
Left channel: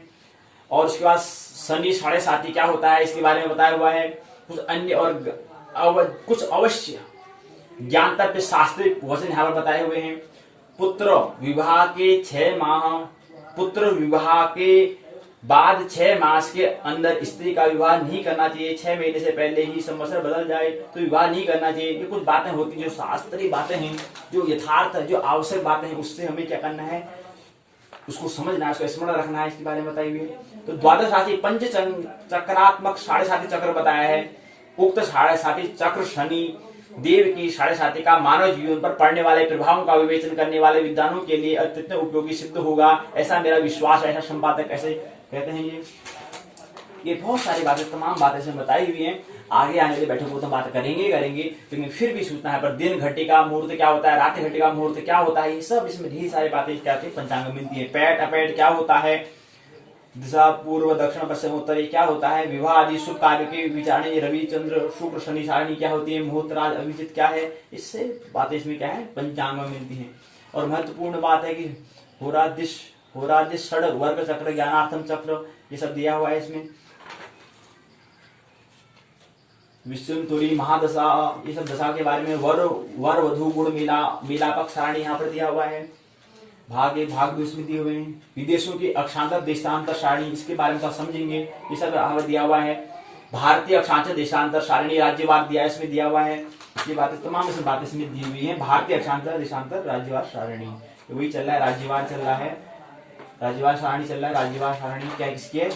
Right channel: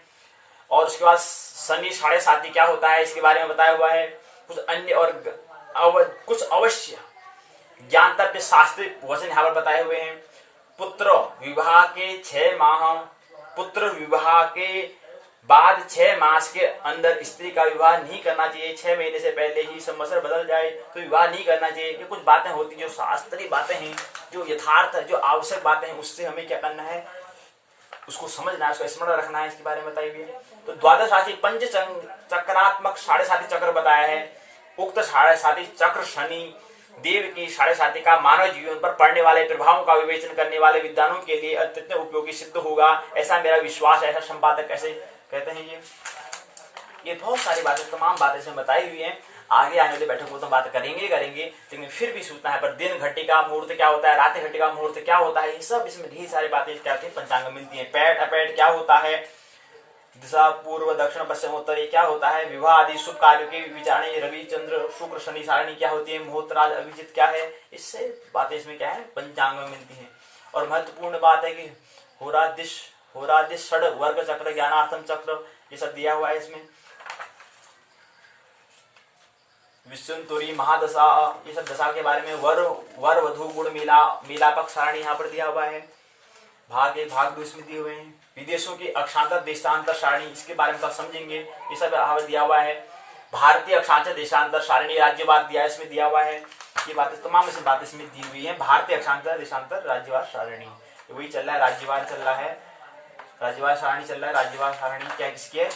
और उसके बाद शनि 7.5 क्या होता है इसके बारे में बताया हुआ है। कुछ अन्य और कुछ अवश्य ज्ञानतव्य शास्त्रिक वचन यहाँ पर बताए हुए हैं। पुत्र विवाह के 6 माह, पुत्र विवाह के बाद 6 मास के अंदर स्त्री का विवाह नहीं करना चाहिए। 6 महीने से पहले ही संवत्सर बदल जाए तो विवाह नहीं करना चाहिए। ये कुछ बातें होती जो शास्त्रीय बातें हैं, जो यथार्थ जो आवश्यक बातें हैं, उससे हमें क्या करना है, उसको समझना है, उसको स्मरण रखना है, इसके बारे में बताई हुई है। तो 12 राशि पंच चक्रात्मक 7.5 चक्र बताया है। उक्त 7.5 चक्र शनि देव की 7.5 का मानव जीवन पर पड़ने वाले प्रभावों का विवेचन करने वाले विद्वानों के लिए अत्यंत उपयोगी सिद्ध होगा, ऐसा मेरा विश्वास है। ऐसा संपादक ऐसे कहते हैं। ये बहुत सारी बातें, तमाम बातें इसमें बताई हुई हैं। आगे आने वाले बैठकों तो बात करेंगे लेकिन फिर भी सूचना है पर दिन घटी का मुहूर्त क्या होता है, रात घटी का मुहूर्त क्या होता है, ये सब इसमें ढेर सारी बातें क्या होती है पंचांग में मिलती है। पैट अपैट क्या होता है, दिशा पूर्व दक्षिण पश्चिम उत्तर ये क्या होता है, विवाह आदि शुभ कार्य की विचारणी रवि चंद्र शुक्र शनि सारणी क्या होती है, मुहूर्त राज अभिजित क्या है, इससे बातें इसमें क्या है पंचांग में मिलती है। और महत्वपूर्ण बात है कि होरादिश षड वर्ग चक्र ज्ञानार्थम चक्र ये सब दिया हुआ है इसमें। विश्वंतुरी महादशा ये सब दशा के बारे में, वर वधु गुण मिलापक सारणी यहाँ पर दिया हुआ है। भाग इसमें दिए हुए हैं। विदेशों की अक्षांतर देशांतर सारणी इसके बारे में तो समझेंगे, ये सब यहाँ पर दिया हुआ है। भारतीय अक्षांतर देशांतर सारणी राज्यवार दिया इसमें दिया हुआ है। ये बातें तमाम इसमें बातें इसमें दी हुई है। भारतीय अक्षांतर देशांतर राज्यवार सारणी तो वही चल रहा है, राज्यवार चल रहा है, राज्यवार सारणी चल रहा है। राज्यवार सारणी क्या किसकी है,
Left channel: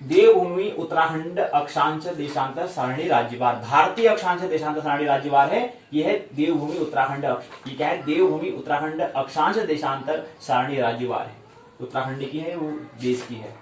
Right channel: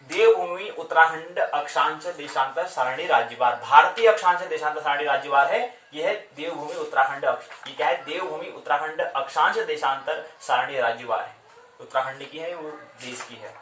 देवभूमि उत्तराखंड अक्षांश देशांतर सारणी राज्यवार, भारतीय अक्षांश देशांतर सारणी राज्यवार है। यह है देवभूमि उत्तराखंड, ये क्या है, देवभूमि उत्तराखंड अक्षांश देशांतर सारणी राज्यवार है। उत्तराखंड की है, वो देश की है।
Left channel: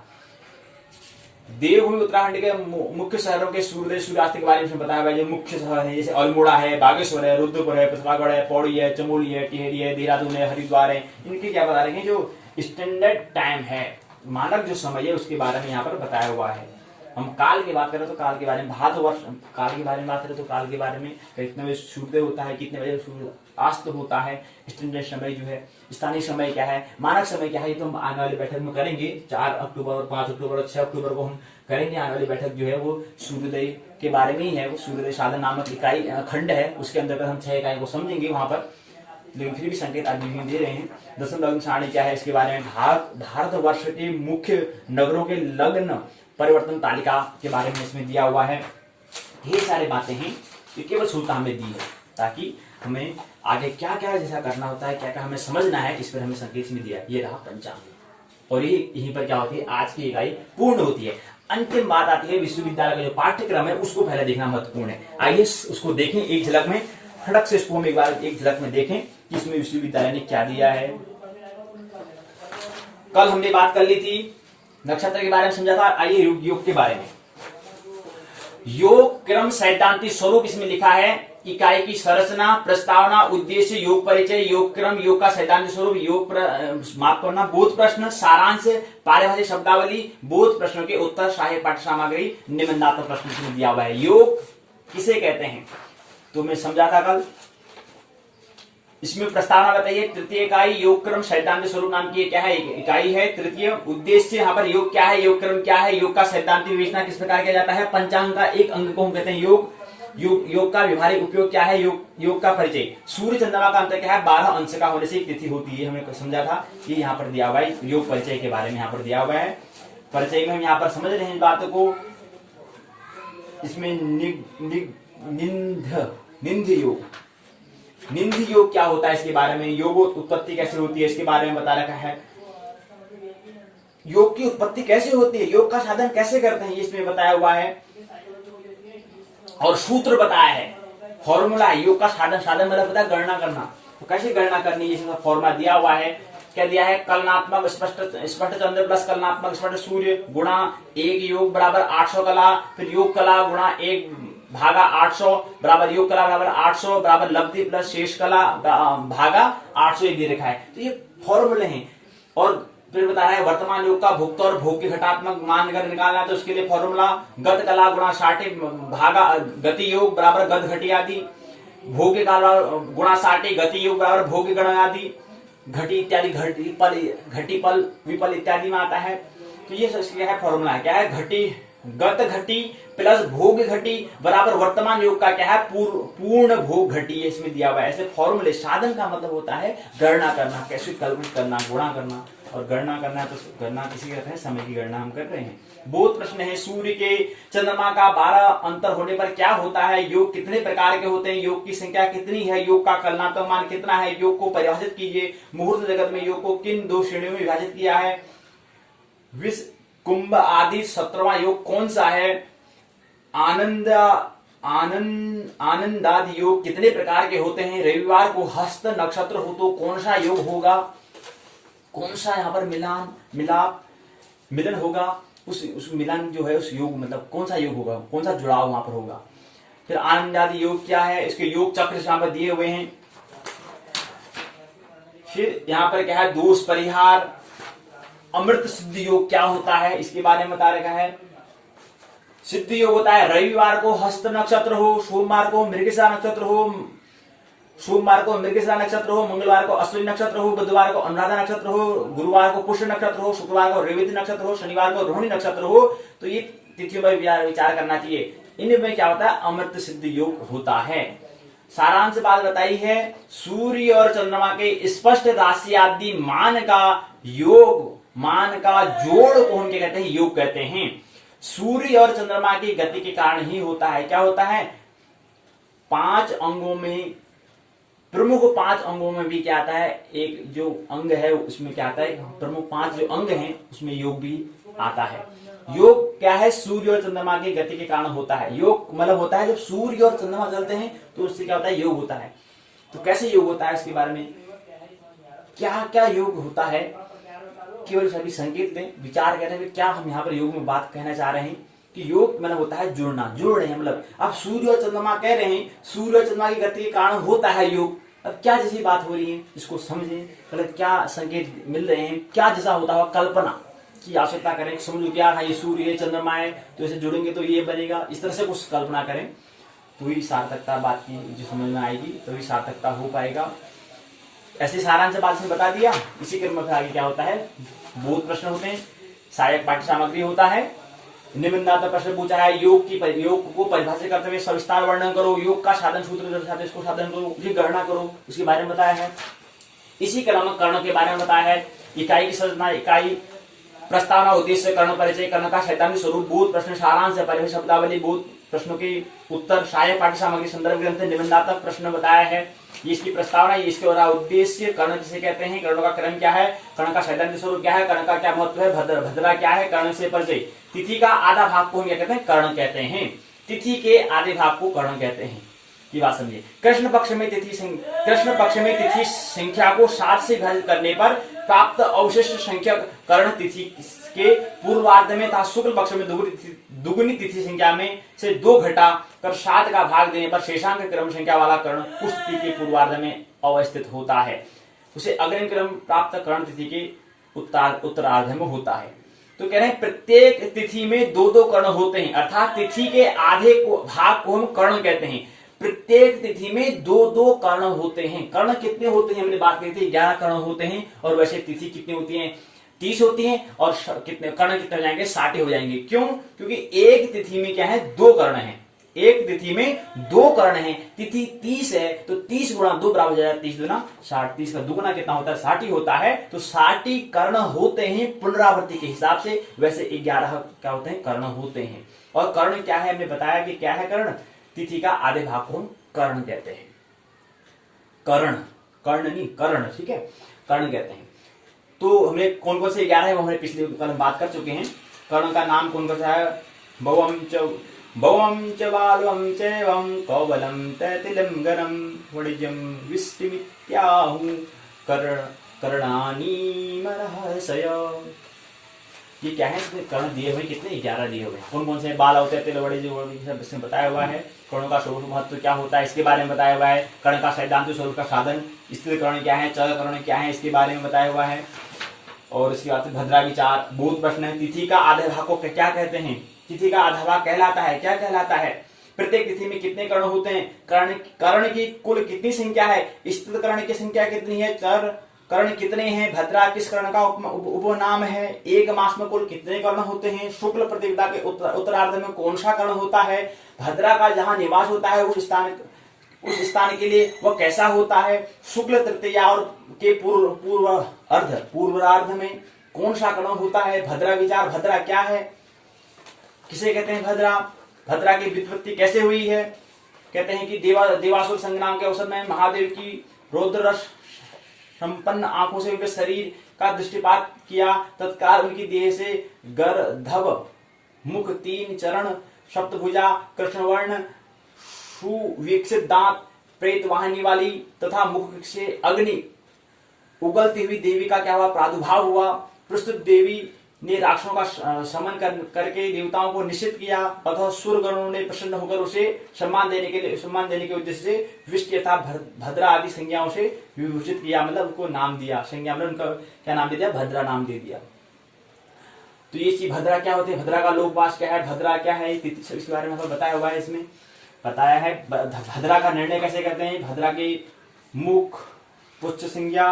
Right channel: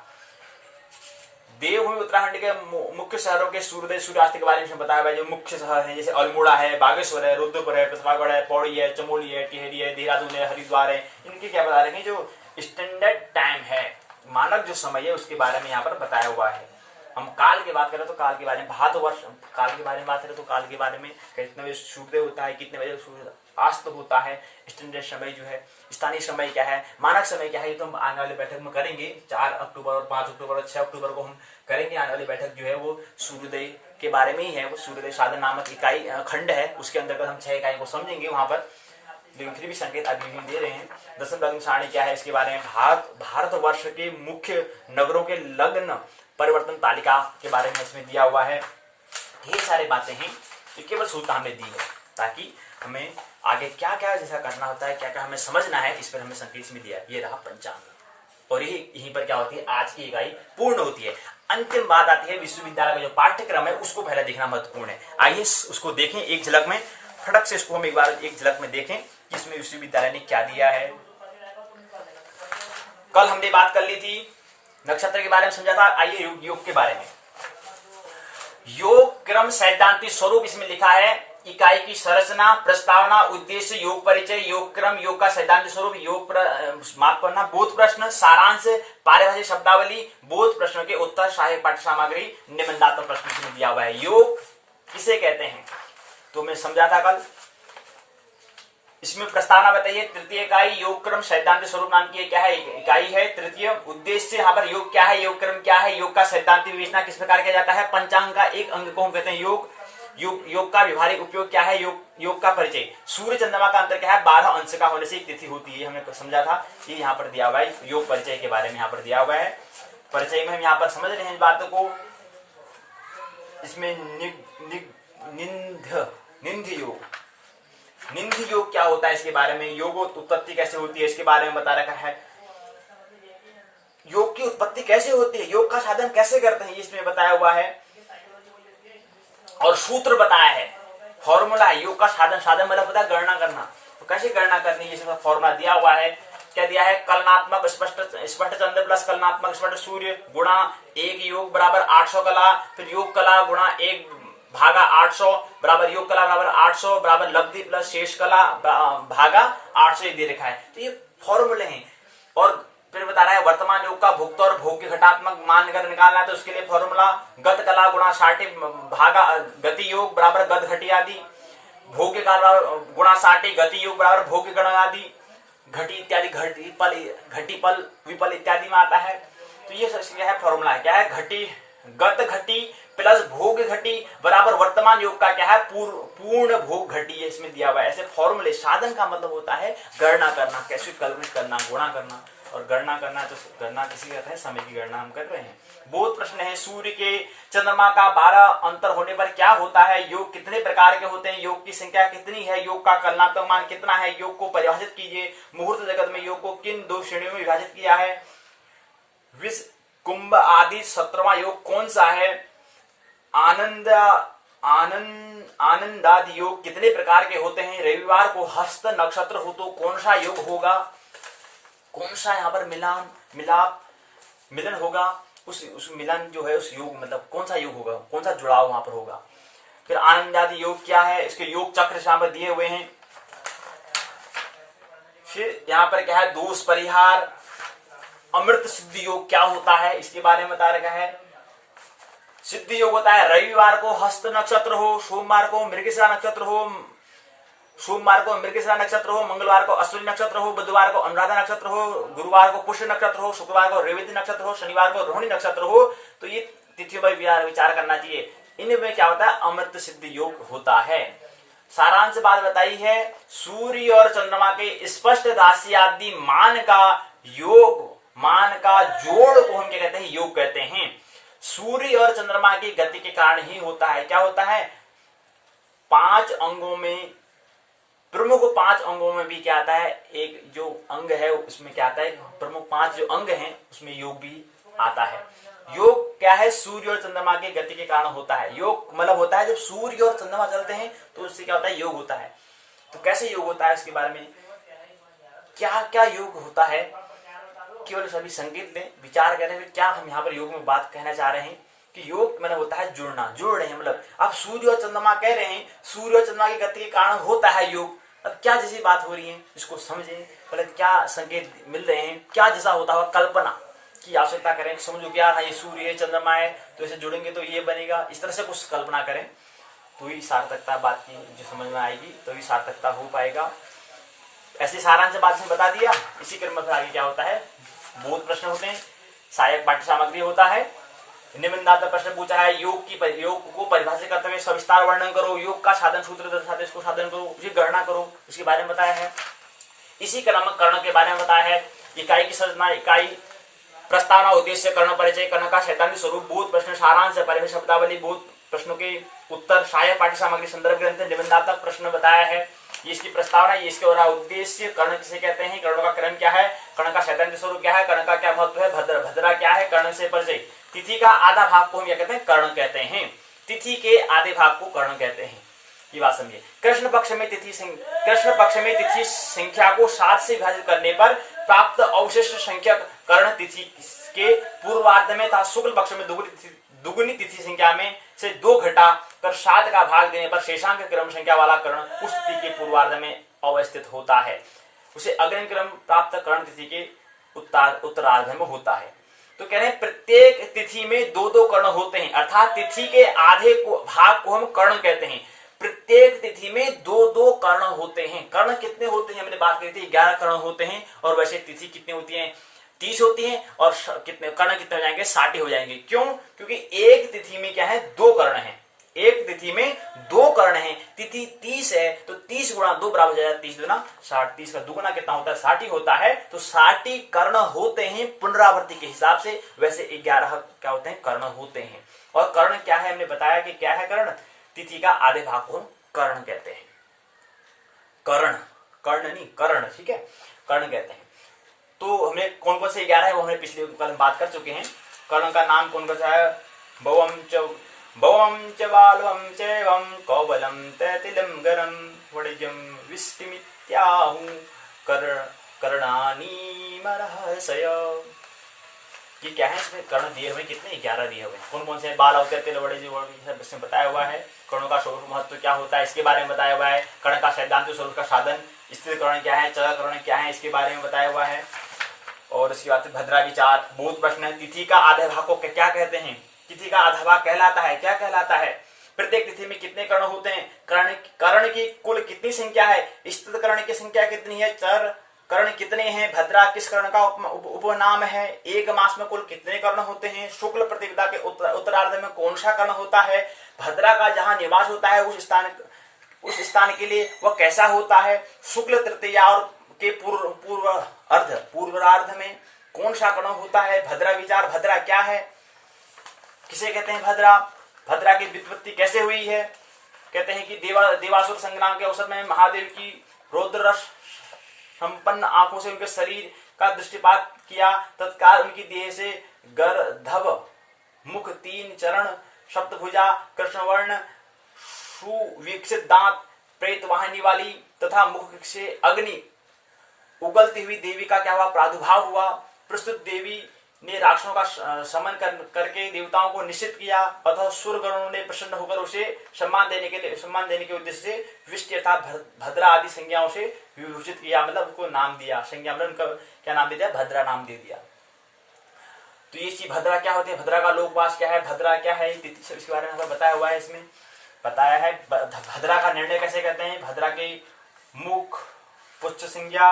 देवभूमि उत्तराखंड के मुख्य शहरों के सूर्योदय सूर्यास्त के बारे में बताया गया। जो मुख्य शहर है जैसे अल्मोड़ा है, बागेश्वर है, रुद्रपुर है, प्रतापगढ़ है, पौड़ी है, चमोली है, टिहरी है, देहरादून है, हरिद्वार है, इनके क्या बता रहे हैं, जो स्टैंडर्ड टाइम है, मानक जो समय है उसके बारे में यहाँ पर बताया हुआ है। हम काल की बात करें तो काल के बारे में, भारतवर्ष काल के बारे में बात करें तो काल के बारे में कितने बजे सूर्योदय होता है, कितने बजे सूर्यास्त होता है, स्टैंडर्ड समय जो है, स्थानीय समय क्या है, मानक समय क्या है, ये तो हम आने वाली बैठक में करेंगे। 4 अक्टूबर और 5 अक्टूबर और 6 अक्टूबर को हम करेंगे आने वाली बैठक जो है वो सूर्योदय के बारे में ही है। वो सूर्योदय साधन नामक इकाई खंड है, उसके अंतर्गत हम 6 इकाई को समझेंगे वहां पर, लेकिन फिर भी संकेत आदि भी दे रहे हैं। दशम लग्न सारणी क्या है इसके बारे में, भारतवर्ष के मुख्य नगरों के लग्न परिवर्तन तालिका के बारे में इसमें दिया हुआ है। ढेर सारी बातें हैं, ये केवल सूचना हमें दी है ताकि हमें आगे क्या क्या जैसा करना होता है, क्या क्या हमें समझना है, इस पर हमें संकेत में दिया। ये रहा पंचांग, और यहीं पर क्या होती है, आज की इकाई पूर्ण होती है। अंतिम बात आती है विश्वविद्यालय का जो पाठ्यक्रम है उसको पहले देखना महत्वपूर्ण है। आइए उसको देखें एक झलक में, फटक से इसको हम एक बार एक झलक में देखें कि इसमें विश्वविद्यालय ने क्या दिया है। कल हमने बात कर ली थी नक्षत्र के बारे में, समझा था। आइए योग के बारे में। योग क्रम सैद्धांतिक स्वरूप इसमें लिखा है। इकाई की संरचना, प्रस्तावना, उद्देश्य, योग परिचय, योग क्रम, योग का सैद्धांतिक स्वरूप, योग माफ करना, बोध प्रश्न, सारांश, पारिभाषिक शब्दावली, बोध प्रश्नों के उत्तर, सहायक पाठ्य सामग्री, निबंधात्मक प्रश्न इसमें दिया हुआ है। योग किसे कहते हैं तो मैं समझा था कल। इसमें प्रस्तावना बताइए। तृतीय इकाई योग क्रम सैद्धांतिक स्वरूप नाम की क्या है, इकाई है। तृतीय उद्देश्य, यहाँ पर योग क्या है, योग क्रम क्या है, योग का सैद्धांतिक विवेचना किस प्रकार किया जाता है। पंचांग का एक अंग को हम कहते हैं योग। योग का व्यवहारिक उपयोग क्या है, योग का परिचय। सूर्य चंद्रमा का अंतर क्या है, 12 अंश का होने से एक तिथि होती है, हमने समझा था। ये यहाँ पर दिया हुआ है, योग परिचय के बारे में यहाँ पर दिया हुआ है। परिचय में हम यहाँ पर समझ रहे हैं इस बात को। इसमें निंद योग क्या होता है इसके बारे में, योग उत्पत्ति कैसे होती है इसके बारे में बता रखा है। योग की उत्पत्ति कैसे होती है, योग का साधन कैसे करते हैं, ये इसमें बताया हुआ है। और सूत्र बताया है, फॉर्मूला है। योग का साधन मतलब पता है गणना करना, तो कैसे गणना करनी है इसमें फॉर्मूला दिया हुआ है। क्या दिया है, कलनात्मक स्पष्ट चंद्र प्लस कलनात्मक स्पष्ट सूर्य गुणा 1 योग बराबर 800 कला, फिर योग कला गुणा 1 भागा 800 बराबर योग कला बराबर 800 बराबर लब्धि प्लस शेष कला भागा 800 ये दे रखा है। तो ये फॉर्मूले हैं। और फिर बता रहा है वर्तमान योग का भुक्त और भोग के घटात्मक मान कर निकालना है, तो उसके लिए फॉर्मूला गत कला गुणा 60 भागा गति योग बराबर गत घटी आदि, भोग काल गुणा 60 गति योग बराबर भोग गण आदि, घटी इत्यादि घटी पल विपल इत्यादि में आता है। तो ये क्या है, फॉर्मूला है। क्या है, घटी गत घटी प्लस भोग घटी बराबर वर्तमान योग का क्या है, पूर्ण भोग घटी, इसमें दिया हुआ है। ऐसे फॉर्मूले, साधन का मतलब होता है गणना करना, कैसे कैलकुलेट करना, गुणा करना। और गणना करना है तो गणना किसी कहते हैं, समय की गणना हम कर रहे हैं। बोध प्रश्न है, सूर्य के चंद्रमा का 12 अंतर होने पर क्या होता है, योग कितने प्रकार के होते हैं, योग की संख्या कितनी है, योग का कलनात्मक मान कितना है, योग को परिभाषित कीजिए। मुहूर्त जगत में योग को किन 2 श्रेणियों में विभाजित किया है, विष कुंभ आदि 17वां योग कौन सा है, आनंदादि योग कितने प्रकार के होते हैं, रविवार को हस्त नक्षत्र हो तो कौन सा योग होगा, कौन सा यहाँ पर मिलन होगा, उस मिलन जो है उस योग मतलब कौन सा योग होगा, कौन सा जुड़ाव वहां पर होगा। फिर आनंदादि योग क्या है, इसके योग चक्र यहाँ पर दिए हुए हैं। फिर यहाँ पर क्या है, दोष परिहार। अमृत सिद्ध योग क्या होता है इसके बारे में बता रखा है। सिद्ध योग होता है रविवार को हस्त नक्षत्र हो, सोमवार को मृगशिरा नक्षत्र हो, मंगलवार को अश्विनी नक्षत्र हो, बुधवार को अनुराधा नक्षत्र हो, गुरुवार को पुष्य नक्षत्र हो, शुक्रवार को रेवती नक्षत्र हो, शनिवार को रोहिणी नक्षत्र हो। तो ये तिथियों पर विचार करना चाहिए। इनमें क्या होता है, अमृत सिद्ध योग होता है। सारांश बात बताई है, सूर्य और चंद्रमा के स्पष्ट राशि आदि मान का जोड़ को हम क्या कहते हैं, योग कहते हैं। सूर्य और चंद्रमा की गति के कारण ही होता है। क्या होता है, 5 अंगों में, प्रमुख 5 अंगों में भी क्या आता है, एक जो अंग है उसमें क्या आता है, प्रमुख 5 जो अंग हैं उसमें योग भी आता है। योग क्या है? सूर्य और चंद्रमा की गति के कारण होता है। योग मतलब होता है जब सूर्य और चंद्रमा चलते हैं तो उससे क्या होता है? योग होता है। तो कैसे योग होता है इसके बारे में क्या क्या योग होता है, केवल सभी संकेत लें, विचार करें कि क्या हम यहाँ पर योग में बात कहना चाह रहे हैं कि योग मतलब होता है जुड़ना, जुड़ रहे हैं। मतलब आप सूर्य और चंद्रमा कह रहे हैं, सूर्य और चंद्रमा की गति के कारण होता है योग। अब क्या जैसी बात हो रही है इसको समझें, मतलब क्या संकेत मिल रहे हैं, क्या जैसा होता हुआ कल्पना की आवश्यकता करें। समझो क्या हाँ ये सूर्य है, चंद्रमा है, तो इसे जुड़ेंगे तो ये बनेगा, इस तरह से कुछ कल्पना करें तो ही सार्थकता बात की जो समझ में आएगी, तो ही सार्थकता हो पाएगा। ऐसे सारांश बात में बता दिया। इसी क्रम में आगे क्या होता है? बहुत प्रश्न होते हैं, सहायक पाठ्य सामग्री होता है, निबंधात्मक प्रश्न पूछा है, योग को परिभाषित करते हुए सविस्तार वर्णन करो, योग का साधन सूत्र दर्शाते इसको साधन करो, उसकी गणना करो, इसके बारे में बताया है। इसी क्रम में कर्ण के बारे में बताया है, इकाई की संरचना, इकाई, प्रस्तावना, उद्देश्य, कर्ण परिचय, कर्ण का सैद्धांतिक स्वरूप, बहुत प्रश्न, सारांश, परिभाषा, शब्दावली, बहुत प्रश्नों के उत्तर, सहायक पाठ्य सामग्री, संदर्भ ग्रंथ, निबंधात्मक प्रश्न बताया है। ये इसकी प्रस्तावना, ये इसके और उद्देश्य, कर्ण किसे कहते हैं, कर्ण का क्रम क्या है, कर्ण का सैद्धांतिक स्वरूप क्या है, कर्ण का क्या महत्व है, भद्रा क्या है, कर्ण से परिचय। तिथि का आधा भाग को हम क्या कहते हैं? कर्ण कहते हैं। तिथि के आधे भाग को कर्ण कहते हैं। ये बात समझिए। कृष्ण पक्ष में तिथि संख्या को 7 से विभाजित करने पर प्राप्त अवशिष्ट संख्या कर्ण तिथि के पूर्वार्ध में तथा शुक्ल पक्ष में दुगुनी तिथि संख्या में से 2 घटा कर 7 का भाग देने पर शेषांक क्रम संख्या वाला कर्ण उस तिथि के पूर्वार्ध में अवस्थित होता है। उसे अग्रणी क्रम प्राप्त कर्ण तिथि के उत्तरार्ध में होता है। तो कह रहे हैं प्रत्येक तिथि में 2-2 कर्ण होते हैं, अर्थात तिथि के आधे भाग को हम कर्ण कहते हैं। प्रत्येक तिथि में 2-2 कर्ण होते हैं। कर्ण कितने होते हैं? हमने बात की थी 11 कर्ण होते हैं, और वैसे तिथि कितनी होती है? 30 होती है, और कितने कर्ण कितने हो जाएंगे? 60 हो जाएंगे। क्यों? क्योंकि एक तिथि में क्या है? 2 कर्ण है। एक तिथि में 2 कर्ण है। तिथि 30 है तो 30 गुणा 2 बराबर हो जाएगा 30 गुना 60। 30 का दुगुना कितना होता है? 60 होता है। तो 60 कर्ण होते हैं पुनरावृत्ति के हिसाब से। वैसे 11 क्या होते हैं? कर्ण होते हैं। और कर्ण क्या है? हमें बताया कि क्या है कर्ण? तिथि का आधे भाग को हम कर्ण कहते हैं। कर्ण नहीं, कर्ण, ठीक है, कर्ण कहते हैं। तो हमें कौन कौन से 11 है वो हमने पिछले कल बात कर चुके हैं। कर्ण का नाम कौन कौन सा है? भवम च बालवम चैवम कौबलम तैतिलम गरम वडिजम विष्टिमित्याहु कर्णानि मरहसय। ये क्या है? इसमें कर्ण दिए हुए कितने? 11 दिए हुए। कौन कौन से? बाल होते हैं, बड़े इसमें बताया हुआ है। कर्णों का स्वरूप महत्व क्या होता है इसके बारे में बताया हुआ है। कर्ण का सैद्धांतिक स्वरूप का साधन, स्थिर कर्ण क्या है, चर कर्ण क्या है, इसके बारे में बताया हुआ है। और इसके बाद भद्रा विचार, बहुत प्रश्न है। तिथि का आधे भाग को क्या कहते हैं? तिथि का आधा भाग कहलाता है, क्या कहलाता है? प्रत्येक तिथि में कितने कर्ण होते हैं? कर्ण की कुल कितनी संख्या है? स्थित कर्ण की संख्या कितनी है? चर कर्ण कितने हैं? भद्रा किस कर्ण का उपनाम है? एक मास में कुल कितने कर्ण होते हैं? शुक्ल प्रतिपदा के उत्तरार्ध में कौन सा कर्ण होता है? भद्रा का जहां निवास होता है उस स्थान के लिए वह कैसा होता है? शुक्ल तृतीया और के पूर्वार्ध में कौन सा कर्ण होता है? भद्रा विचार, भद्रा क्या है, किसे कहते हैं भद्रा? भद्रा की व्युत्पत्ति कैसे हुई है? कहते हैं कि देवासुर संग्राम के अवसर में महादेव की रौद्र संपन्न आंखों से उनके शरीर का दृष्टिपात किया। तत्काल उनकी देह से गर्धव मुख, 3 चरण, सप्तभुजा, कृष्णवर्ण, सुविकसित दांत, प्रेत वाहिनी वाली तथा मुख से अग्नि उगलती हुई देवी का क्या हुआ? प्रादुर्भाव हुआ। प्रस्तुत देवी ने राक्षसों का समन करके देवताओं को निश्चित किया। अतः सूर्यगणों ने प्रसन्न होकर उसे सम्मान देने के उद्देश्य से विष्टि अर्थात भद्रा आदि संज्ञाओं से विभूषित किया, मतलब उनको नाम दिया। संज्ञा मतलब उनका क्या नाम दे दिया? भद्रा नाम दे दिया। तो ये चीज भद्रा क्या होती है? भद्रा का लोकवास क्या है? भद्रा क्या है? इसके बारे में बताया हुआ है। इसमें बताया है भद्रा का निर्णय कैसे करते हैं। भद्रा की मुख, पुच्छ संज्ञा,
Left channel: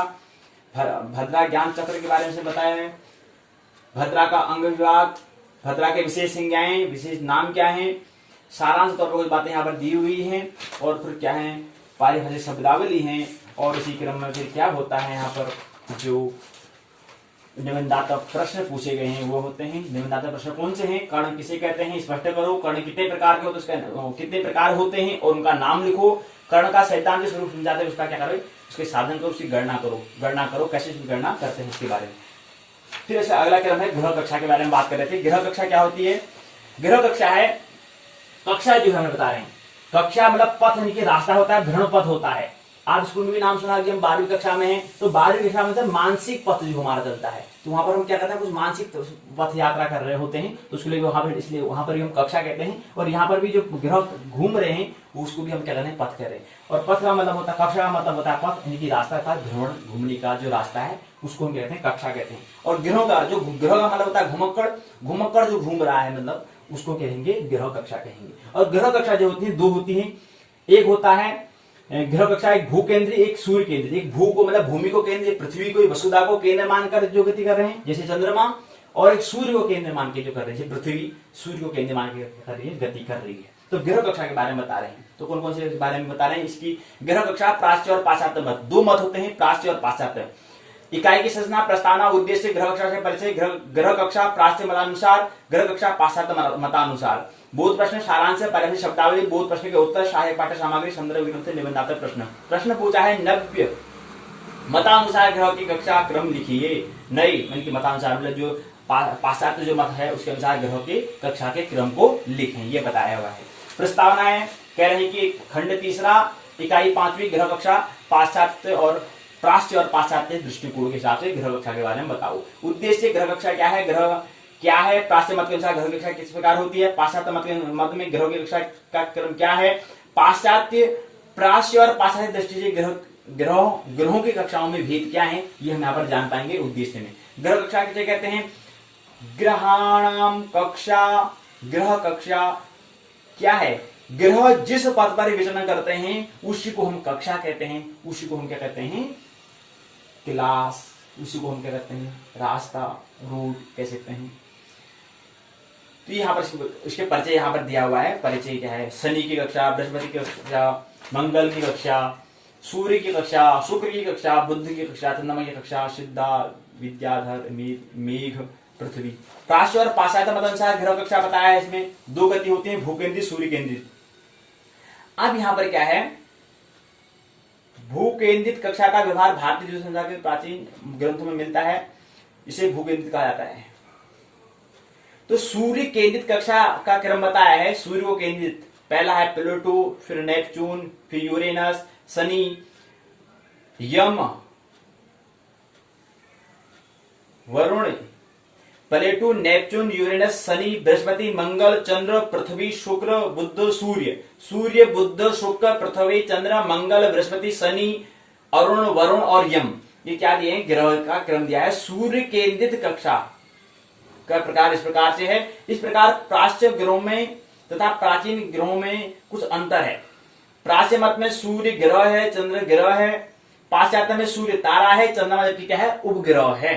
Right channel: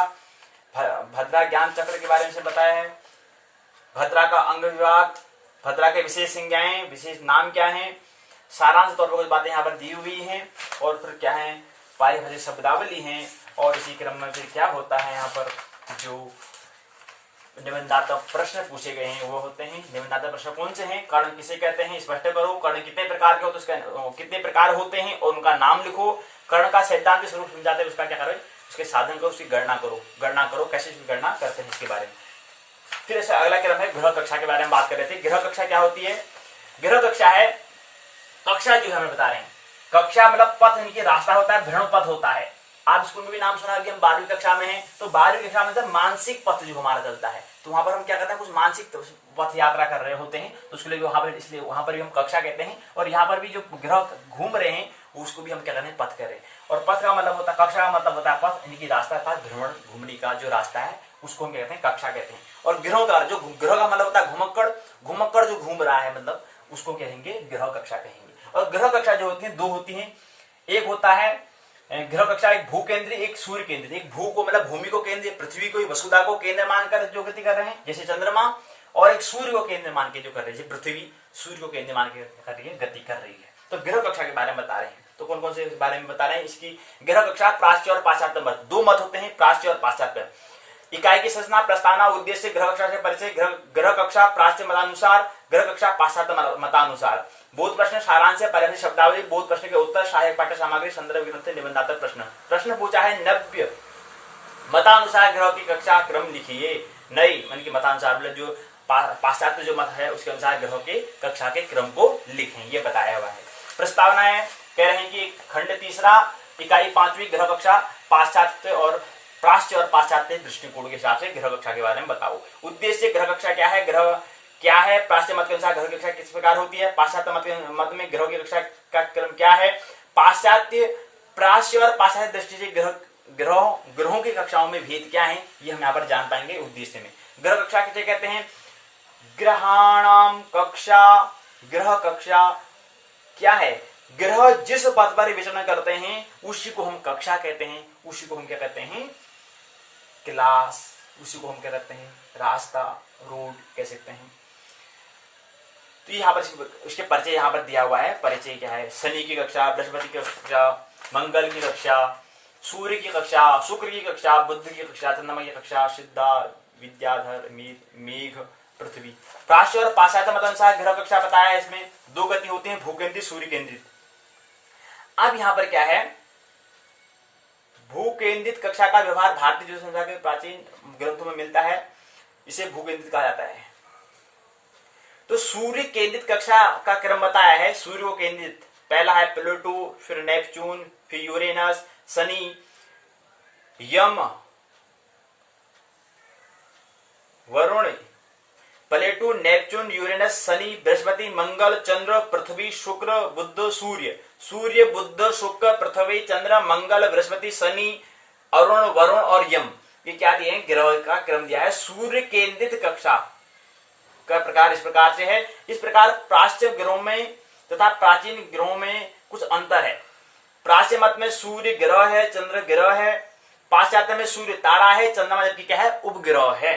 भद्रा ज्ञान चक्र के बारे में बताया है। भद्रा का अंग विभाग, भद्रा के विशेष संज्ञाएं, विशेष नाम क्या हैं, सारांश तौर पर कुछ बातें यहाँ पर दी हुई हैं। और फिर क्या है? पारिभाषिक शब्दावली हैं। और इसी क्रम में फिर क्या होता है? यहाँ पर जो निबंधात्मक प्रश्न पूछे गए हैं वो होते हैं। निबंधात्मक प्रश्न कौन से हैं? कर्ण किसे कहते हैं स्पष्ट करो। कर्ण कितने प्रकार के होते हैं, कितने प्रकार होते हैं और उनका नाम लिखो। कर्ण का सैद्धांतिक स्वरूप समझाते हैं, उसका क्या करो? उसके साधन करो, उसकी गणना करो। कैसे इसकी गणना करते हैं इसके बारे में। फिर ऐसा अगला क्रम है ग्रह कक्षा के बारे में बात कर रहे थे। ग्रह कक्षा क्या होती है? ग्रह कक्षा है कक्षा जो हमें बता रहे हैं, कक्षा मतलब पथ यानी कि रास्ता होता है, भ्रमण पथ होता है। आप स्कूल में भी नाम सुना कि हम 12वीं कक्षा में हैं, तो 12वीं कक्षा में मतलब मानसिक पथ जो हमारा चलता है, तो वहां पर हम क्या करते हैं, कुछ मानसिक पथ यात्रा कर रहे होते हैं, तो उसके लिए वहां पर, इसलिए वहां पर भी हम कक्षा कहते हैं। और यहाँ पर भी जो ग्रह घूम रहे हैं उसको भी हम क्या कहते हैं, पथ कर रहे हैं। और पथ का मतलब होता है, कक्षा का मतलब होता है पथ यानी कि रास्ता था, भ्रमण घूमने का जो रास्ता है उसको हम कहते हैं कक्षा कहते हैं। और ग्रहों का जो ग्रह का मतलब होता है घुमक्कड़, घुमक्कड़ जो घूम रहा है मतलब उसको कहेंगे ग्रह कक्षा कहेंगे। और ग्रह कक्षा जो होती है दो होती हैं, एक होता है ग्रह कक्षा, एक भू केंद्रीय, एक सूर्य केंद्रीय। एक भू को मतलब भूमि को केंद्र, पृथ्वी को वसुधा को केंद्र मानकर जो गति कर रहे हैं जैसे चंद्रमा, और एक सूर्य को केंद्र मान के जो कर रहे हैं, पृथ्वी सूर्य को केंद्र मान के कर रही है, गति कर रही है। तो ग्रह कक्षा के बारे में बता रहे हैं। तो कौन कौन से बारे में बता रहे हैं इसकी? ग्रह कक्षा प्राच्य और पाश्चात्य मत, दो मत होते हैं, प्राच्य और पाश्चात्य। इकाई की संरचना, प्रस्तावना, उद्देश्य, ग्रह कक्षा से परिचय। ग्रह कक्षा प्राच्य मतानुसार, ग्रह कक्षा पाश्चात्य मतानुसार। बोध प्रश्न, सारांश, पर्याप्त शब्दावली, बोध प्रश्न के उत्तर, सहायक पाठ्य सामग्री, संदर्भ ग्रंथ, निबंधात्मक प्रश्न। प्रश्न पूछा है नव्य मतानुसार ग्रह की कक्षा क्रम लिखिए। नई मन की मतानुसार मतलब जो पाश्चात्य जो मत है उसके अनुसार ग्रह के कक्षा के क्रम को लिखें, ये बताया हुआ है। प्रस्तावनाएं कह रहे हैं कि खंड तीसरा, इकाई 5वीं, ग्रह कक्षा पाश्चात्य और प्राच्य और पाश्चात्य दृष्टिकोण के हिसाब से ग्रह कक्षा के बारे में बताओ। उद्देश्य, ग्रह कक्षा क्या है, ग्रह क्या है, प्राच्य मत के अनुसार ग्रह कक्षा किस प्रकार होती है, पाश्चात्य मत में ग्रह की कक्षा का क्रम क्या है, पाश्चात्य, प्राच्य और पाश्चात्य दृष्टि से ग्रहों की कक्षाओं में भेद क्या है, ये हम यहाँ पर जान पाएंगे उद्देश्य में। ग्रह कक्षा किसे कहते हैं? ग्रहाणाम कक्षा। ग्रह कक्षा क्या है? ग्रह जिस पथ पर विचरण करते हैं उसी को हम कक्षा कहते हैं, उसी को हम क्या कहते हैं, क्लास, उसी को हम क्या कहते हैं, रास्ता, रूट कह सकते हैं। तो यहाँ पर उसके परिचय यहाँ पर दिया हुआ है। परिचय क्या है? शनि की कक्षा, बृहस्पति की कक्षा, मंगल की कक्षा, सूर्य की कक्षा, शुक्र की कक्षा, बुध की कक्षा, चंद्रमा की कक्षा, सिद्धा, विद्याधर, मेघ, पृथ्वी। प्राच्य और पाश्चात्य मत अनुसार ग्रह कक्षा बताया है, इसमें दो गति होती है, भू केंद्रित, सूर्य केंद्रित। अब यहां पर क्या है, भू केंद्रित कक्षा का व्यवहार भारतीय ज्योतिष संख्या के प्राचीन ग्रंथों में मिलता है, इसे भू केंद्रित कहा जाता है। तो सूर्य केंद्रित कक्षा का क्रम बताया है। सूर्य को केंद्रित पहला है प्लूटो, फिर नेपच्यून, फिर यूरेनस, शनि, यम, वरुण, प्लेटो, नेपच्यून, यूरेनस, शनि, बृहस्पति, मंगल, चंद्र, पृथ्वी, शुक्र, बुध, सूर्य। सूर्य, बुध, शुक्र, पृथ्वी, चंद्र, मंगल, बृहस्पति, शनि, अरुण, वरुण और यम, ये क्या दिए हैं, ग्रह का क्रम दिया है। सूर्य केंद्रित कक्षा का प्रकार इस प्रकार से है। इस प्रकार प्राच्य ग्रहों में तथा प्राचीन ग्रहों में कुछ अंतर है। प्राच्य मत में सूर्य ग्रह है, चंद्र ग्रह है। पाश्चात्य में सूर्य तारा है, चंद्रमा जबकि क्या है, उपग्रह है।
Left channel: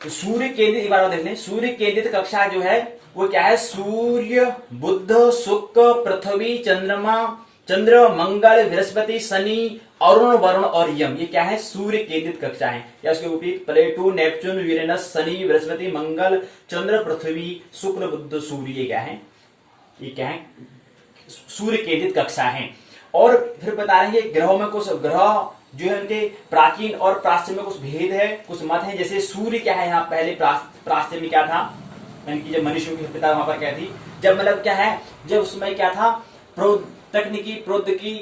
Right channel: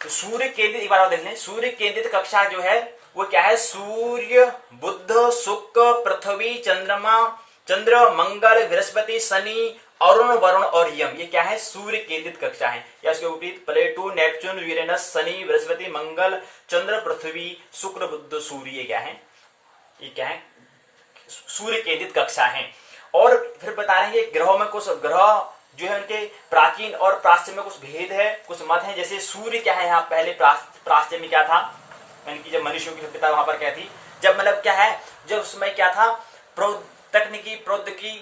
तो सूर्य केंद्रित, एक बार देख लें, सूर्य केंद्रित कक्षा जो है वो क्या है, सूर्य, बुध, शुक्र, पृथ्वी, चंद्रमा, चंद्र, मंगल, बृहस्पति, शनि, अरुण, वरुण और यम, ये क्या है, सूर्य केंद्रित कक्षा है। या इसके विपरीत प्लेटो, नेपच्यून, यूरेनस, शनि, बृहस्पति, मंगल, चंद्र, पृथ्वी, शुक्र, बुध, सूर्य, ये क्या है, ये क्या है, सूर्य केंद्रित कक्षा है। और फिर बता रहे हैं ग्रहों में कुछ ग्रह जो है उनके प्राचीन और प्राच्य में कुछ भेद है, कुछ मत है। जैसे सूर्य क्या है, यहाँ पहले प्राच्य में क्या था, यानी जब मनुष्यों की सभ्यता वहां पर क्या थी, जब मतलब क्या है, जब उसमें क्या था, तकनीकी प्रौद्योगिकी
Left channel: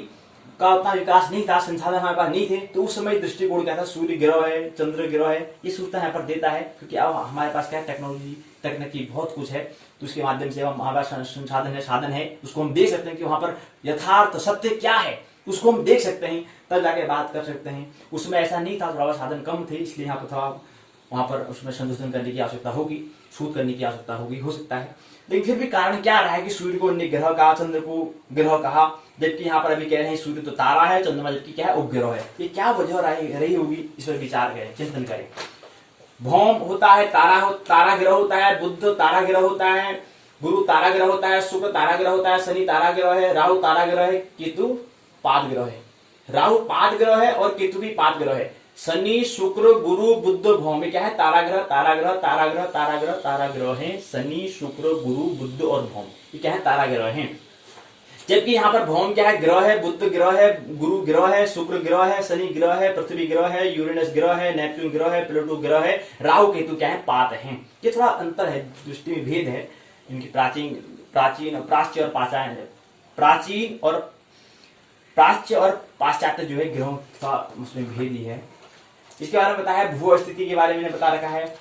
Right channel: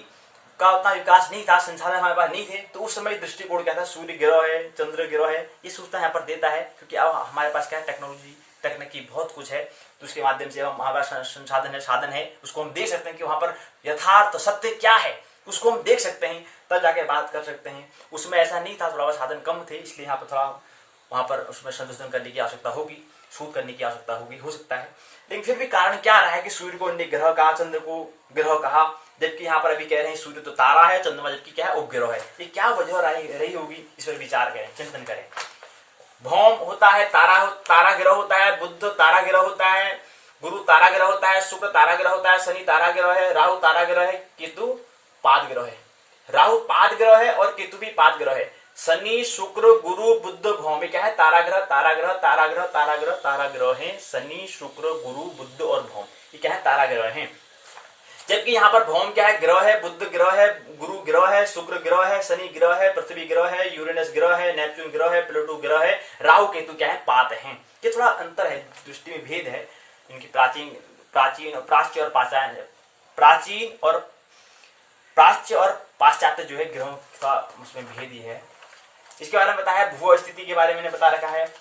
का उतना विकास नहीं था, संसाधन हमारे पास नहीं थे, तो उस समय दृष्टिकोण क्या था, सूर्य ग्रह है, चंद्र ग्रह है, ये सूचना यहाँ पर देता है। क्योंकि अब हमारे पास क्या है, टेक्नोलॉजी, तकनीकी बहुत कुछ है, तो उसके माध्यम से हमारे पास संसाधन है, साधन है, उसको हम देख सकते हैं कि वहां पर यथार्थ सत्य क्या है, उसको हम देख सकते हैं, तब जाके बात कर सकते हैं। उसमें ऐसा नहीं था, थोड़ा बहुत साधन कम थे, इसलिए यहाँ पर थोड़ा वहां पर उसमें संशोधन करने की आवश्यकता होगी, शोध करने की आवश्यकता होगी, हो सकता है। लेकिन फिर भी कारण क्या रहा है कि सूर्य को ग्रह कहा, चंद्र को ग्रह कहा, जबकि यहाँ पर अभी कह रहे हैं सूर्य तो तारा है, चंद्रमा जबकि क्या है, उपग्रह है। ये क्या वजह रही होगी, इस पर विचार करें, चिंतन करें। भौम होता है, तारा ग्रह होता है, बुध तारा ग्रह होता है, गुरु तारा ग्रह होता है, शुक्र तारा ग्रह होता है, शनि तारा ग्रह है, राहु तारा ग्रह है, केतु पाद ग्रह है। राहु पाद ग्रह है और केतु भी पाद ग्रह है। शनि, शुक्र, गुरु, बुध, भौम, क्या है, तारा ग्रह, तारा ग्रह, तारा ग्रह, तारा ग्रह, तारा ग्रह है। शनि, शुक्र, गुरु, बुध और भौम, ये क्या है, तारा ग्रह है। जबकि यहाँ पर भौम क्या है, ग्रह है, बुध ग्रह है, गुरु ग्रह है, शुक्र ग्रह है, शनि ग्रह है, पृथ्वी ग्रह है, यूरेनस ग्रह है, नेपच्यून ग्रह है, प्लूटो ग्रह है, राहु केतु क्या है, पात है। ये थोड़ा अंतर है, दृष्टि में भेद है इनकी, प्राचीन प्राच्य और पाश्चात्य जो है ग्रहों का उसमें भेद ही है। इसके बारे में बताया, भू स्थिति के बारे में बता रखा है,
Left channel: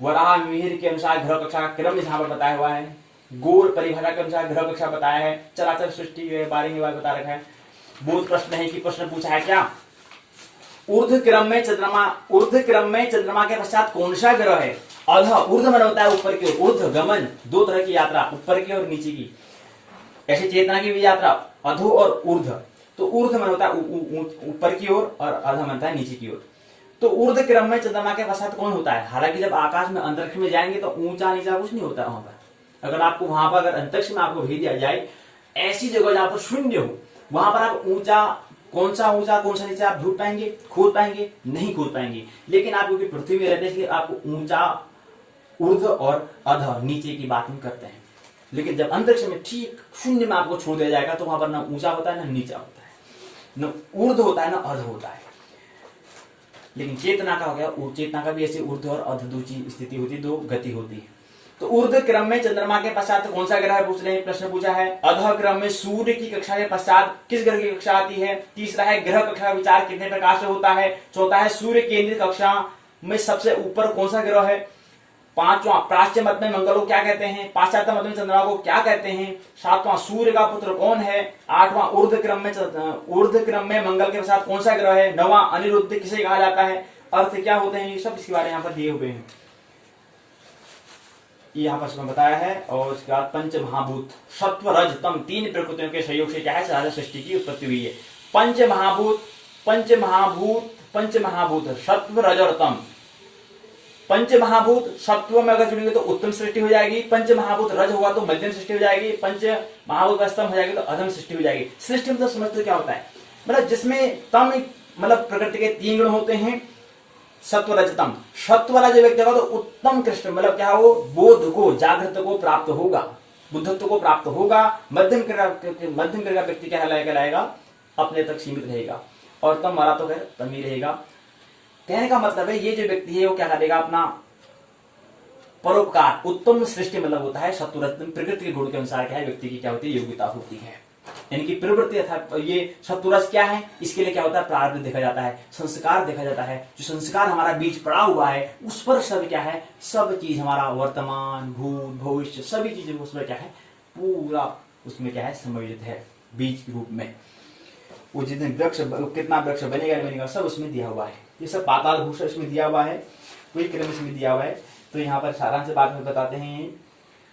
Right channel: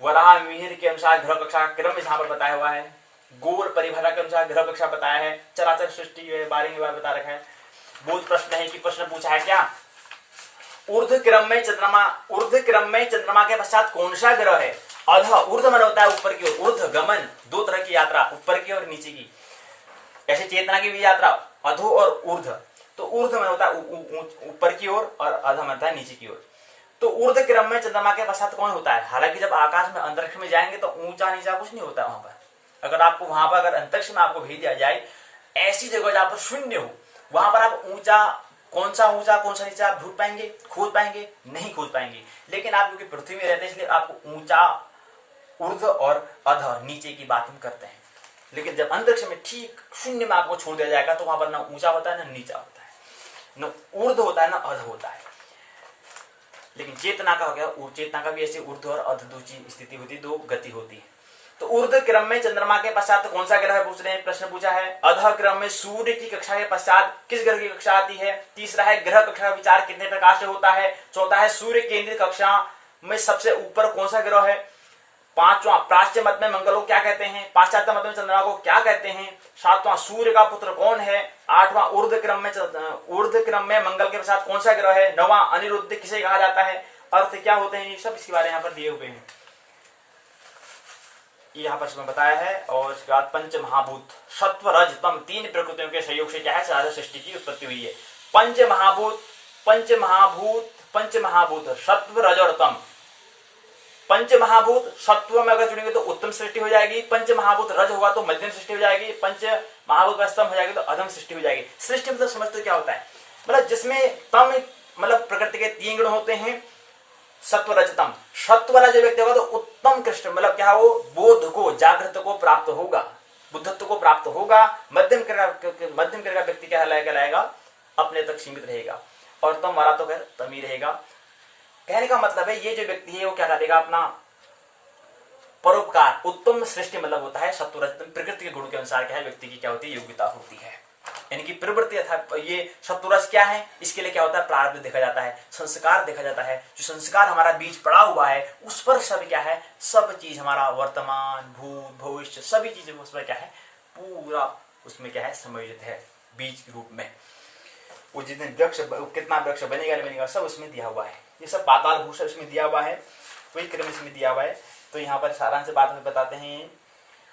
वराह मिहिर के अनुसार ग्रह कक्षा का क्रम यहाँ पर बताया हुआ है, गोल परिभाषा के अनुसार ग्रह कक्षा बताया है, चराचर सृष्टि के बारे में बता रखा है। बोध प्रश्न है कि प्रश्न पूछा है क्या, ऊर्ध्व क्रम में चंद्रमा के पश्चात कौन सा ग्रह है। अध ऊर्ध्व मन होता है ऊपर की ओर, ऊर्ध्व गमन, दो तरह की यात्रा, ऊपर की और नीचे की, ऐसे चेतना की भी यात्रा, अधो और ऊर्ध्व। तो ऊर्ध्व मन होता है ऊपर की ओर और अध मन होता है नीचे की ओर। तो ऊर्ध्व क्रम में चंद्रमा के पश्चात कौन होता है। हालांकि जब आकाश में अंतरिक्ष में जाएंगे तो ऊंचा नीचा कुछ नहीं होता वहां पर। अगर आपको वहां पर अगर अंतरिक्ष में आपको भेज दिया जाए ऐसी जगह जहां पर शून्य हो, वहां पर आप कौन सा नीचा आप ढूंढ पाएंगे, खोज पाएंगे, नहीं खोज पाएंगे। लेकिन आप क्योंकि पृथ्वी में रहते हैं इसलिए आपको ऊंचा ऊर्ध्व और अध नीचे की बात हम करते हैं। लेकिन जब अंतरिक्ष में ठीक शून्य में आपको छोड़ दिया जाएगा तो वहां पर ना ऊंचा होता है ना नीचा होता है, न ऊर्ध्व होता है ना अध होता है। लेकिन चेतना का हो गया, चेतना का भी ऐसे ऊर्ध्व और अध दो स्थिति होती है, दो गति होती है। तो ऊर्ध्व क्रम में चंद्रमा के पश्चात कौन सा ग्रह पूछ रहे हैं, प्रश्न पूछा है। अध क्रम में सूर्य की कक्षा के पश्चात किस ग्रह की कक्षा आती है। तीसरा है ग्रह कक्षा का विचार कितने प्रकार से होता है। चौथा है सूर्य केंद्रित कक्षा में सबसे ऊपर कौन सा ग्रह है। पांचवा प्राच्य मत में मंगल को क्या कहते हैं, पाश्चात्य मत में चंद्रमा को क्या कहते हैं। सातवां सूर्य का पुत्र कौन है। आठवां ऊर्ध्व क्रम में मंगल के पश्चात कौन सा ग्रह है। नौवां अनिरुद्ध किसे कहा जाता है, अर्थ क्या होते हैं, ये सब इसके बारे में यहाँ पर दिए हुए हैं, यहाँ पर इसमें बताया है। और इसके बाद पंच महाभूत सत्व रज तम तीन प्रकृतियों के सहयोग से क्या है सारा सृष्टि की उत्पत्ति हुई है। पंच महाभूत सत्व रज और तम। पंच महाभूत सत्व में अगर जुड़ेंगे तो उत्तम सृष्टि हो जाएगी, पंच महाभूत रज होगा तो मध्यम सृष्टि हो जाएगी, पंच महाभूत का स्तंभ हो जाएगी तो अधम सृष्टि हो जाएगी। सृष्टि मतलब समझते क्या होता है, मतलब जिसमें तम मतलब प्रकृति के तीन गुण होते हैं, सत्व रजतम। सत्व वाला जो व्यक्ति होगा तो उत्तम कृष्ण मतलब क्या, वो बोध को जागृत को प्राप्त होगा, बुद्धत्व को प्राप्त होगा। मध्यम क्रिया का व्यक्ति क्या कहलाएगा, अपने तक सीमित रहेगा। और तम वाला तो खैर तम ही रहेगा। कहने का मतलब है ये जो व्यक्ति है वो क्या करेगा, अपना परोपकार, उत्तम सृष्टि मतलब होता है सत्व रजतम। प्रकृति के गुण के अनुसार क्या है व्यक्ति की क्या होती है, योग्यता होती है, यानी कि प्रवृत्ति अर्थात ये सत्वरस क्या है, इसके लिए क्या होता है प्रारब्ध देखा जाता है, संस्कार देखा जाता है। जो संस्कार हमारा बीज पड़ा हुआ है उस पर सब क्या है, सब चीज हमारा वर्तमान भूत भविष्य सभी चीजें उस पर क्या है, पूरा उसमें क्या है समायोजित है बीज के रूप में। वो जितने वृक्ष कितना वृक्ष बनेगा सब उसमें दिया हुआ है। ये सब पाताल भूषण इसमें दिया हुआ है, कोई क्रम इसमें दिया हुआ है। तो यहाँ पर सारांश बात में बताते हैं।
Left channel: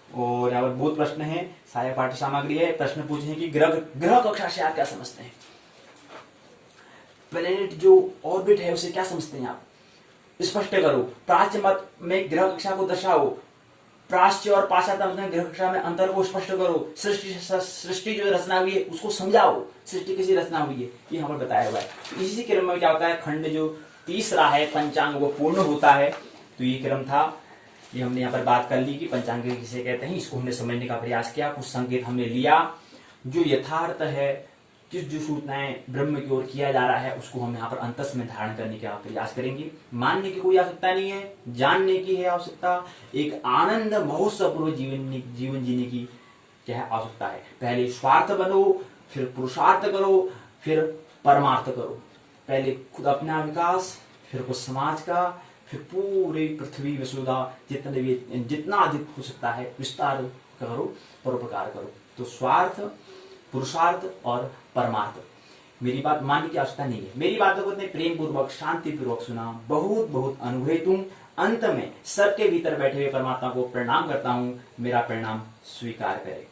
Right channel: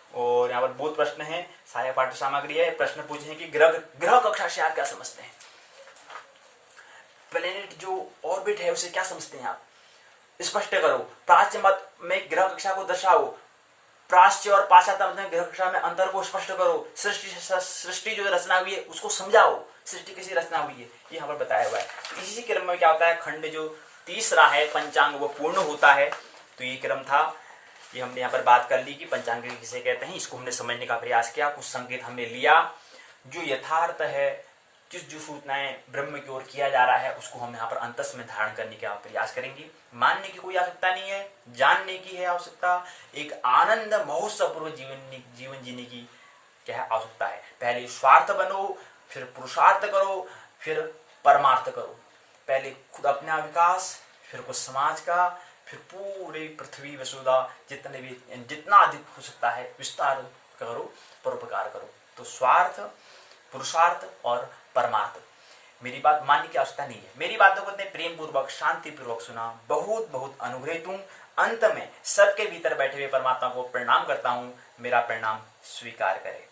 और यहाँ पर बहुत प्रश्न है, सहायक पाठ्य सामग्री है। प्रश्न पूछे हैं कि ग्रह कक्षा से आप क्या समझते हैं, प्लेनेट जो ऑर्बिट है उसे क्या समझते हैं आप, स्पष्ट करो। प्राच्य मत में ग्रह कक्षा को दर्शाओ, प्राच्य और पाश्चात्य मत में ग्रह कक्षा में अंतर को स्पष्ट करो। सृष्टि जो रचना हुई है उसको समझाओ, सृष्टि कैसी रचना हुई है ये यहाँ पर बताया हुआ है। इसी क्रम में क्या होता है, खंड जो तीसरा है पंचांग वो पूर्ण होता है। तो ये क्रम था, ये हमने यहाँ पर बात कर ली कि पंचांग किसे कहते हैं, इसको हमने समझने का प्रयास किया, कुछ संकेत हमने लिया। जो यथार्थ है, जो सूचनाएं ब्रह्म की ओर किया जा रहा है उसको हम यहाँ पर अंतस में धारण करने का प्रयास करेंगे। मानने की कोई आवश्यकता नहीं है, जानने की है आवश्यकता। एक आनंद महोत्सवपूर्वक जीवन जीने की क्या है आवश्यकता है। पहले स्वार्थ बनो, फिर पुरुषार्थ करो, फिर परमार्थ करो। पहले खुद अपना विकास, फिर कुछ समाज का, फिर पूरे पृथ्वी वसुधा जितना अधिक हो सकता है विस्तार करो, परोपकार करो। तो स्वार्थ, पुरुषार्थ और परमार्थ। मेरी बात मानने की आवश्यकता नहीं है, मेरी बातों को इतने प्रेम पूर्वक शांति पूर्वक सुना, बहुत बहुत अनुग्रहित हूं। अंत में सबके भीतर बैठे हुए परमात्मा को प्रणाम करता हूं, मेरा प्रणाम स्वीकार करें।